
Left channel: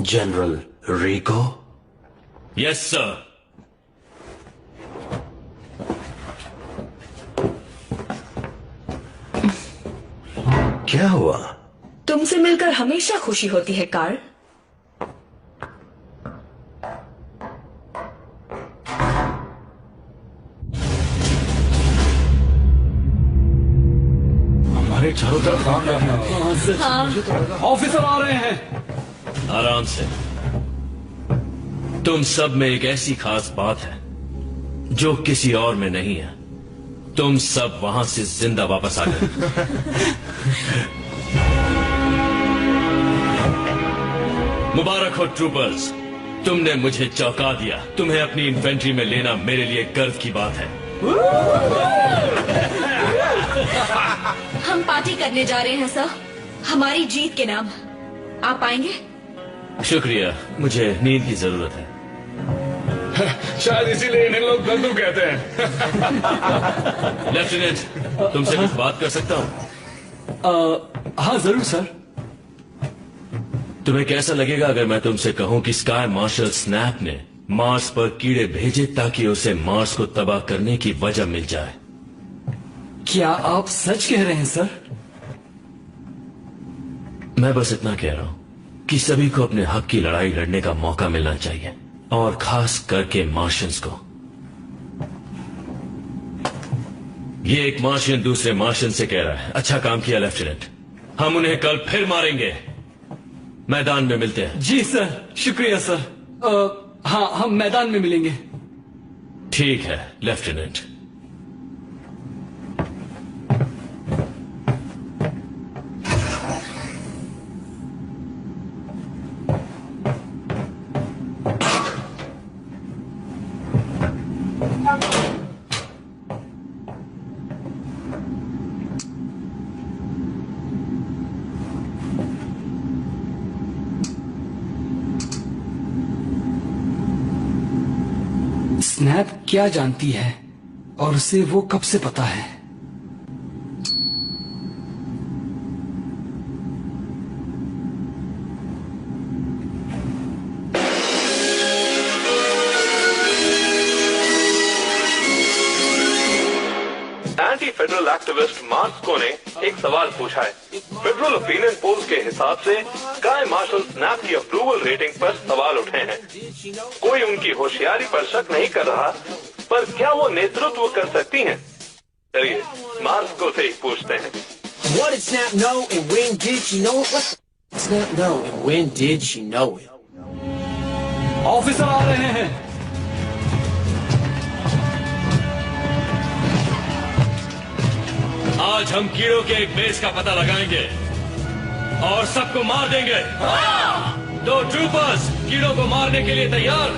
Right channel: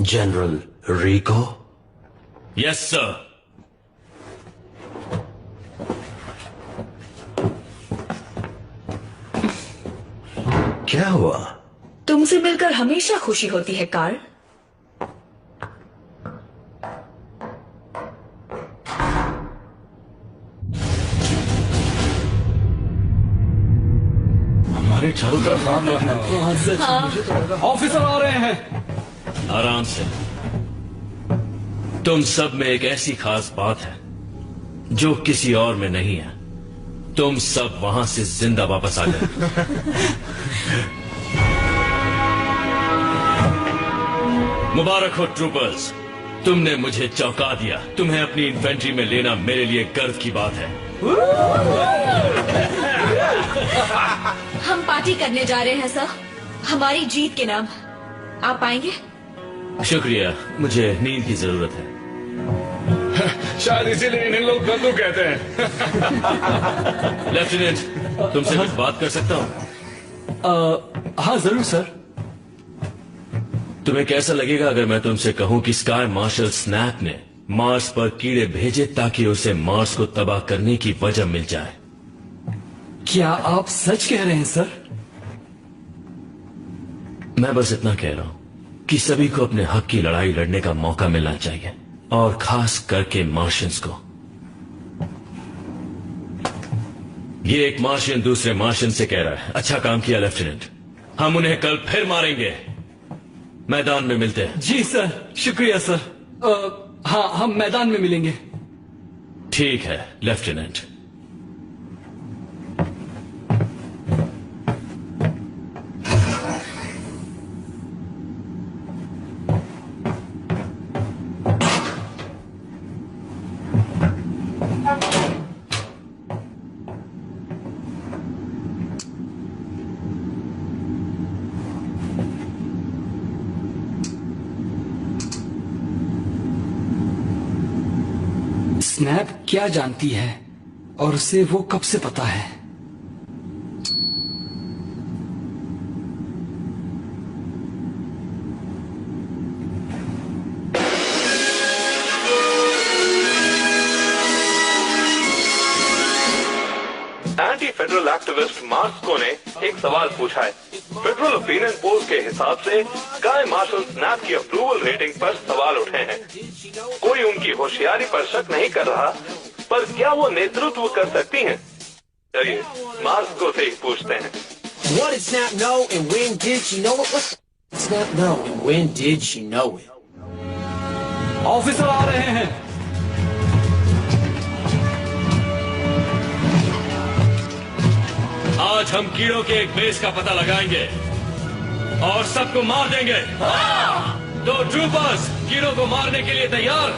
जनरल रिको? Yes sir. क्या हुआ? तुमसे मिलकर हमेशा खुशी होती है कार्ल। हमारे चारों तरफ काम लगना। मुझे तो लगा ऑफिसर आ रहे हैं। आराम से। तुम सब में एक ऐसी खास बात है जो किसी और में नहीं है। तुम सब वहां से जिंदा वापस आ गए। मुबारक हो ट्रूपर्स, तुमने मुझे चौंका दिया। तुम्हें अपनी इन्फेंट्री में लेना मेरे लिए गर्व की बात है। हम पार्टी करने जा रहे हैं सर, हमारी जीत के नाम। आप आएंगे? शुक्रिया, मुझे नींद की जरूरत है। शायद इसीलिए इन लोग दद्दू कहते हैं। लेफ्टिनेंट, तुमसे कुछ बात कर सकता हूँ? हाँ जरूर सर। तुम्हें कैसा लगेगा अगर मैं तुमसे कहूं कि स्काई मार्शल स्नैप ने मार्स पर कीड़े भेजे ताकि उसे मार्स को तबाह करने की वजह मिल जाए? क्या आप सच कह रहे हैं सर? मैं बस इतना कह रहा हूं कि सभी को अपने हक की लड़ाई लड़ने का मौका मिलना चाहिए, और खास करके मार्शियंस को। ये एक मार्शियन दूसरे मार्शियन से कह रहा है, अच्छा काम किया लेफ्टिनेंट। हम उन्हें कल फिर मारेंगे। मैदान में मिलते हैं। जी सर, शुक्रिया सर। हाँ, हम मैदान में मिलेंगे। ठीक है लेफ्टिनेंट। स्नैप क्या जानती है और उसे वो कब से पता है? एंटी फेडरल एक्टिविस्ट मार्स्को ने एक सवाल पूछा है। फेडरल ओपिनियन पोल के हिसाब से स्काई मार्शल स्नैप की अप्रूवल रेटिंग पर सवाल उठे हैं। कोई उनकी होशियारी पर शक नहीं कर रहा, पर क्या वो नेतृत्व कर सकती हैं? चलिए मार्स्को से ही पूछते हैं। What did Snap know and when did she know it? What did Snap know and when did she know it? Officer आ रहे हैं। आज हम कीड़ों के एक बेस का पता लगाएंगे और सबको मार देंगे। तो ट्रूपर्स कीड़ों को मारने के लिए तैयार?